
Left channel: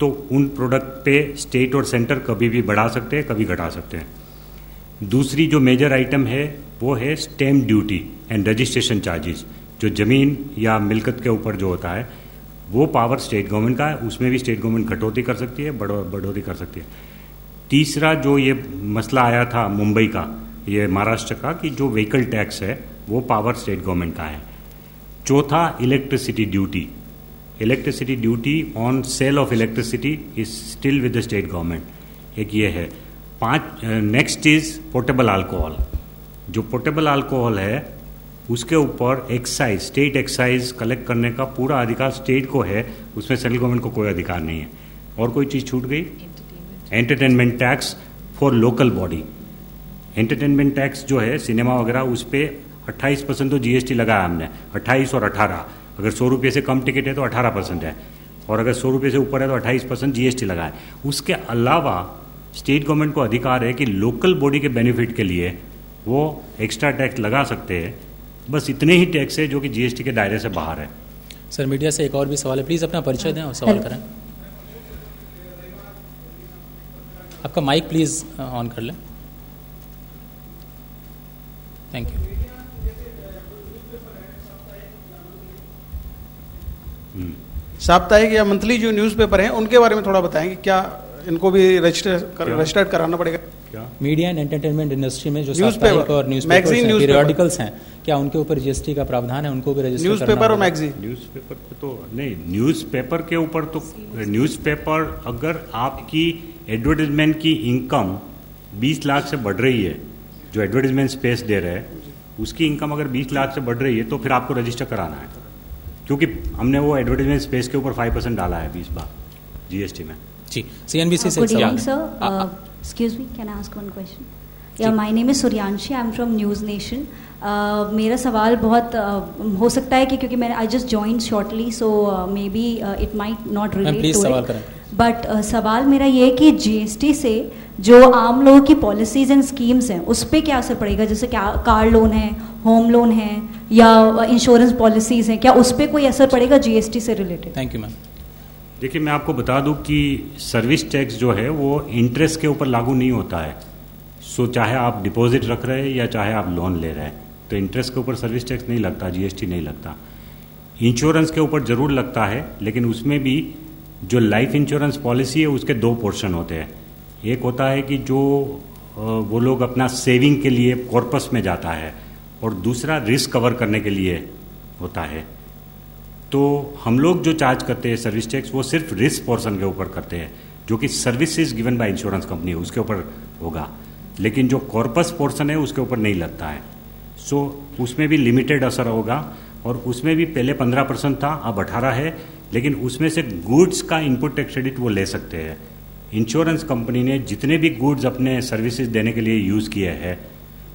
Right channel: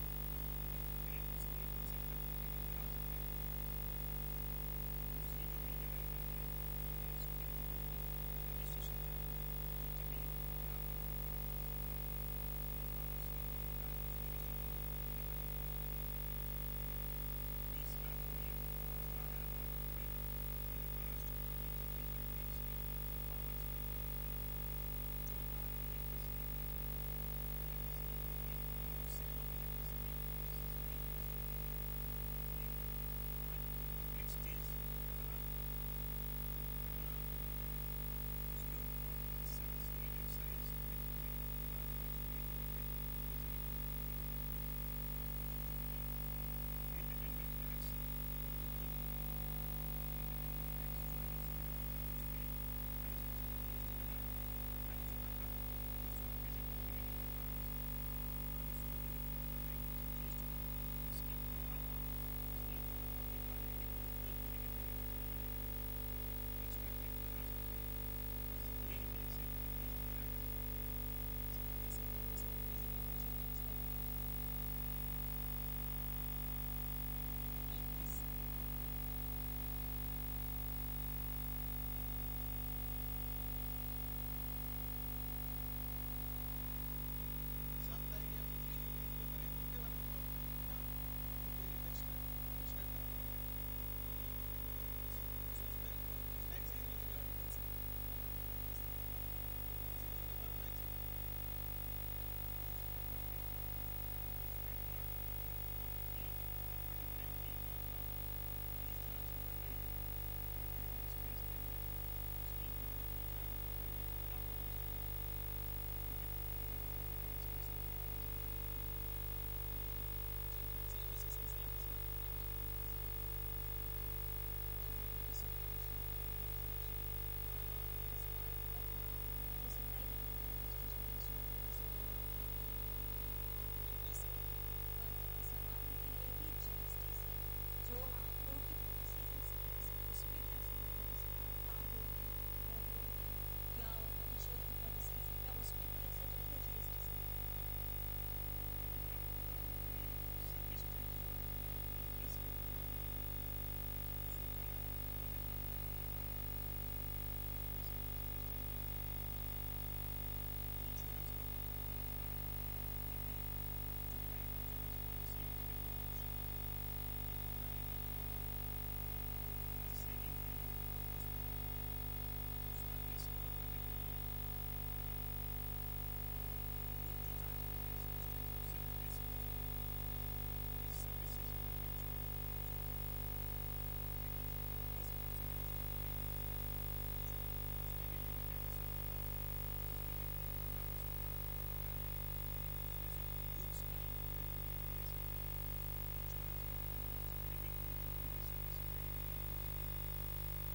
तो उन प्रोडक्ट पे स्टेट और सेंटर कभी भी बढ़ा सकते हैं, कभी घटा सकते हैं। दूसरी जो मेजर आइटम है वो है stamp duty and registration charges, जो ज़मीन या मिल्कत के ऊपर जो होता है वो पावर स्टेट गवर्नमेंट का है, उसमें भी स्टेट गवर्नमेंट कटौती कर सकती है, बढ़ोतरी कर सकती है। तीसरा जो ये मसला आया था मुंबई का, ये महाराष्ट्र का, कि जो व्हीकल टैक्स है वो पावर स्टेट गवर्नमेंट का है। चौथा electricity duty, electricity duty on sale of electricity is still with the state government, एक ये है। नेक्स्ट इज पोर्टेबल अल्कोहल, जो पोर्टेबल अल्कोहल है उसके ऊपर एक्साइज, स्टेट एक्साइज कलेक्ट करने का पूरा अधिकार स्टेट को है, उसमें सेंट्रल गवर्नमेंट को कोई अधिकार नहीं है। और कोई चीज़ छूट गई? Entertainment tax for local body, entertainment tax जो है सिनेमा वगैरह उस पर 28% तो GST लगाया हमने, 28 और 18। अगर 100 रुपये से कम टिकट है तो 18% है, और अगर 100 रुपये से ऊपर है तो 28% GST लगाए। उसके अलावा स्टेट गवर्नमेंट को अधिकार है कि लोकल बॉडी के बेनिफिट के लिए वो एक्स्ट्रा टैक्स लगा सकते हैं। बस इतने ही टैक्स है जो कि GST के दायरे से बाहर है। सर मीडिया से एक और भी सवाल है, प्लीज़ अपना परिचय दें और सवाल करें। आपका माइक प्लीज़ ऑन कर लें। Thank you. साप्ताहिक या मंथली जो न्यूज़पेपर हैं उनके बारे में थोड़ा बताएंगे, क्या इनको भी रजिस्टर्ड कराना पड़ेगा? मीडिया एंड एंटरटेनमेंट इंडस्ट्री में जो न्यूज़पेपर साप्ताहिक और मैगजीन न्यूज़पेपर्स हैं, पीरियोडिकल्स हैं, क्या उनके ऊपर जीएसटी का प्रावधान है? उनको भी रजिस्टर न्यूज़पेपर और मैगजीन? न्यूज़पेपर पे तो नहीं, न्यूज़पेपर के ऊपर तो न्यूज़पेपर अगर आपकी एडवर्टाइजमेंट की इनकम 20 लाख से बढ़ रही है, जो एडवर्टाइजमेंट स्पेस दे रहे हैं उसकी इनकम अगर 20 लाख से बढ़ रही है तो फिर आपको रजिस्टर कराना है, क्योंकि हमने वो एडवर्टाइजमेंट स्पेस के ऊपर 5% डाला है 20 बार जीएसटी में। जी, सीएनबीसी से Good evening, sir. Excuse me, can I ask one question? Yeah, my name is Suryanshi. I'm from News Nation. मेरा सवाल बहुत हो सकता है कि क्योंकि मैंने I just joined shortly, so maybe it might not relate please to सवाल it. करें। बट सवाल मेरा ये है कि जीएसटी से जो आम लोगों की पॉलिसीज एंड स्कीम्स हैं उस पर क्या असर पड़ेगा? जैसे क्या कार लोन है, होम लोन है या इंश्योरेंस पॉलिसीज हैं, क्या उस पर कोई असर पड़ेगा जीएसटी से रिलेटेड? Thank you ma'am. देखिए, मैं आपको बता दूं कि सर्विस टैक्स जो है वो इंटरेस्ट के ऊपर लागू नहीं होता है। सो चाहे आप डिपॉजिट रख रहे हैं या चाहे आप लोन ले रहे हैं, तो इंटरेस्ट के ऊपर सर्विस टैक्स नहीं लगता, जीएसटी नहीं लगता। इंश्योरेंस के ऊपर ज़रूर लगता है, लेकिन उसमें भी जो लाइफ इंश्योरेंस पॉलिसी है उसके 2 पोर्शन होते हैं। एक होता है कि जो वो लोग अपना सेविंग के लिए कॉर्पस में जाता है, और दूसरा रिस्क कवर करने के लिए होता है। तो हम लोग जो चार्ज करते हैं सर्विस टैक्स वो सिर्फ रिस्क पोर्शन के ऊपर करते हैं, जो कि services given by insurance company है उसके ऊपर होगा, लेकिन जो कॉर्पस पोर्शन है उसके ऊपर नहीं लगता है। सो उसमें भी लिमिटेड असर होगा, और उसमें भी पहले 15% था, अब 18 है, लेकिन उसमें से गुड्स का इनपुट टैक्स क्रेडिट वो ले सकते हैं। इंश्योरेंस कंपनी ने जितने भी गुड्स अपने सर्विसेज देने के लिए यूज़ किए हैं,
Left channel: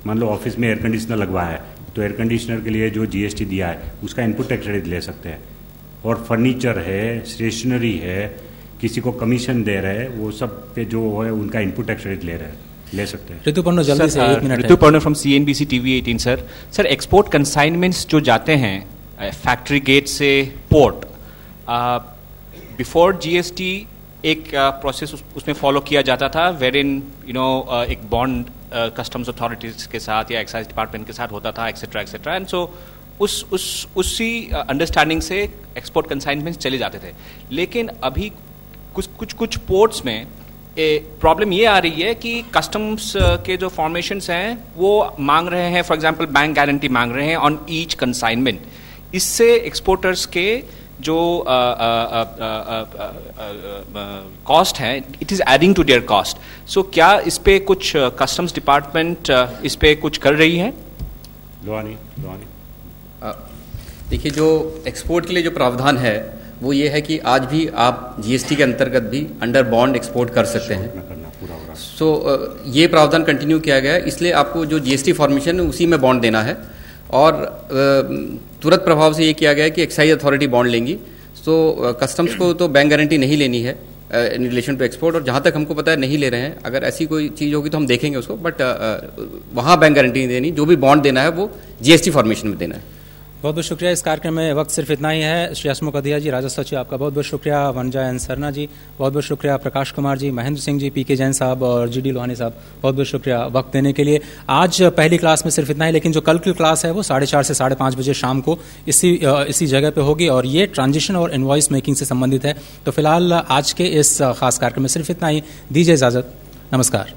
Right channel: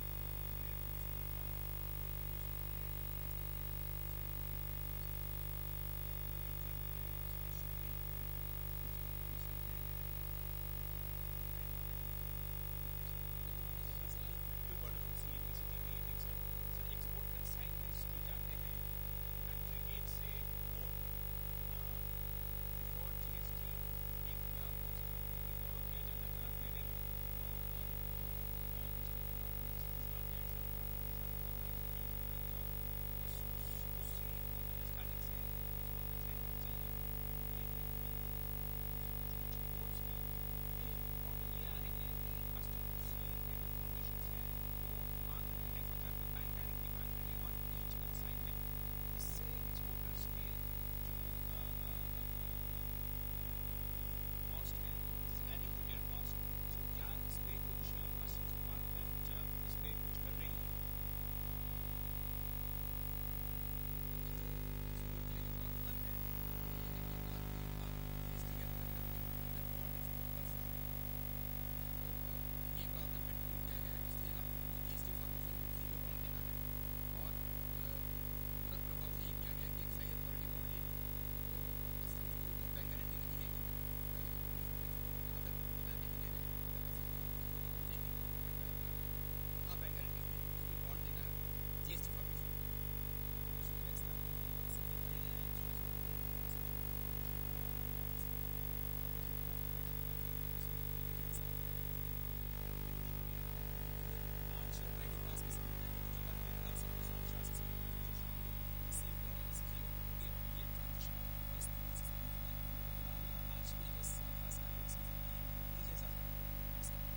मान लो ऑफिस में एयर कंडीशनर लगवाया है तो एयर कंडीशनर के लिए जो जीएसटी दिया है उसका इनपुट टैक्स क्रेडिट ले सकते हैं। और फर्नीचर है, स्टेशनरी है, किसी को कमीशन दे रहे हैं, वो सब पे जो है उनका इनपुट टैक्स क्रेडिट ले सकते हैं। ऋतुपर्णो जल्दी से 1 minute. Rituparno from CNBC TV 18 sir. Sir, export consignments जो जाते हैं फैक्ट्री गेट से पोर्ट, बिफोर जीएसटी एक प्रोसेस उसमें फॉलो किया जाता था, वेर इन एक बॉन्ड कस्टम्स अथॉरिटीज के साथ या एक्साइज डिपार्टमेंट के साथ होता था, एक्सेट्रा एक्सेट्रा, एंड सो उसी अंडरस्टैंडिंग से एक्सपोर्ट कंसाइनमेंट्स चले जाते थे। लेकिन अभी कुछ पोर्ट्स में प्रॉब्लम ये आ रही है कि कस्टम्स के जो फॉर्मेशंस हैं वो मांग रहे हैं, फॉर एग्जांपल बैंक गारंटी मांग रहे हैं ऑन ईच कंसाइनमेंट। इससे एक्सपोर्टर्स के जो कॉस्ट है, it is adding to their cost. So क्या इस पे कुछ कस्टम्स डिपार्टमेंट इस पे कुछ कर रही है? लोहानी देखिए, जो एक्सपोर्ट के लिए जो प्रावधान है वो ये है कि आज भी आप जीएसटी के अंतर्गत भी अंडर बॉन्ड एक्सपोर्ट कर सकते हैं। सो ये प्रावधान कंटिन्यू किया गया है, इसलिए आपको जो जीएसटी फॉर्मेशन है उसी में बॉन्ड देना है, और तुरंत प्रभाव से ये किया गया है कि एक्साइज अथॉरिटी बॉन्ड लेंगी। सो कस्टम्स को तो बैंक गारंटी नहीं लेनी है इन रिलेशन टू एक्सपोर्ट, और जहाँ तक हमको पता है नहीं ले रहे हैं। अगर ऐसी कोई चीज़ होगी तो हम देखेंगे उसको, बट वहाँ बैंक गारंटी नहीं देनी, जो भी बॉन्ड देना है वो जीएसटी फॉर्मेशन में देना है। बहुत बहुत शुक्रिया। इस कार्यक्रम में वक्त सिर्फ इतना ही है। श्री हसमुख अधिया जी, राजस्व सचिव, आपका बहुत बहुत शुक्रिया। वनजा एन सरना जी, बहुत बहुत शुक्रिया। प्रकाश कुमार जी, महेंद्र सिंह जी, पीके जैन साहब और जीडी लोहानी साहब, बहुत बहुत शुक्रिया वक्त देने के लिए। आज पहली क्लास में सिर्फ इतना ही, लेकिन जो कल की क्लास है वो 4:30 से 5:30 बजे शाम को इसी जगह पे होगी, और ये ट्रांजिशन और इनवॉइस मेकिंग से संबंधित है। तो फिलहाल आज के इस खास कार्यक्रम में सिर्फ इतना ही। दीजिए इजाज़त, नमस्कार।